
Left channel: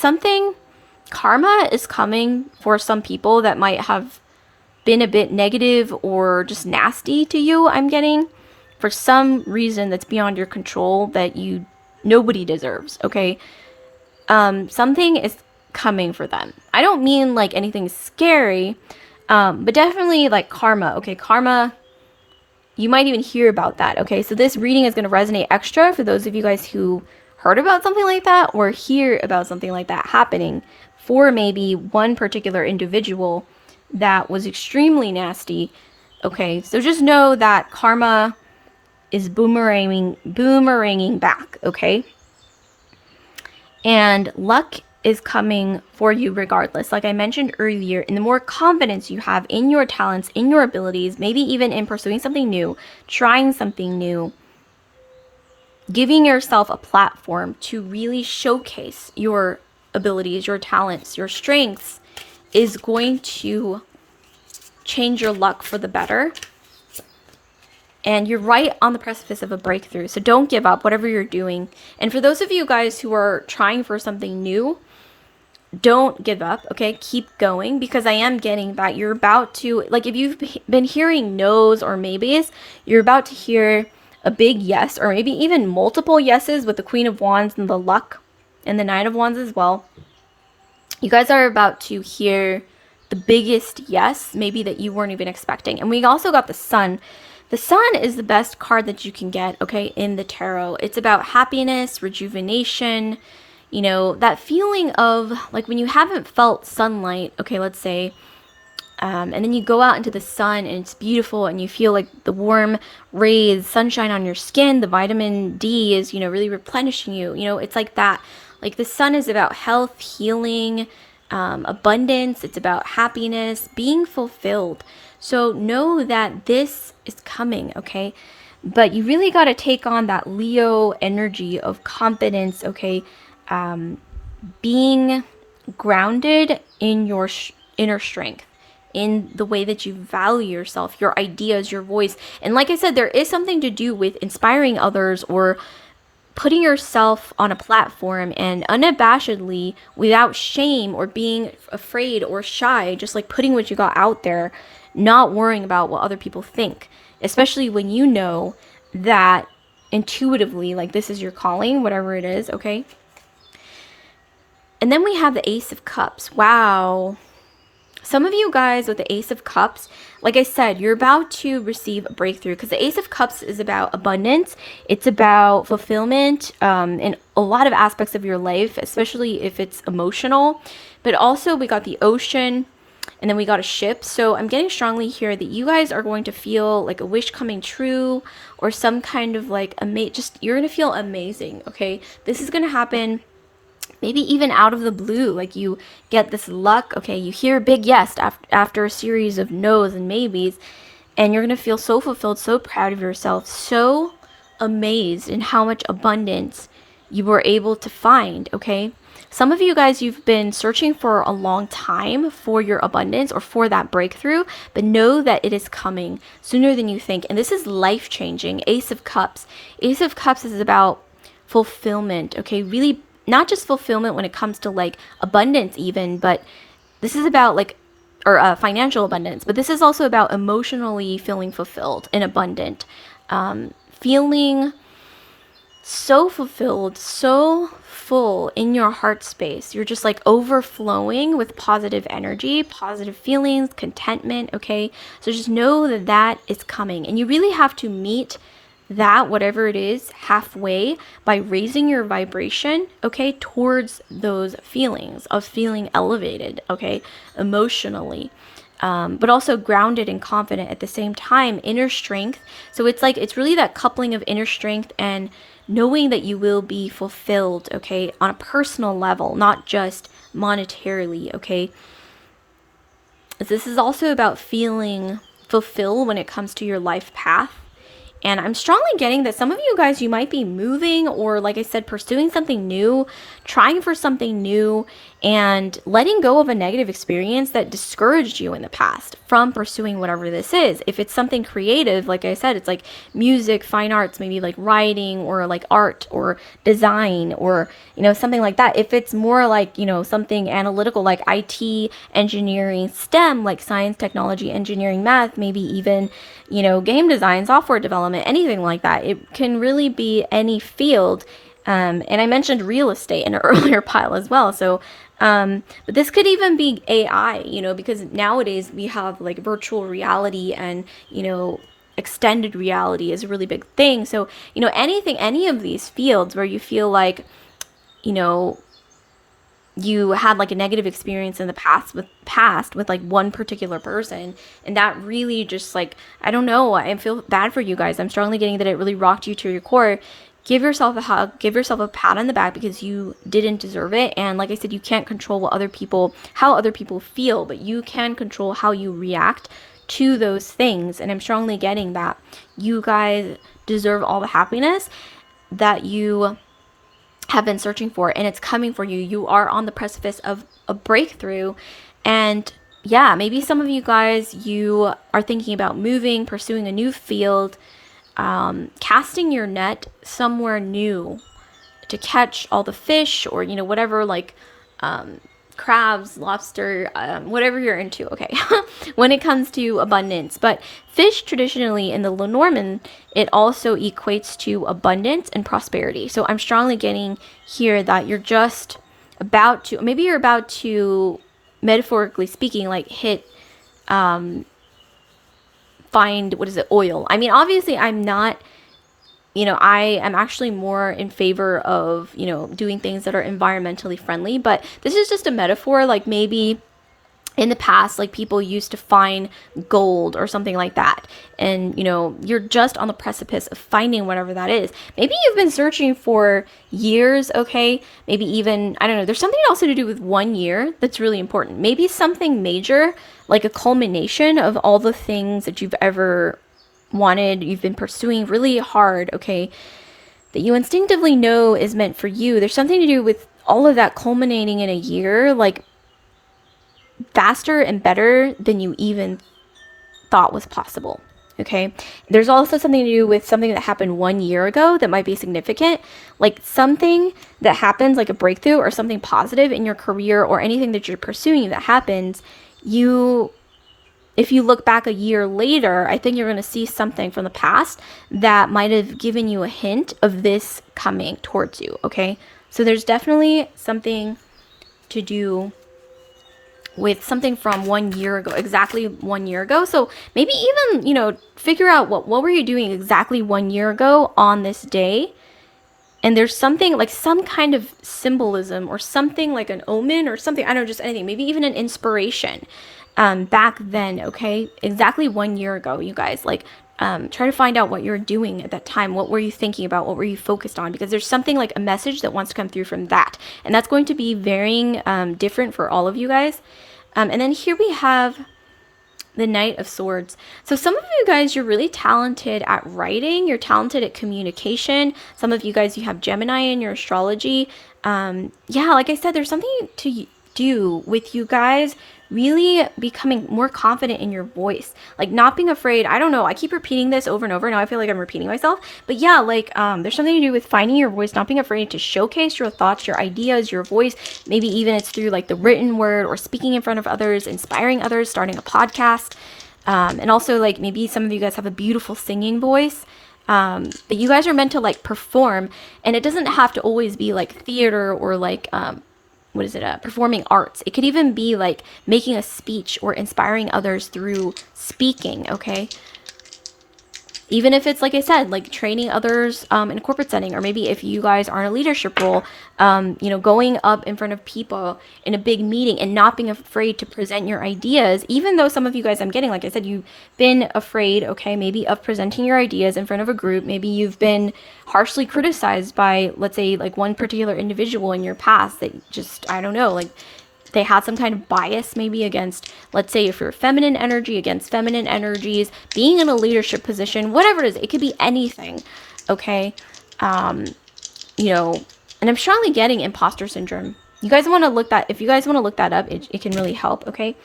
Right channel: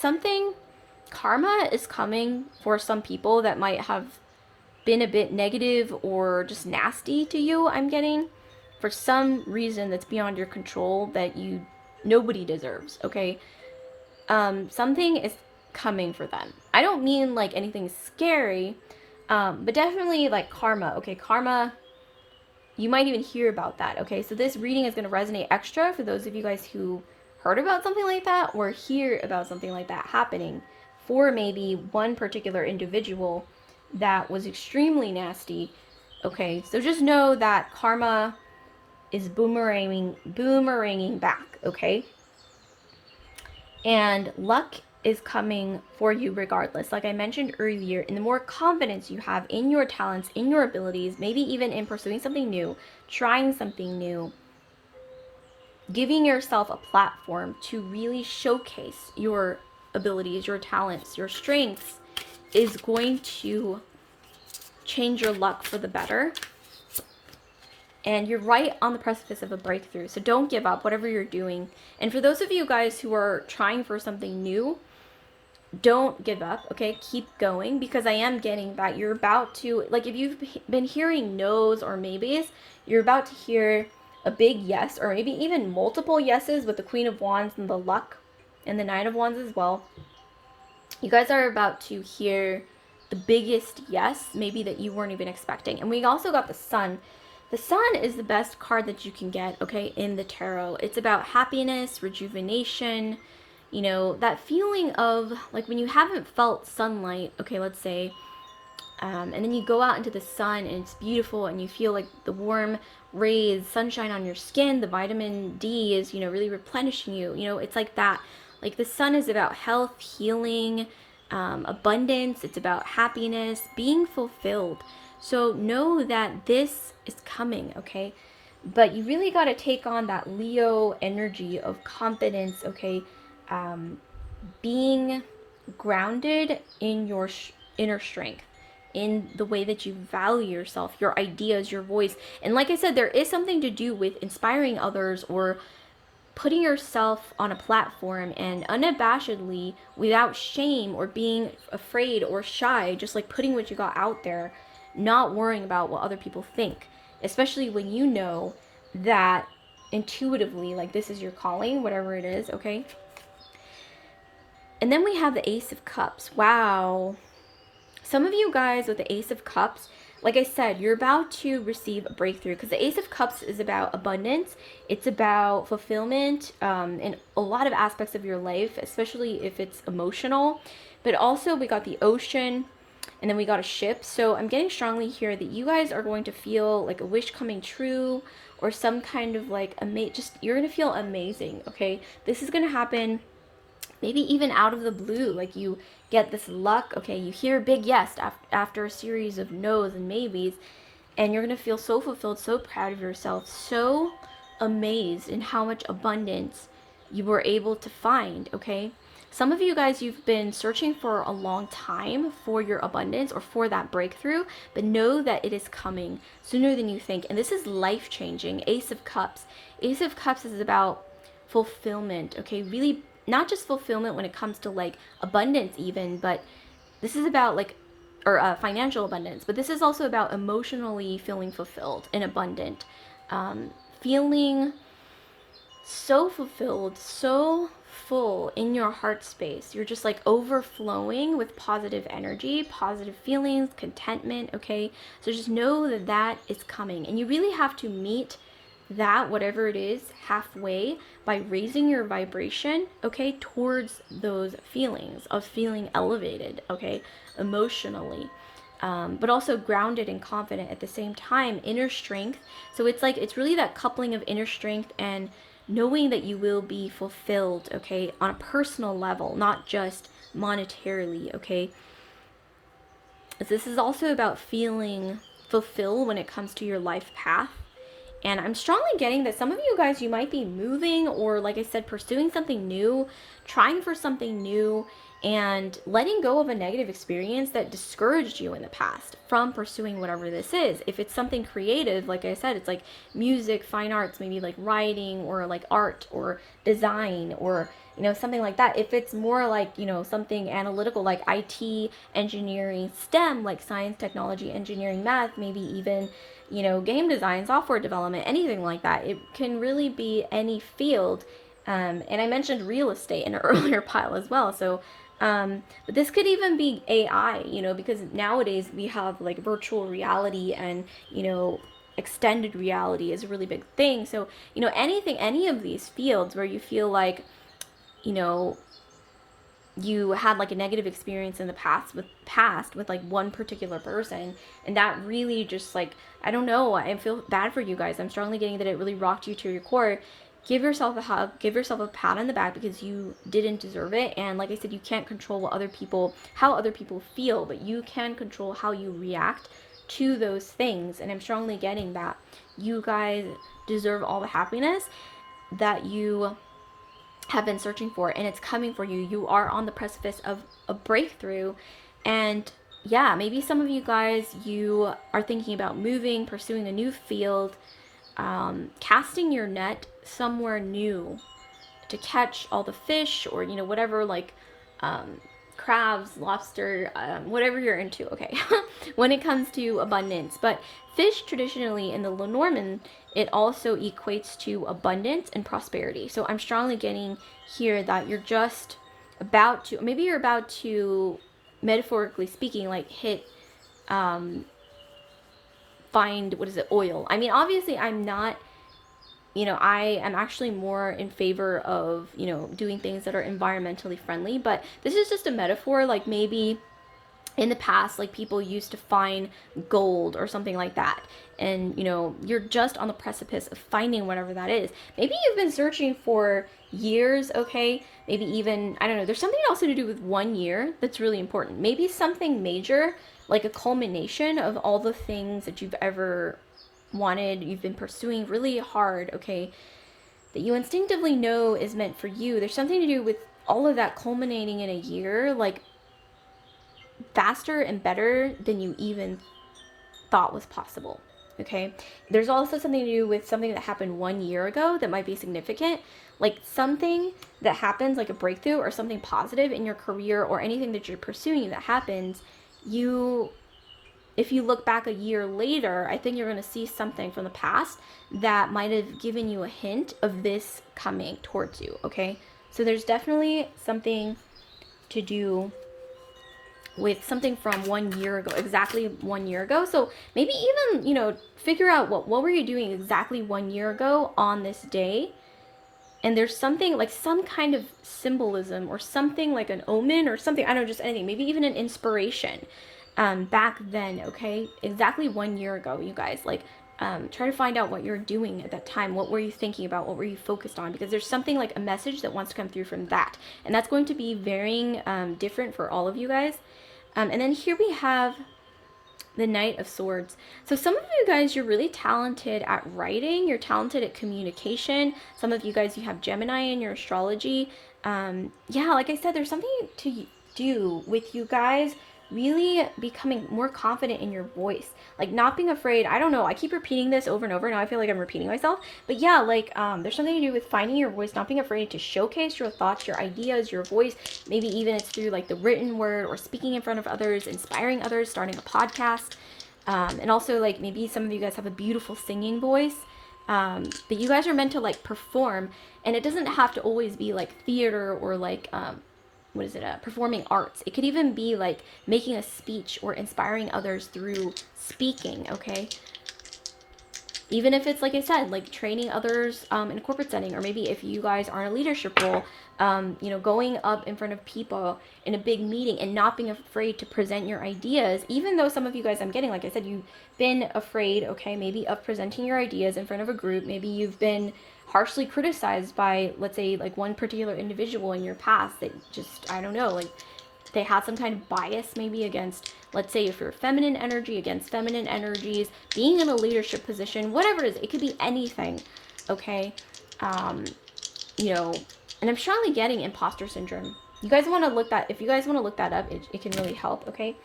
karma is coming for some people that might have been a bit negative or just nasty to you. I'm getting for some reason that's beyond your control that nobody deserves. Something is coming for them. I don't mean like anything scary, but definitely like karma. Karma, you might even hear about that. So this reading is going to resonate extra for those of you guys who heard about something like that or hear about something like that happening for maybe one particular individual that was extremely nasty. So just know that karma is boomeranging back. And luck is coming for you regardless. Like I mentioned earlier, and the more confidence you have in your talents, in your abilities, maybe even in pursuing something new, trying something new, giving yourself a platform to really showcase your abilities, your talents, your strengths, is going to change your luck for the better. And you're right on the precipice of a breakthrough. So don't give up, whatever you're doing. And for those of you guys who are trying for something new, don't give up, Keep going, because I am getting that you're about to, like if you've been hearing no's or maybes, you're about to hear a big yes, or maybe even multiple yeses with the Queen of Wands and the Luck and the Nine of Wands as well. You guys are about to hear the biggest yes, maybe that you weren't even expecting. And we also got the Sun. The Sun is the best card that you can get, in the tarot. It's about happiness, rejuvenation, that feeling of like when you haven't felt sunlight, let's say, and then you go out into the sun and it's beautiful and you feel like the warm rays, sunshine on your skin, the vitamin D is, really replenishing you. It's like that. Like the sun is about health, healing, abundance. It's about happiness, being fulfilled. So know that this is coming, But you really got to take on that Leo energy of confidence, being grounded in your inner strength, in the way that you value yourself, your ideas, your voice. And like I said, there is something to do with inspiring others or putting yourself on a platform and unabashedly, without shame or being afraid or shy, just like putting what you got out there, not worrying about what other people think, especially when you know that intuitively, like this is your calling, whatever it is, And then we have the Ace of Cups. Wow. Some of you guys with the Ace of Cups, like I said, you're about to receive a breakthrough, because the Ace of Cups is about abundance. It's about fulfillment in a lot of aspects of your life, especially if it's emotional. But also we got the Ocean. and then we got a ship. So I'm getting strongly here that you guys are going to feel like a wish coming true, or some kind of like you're going to feel amazing, okay? This is going to happen maybe even out of the blue. Like you get this luck, okay? You hear a big yes after a series of no's and maybes, and you're going to feel so fulfilled, so proud of yourself, so amazed in how much abundance you were able to find, okay? Some of you guys, you've been searching for a long time for your abundance or for that breakthrough, but know that it is coming sooner than you think. And this is life changing. Ace of Cups. Ace of Cups is about fulfillment, okay? Really, not just fulfillment when it comes to like abundance, even, but this is about like, or financial abundance, but this is also about emotionally feeling fulfilled and abundant. Feeling so fulfilled, so full in your heart space. You're just like overflowing with positive energy, positive feelings, contentment, okay? So just know that that is coming. And you really have to meet that, whatever it is, halfway by raising your vibration, okay, towards those feelings of feeling elevated, okay, emotionally. But also grounded and confident at the same time, inner strength. So it's like, it's really that coupling of inner strength and knowing that you will be fulfilled, okay, on a personal level, not just monetarily, okay. This is also about feeling fulfilled when it comes to your life path. And I'm strongly getting that some of you guys, you might be moving, or like I said, pursuing something new, trying for something new, and letting go of a negative experience that discouraged you in the past from pursuing whatever this is. If it's something creative, like I said, it's like music, fine arts, maybe like writing or like art or design or, you know, something like that. If it's more like, you know, something analytical like IT, engineering, STEM, like science, technology, engineering, math, maybe even, you know, game design, software development, anything like that. It can really be any field. And I mentioned real estate in an earlier pile as well. So, but this could even be AI, you know, because nowadays we have like virtual reality and, you know, extended reality is a really big thing. So, you know, any of these fields where you feel like, you know, you had like a negative experience in the past with like one particular person, and that really just like, I don't know, I feel bad for you guys. I'm strongly getting that it really rocked you to your core. Give yourself a hug, give yourself a pat on the back, because you didn't deserve it. And like I said, you can't control how other people feel, but you can control how you react to those things. And I'm strongly getting that you guys deserve all the happiness that you have been searching for, and it's coming for you. You are on the precipice of a breakthrough. And yeah, maybe some of you guys, you are thinking about moving, pursuing a new field, casting your net somewhere new to catch all the fish, or, you know, whatever, like crabs, lobster, whatever you're into, okay, when it comes to abundance. But fish, traditionally in the Lenormand, it also equates to abundance and prosperity. So I'm strongly getting here that you're just about to, maybe you're about to, metaphorically speaking, like hit, find, what is it, oil. I mean, obviously I'm not, you know, I am actually more in favor of, you know, doing things that are environmentally friendly, but this is just a metaphor. Like maybe in the past, like people used to find gold or something like that, and, you know, you're just on the precipice of finding whatever that is. Maybe you've been searching for years, okay, maybe even, I don't know, there's something also to do with 1 year that's really important. Maybe something major, like a culmination of all the things that you've ever wanted, you've been pursuing really hard, okay, that you instinctively know is meant for you. There's something to do with all of that culminating in a year, like faster and better than you even thought was possible, okay. There's also something to do with something that happened 1 year ago that might be significant, like something that happens, like a breakthrough or something positive in your career or anything that you're pursuing that happens. If you look back a year later, I think you're going to see something from the past that might have given you a hint of this coming towards you, okay? So there's definitely something to do with something from 1 year ago, exactly 1 year ago. So maybe even, you know, figure out what were you doing exactly 1 year ago on this day? And there's something like some kind of symbolism or something like an omen or something, I don't know, just anything, maybe even an inspiration back then, okay? Exactly 1 year ago, you guys. Like, try to find out what you're doing at that time. What were you thinking about? What were you focused on? Because there's something like a message that wants to come through from that. And that's going to be varying, different for all of you guys. And then here we have the Knight of Swords. So some of you guys, you're really talented at writing. You're talented at communication. Some of you guys, you have Gemini in your astrology. Yeah, like I said, there's something to do with you guys really becoming more confident in your voice, like not being afraid. I don't know, I keep repeating this over and over. Now I feel like I'm repeating myself, but yeah, like there's something to do with finding your voice, not being afraid to showcase your thoughts, your ideas, your voice. Maybe even it's through like the written word or speaking in front of others, inspiring others, starting a podcast. And also, like, maybe some of you guys have a beautiful singing voice. But you guys are meant to like perform, and it doesn't have to always be like theater or like what is it, performing arts. It could even be like making a speech or inspiring others through speaking, okay? Even if it's, like I said, like training others in a corporate setting, or maybe if you guys are in a leadership role, you know, going up in front of people in a big meeting and not being afraid to present your ideas, even though some of you guys, I'm getting, like I said, you've been afraid, okay, maybe of presenting your ideas in front of a group. Maybe you've been harshly criticized by, let's say, like one particular individual in your past that just, I don't know, like they had some kind of bias maybe against, let's say, if you're feminine energy, against feminine energies, being in a leadership position, whatever it is, it could be anything, okay? You know, and I'm strongly getting imposter syndrome. You guys want to look that, if you guys want to look that up, it can really help, okay?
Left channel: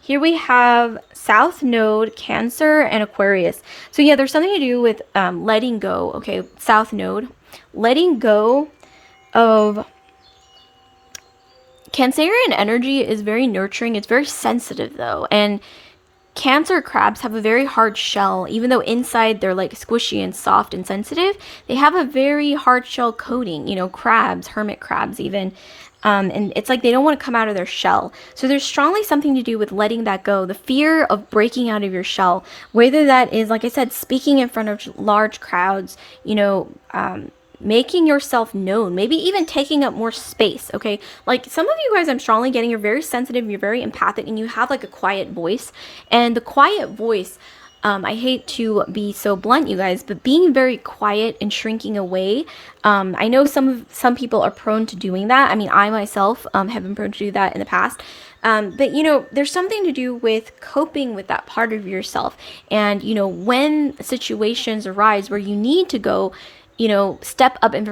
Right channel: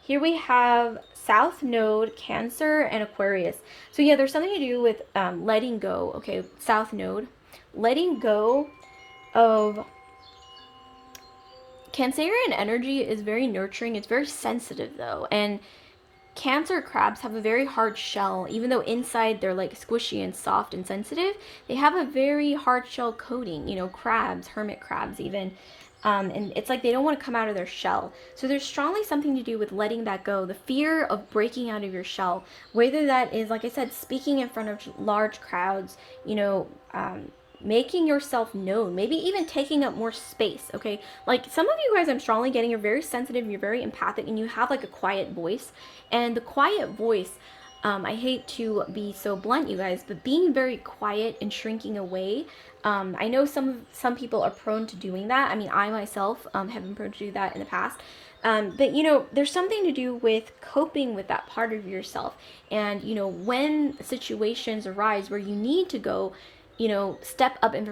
Here we have South Node, Cancer, and Aquarius. So yeah, there's something to do with letting go, okay? South Node, letting go of Cancerian energy is very nurturing. It's very sensitive though. And Cancer crabs have a very hard shell. Even though inside they're like squishy and soft and sensitive, they have a very hard shell coating. You know, crabs, hermit crabs even. And it's like they don't want to come out of their shell. So there's strongly something to do with letting that go. The fear of breaking out of your shell. Whether that is, like I said, speaking in front of large crowds, you know, making yourself known, maybe even taking up more space, okay? Like some of you guys, I'm strongly getting, you're very sensitive, you're very empathic, and you have like a quiet voice. And the quiet voice, I hate to be so blunt, you guys, but being very quiet and shrinking away, I know some people are prone to doing that. I mean, I myself have been prone to do that in the past. But you know, there's something to do with coping with that part of yourself. And you know, when situations arise where you need to go, you know, step up in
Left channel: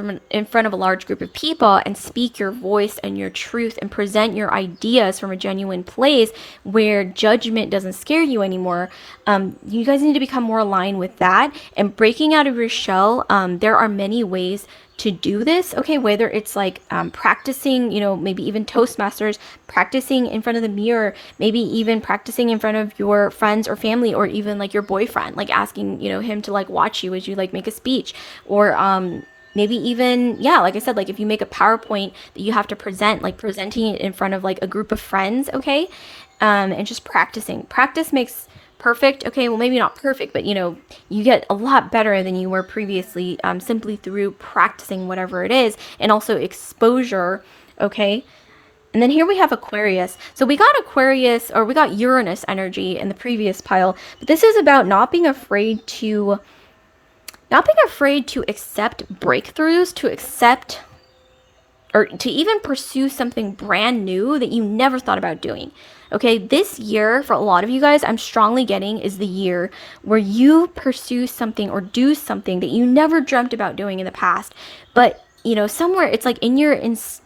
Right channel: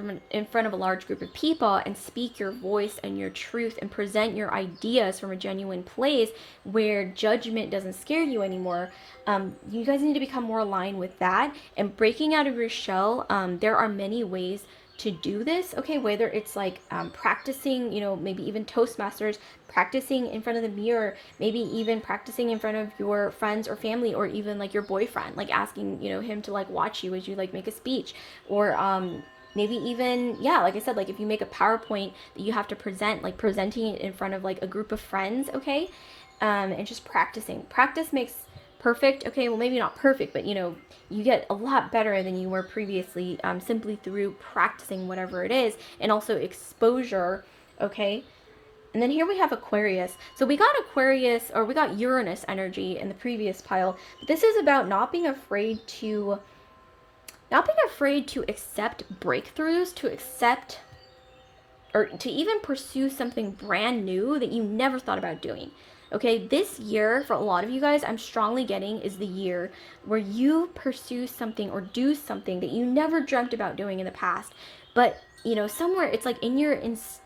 front of a large group of people and speak your voice and your truth and present your ideas from a genuine place where judgment doesn't scare you anymore. You guys need to become more aligned with that and breaking out of your shell. There are many ways to do this, okay? Whether it's like practicing, you know, maybe even Toastmasters, practicing in front of the mirror, maybe even practicing in front of your friends or family, or even like your boyfriend, like asking, you know, him to like watch you as you like make a speech, or maybe even, yeah, like I said, like if you make a PowerPoint that you have to present, like presenting it in front of like a group of friends, okay? And just practicing. Practice makes perfect. Okay, well, maybe not perfect, but you know, you get a lot better than you were previously, simply through practicing whatever it is, and also exposure, okay? And then here we have Aquarius. So we got Aquarius, or we got Uranus energy in the previous pile, but this is about not being afraid to accept breakthroughs, to accept or to even pursue something brand new that you never thought about doing. Okay, this year, for a lot of you guys, I'm strongly getting is the year where you pursue something or do something that you never dreamt about doing in the past. But, you know, somewhere it's like in your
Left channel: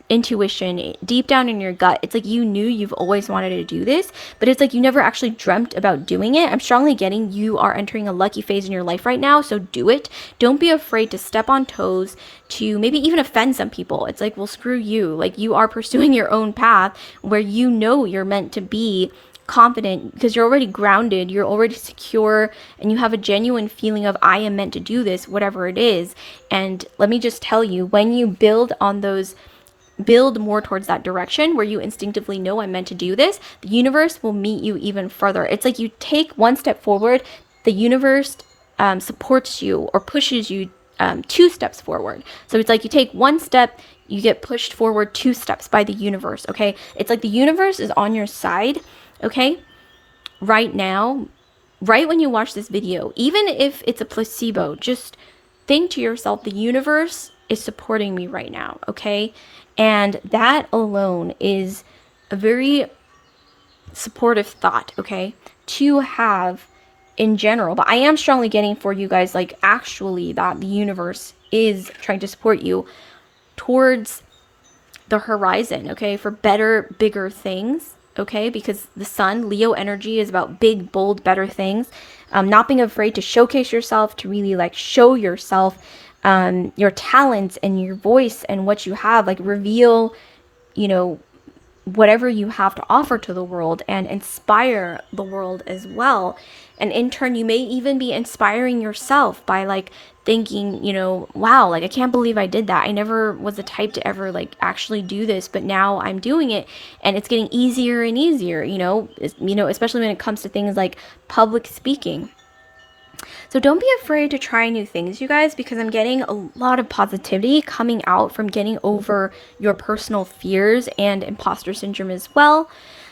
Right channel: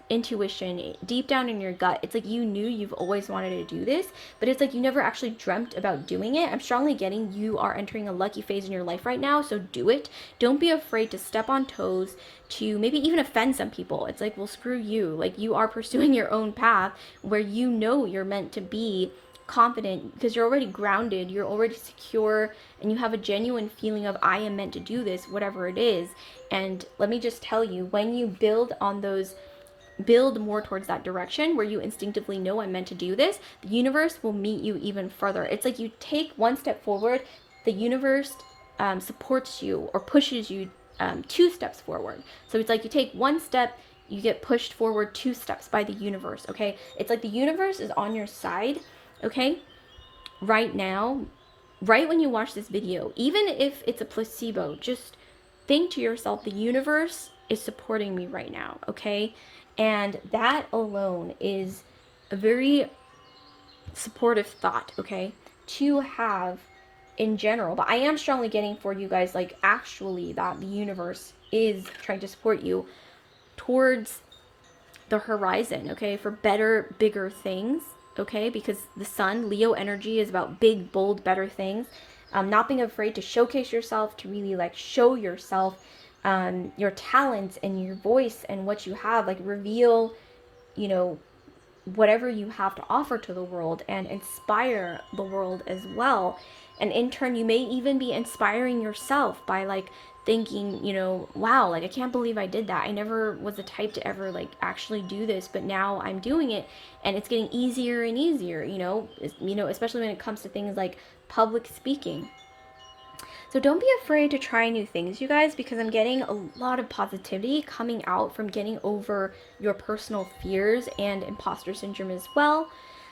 intuition, deep down in your gut, it's like you knew you've always wanted to do this, but it's like you never actually dreamt about doing it. I'm strongly getting you are entering a lucky phase in your life right now, so do it. Don't be afraid to step on toes, to maybe even offend some people. It's like, well, screw you. Like, you are pursuing your own path where you know you're meant to be confident because you're already grounded, you're already secure, and you have a genuine feeling of, I am meant to do this, whatever it is. And let me just tell you, when you build more towards that direction where you instinctively know I'm meant to do this, the universe will meet you even further. It's like you take one step forward, the universe supports you or pushes you 2 steps forward. So it's like you take 1 step, you get pushed forward 2 steps by the universe, okay? It's like the universe is on your side, okay? Right now, right when you watch this video, even if it's a placebo, just think to yourself, the universe is supporting me right now, okay? And that alone is a very supportive thought, okay, to have in general. But I am strongly getting for you guys, like, actually that the universe is trying to support you towards the horizon, okay, for better, bigger things, okay, because the sun, Leo energy, is about big, bold, better things. Not being afraid to showcase yourself, to really like show yourself, your talents and your voice and what you have, like reveal, you know, whatever you have to offer to the world and inspire the world as well. And in turn, you may even be inspiring yourself by like thinking, you know, wow, like I can't believe I did that. I never was the type to ever like actually do this, but now I'm doing it and it's getting easier and easier, especially when it comes to things like public speaking. So don't be afraid to try new things, you guys, because I'm getting a lot of positivity coming out from getting over your personal fears and imposter syndrome as well.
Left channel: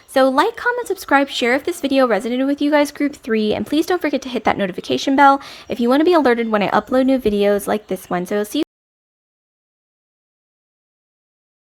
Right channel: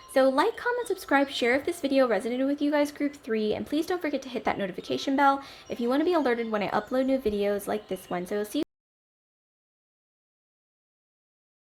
So like, comment, subscribe, share if this video resonated with you guys, group 3, and please don't forget to hit that notification bell if you want to be alerted when I upload new videos like this one. So I'll see you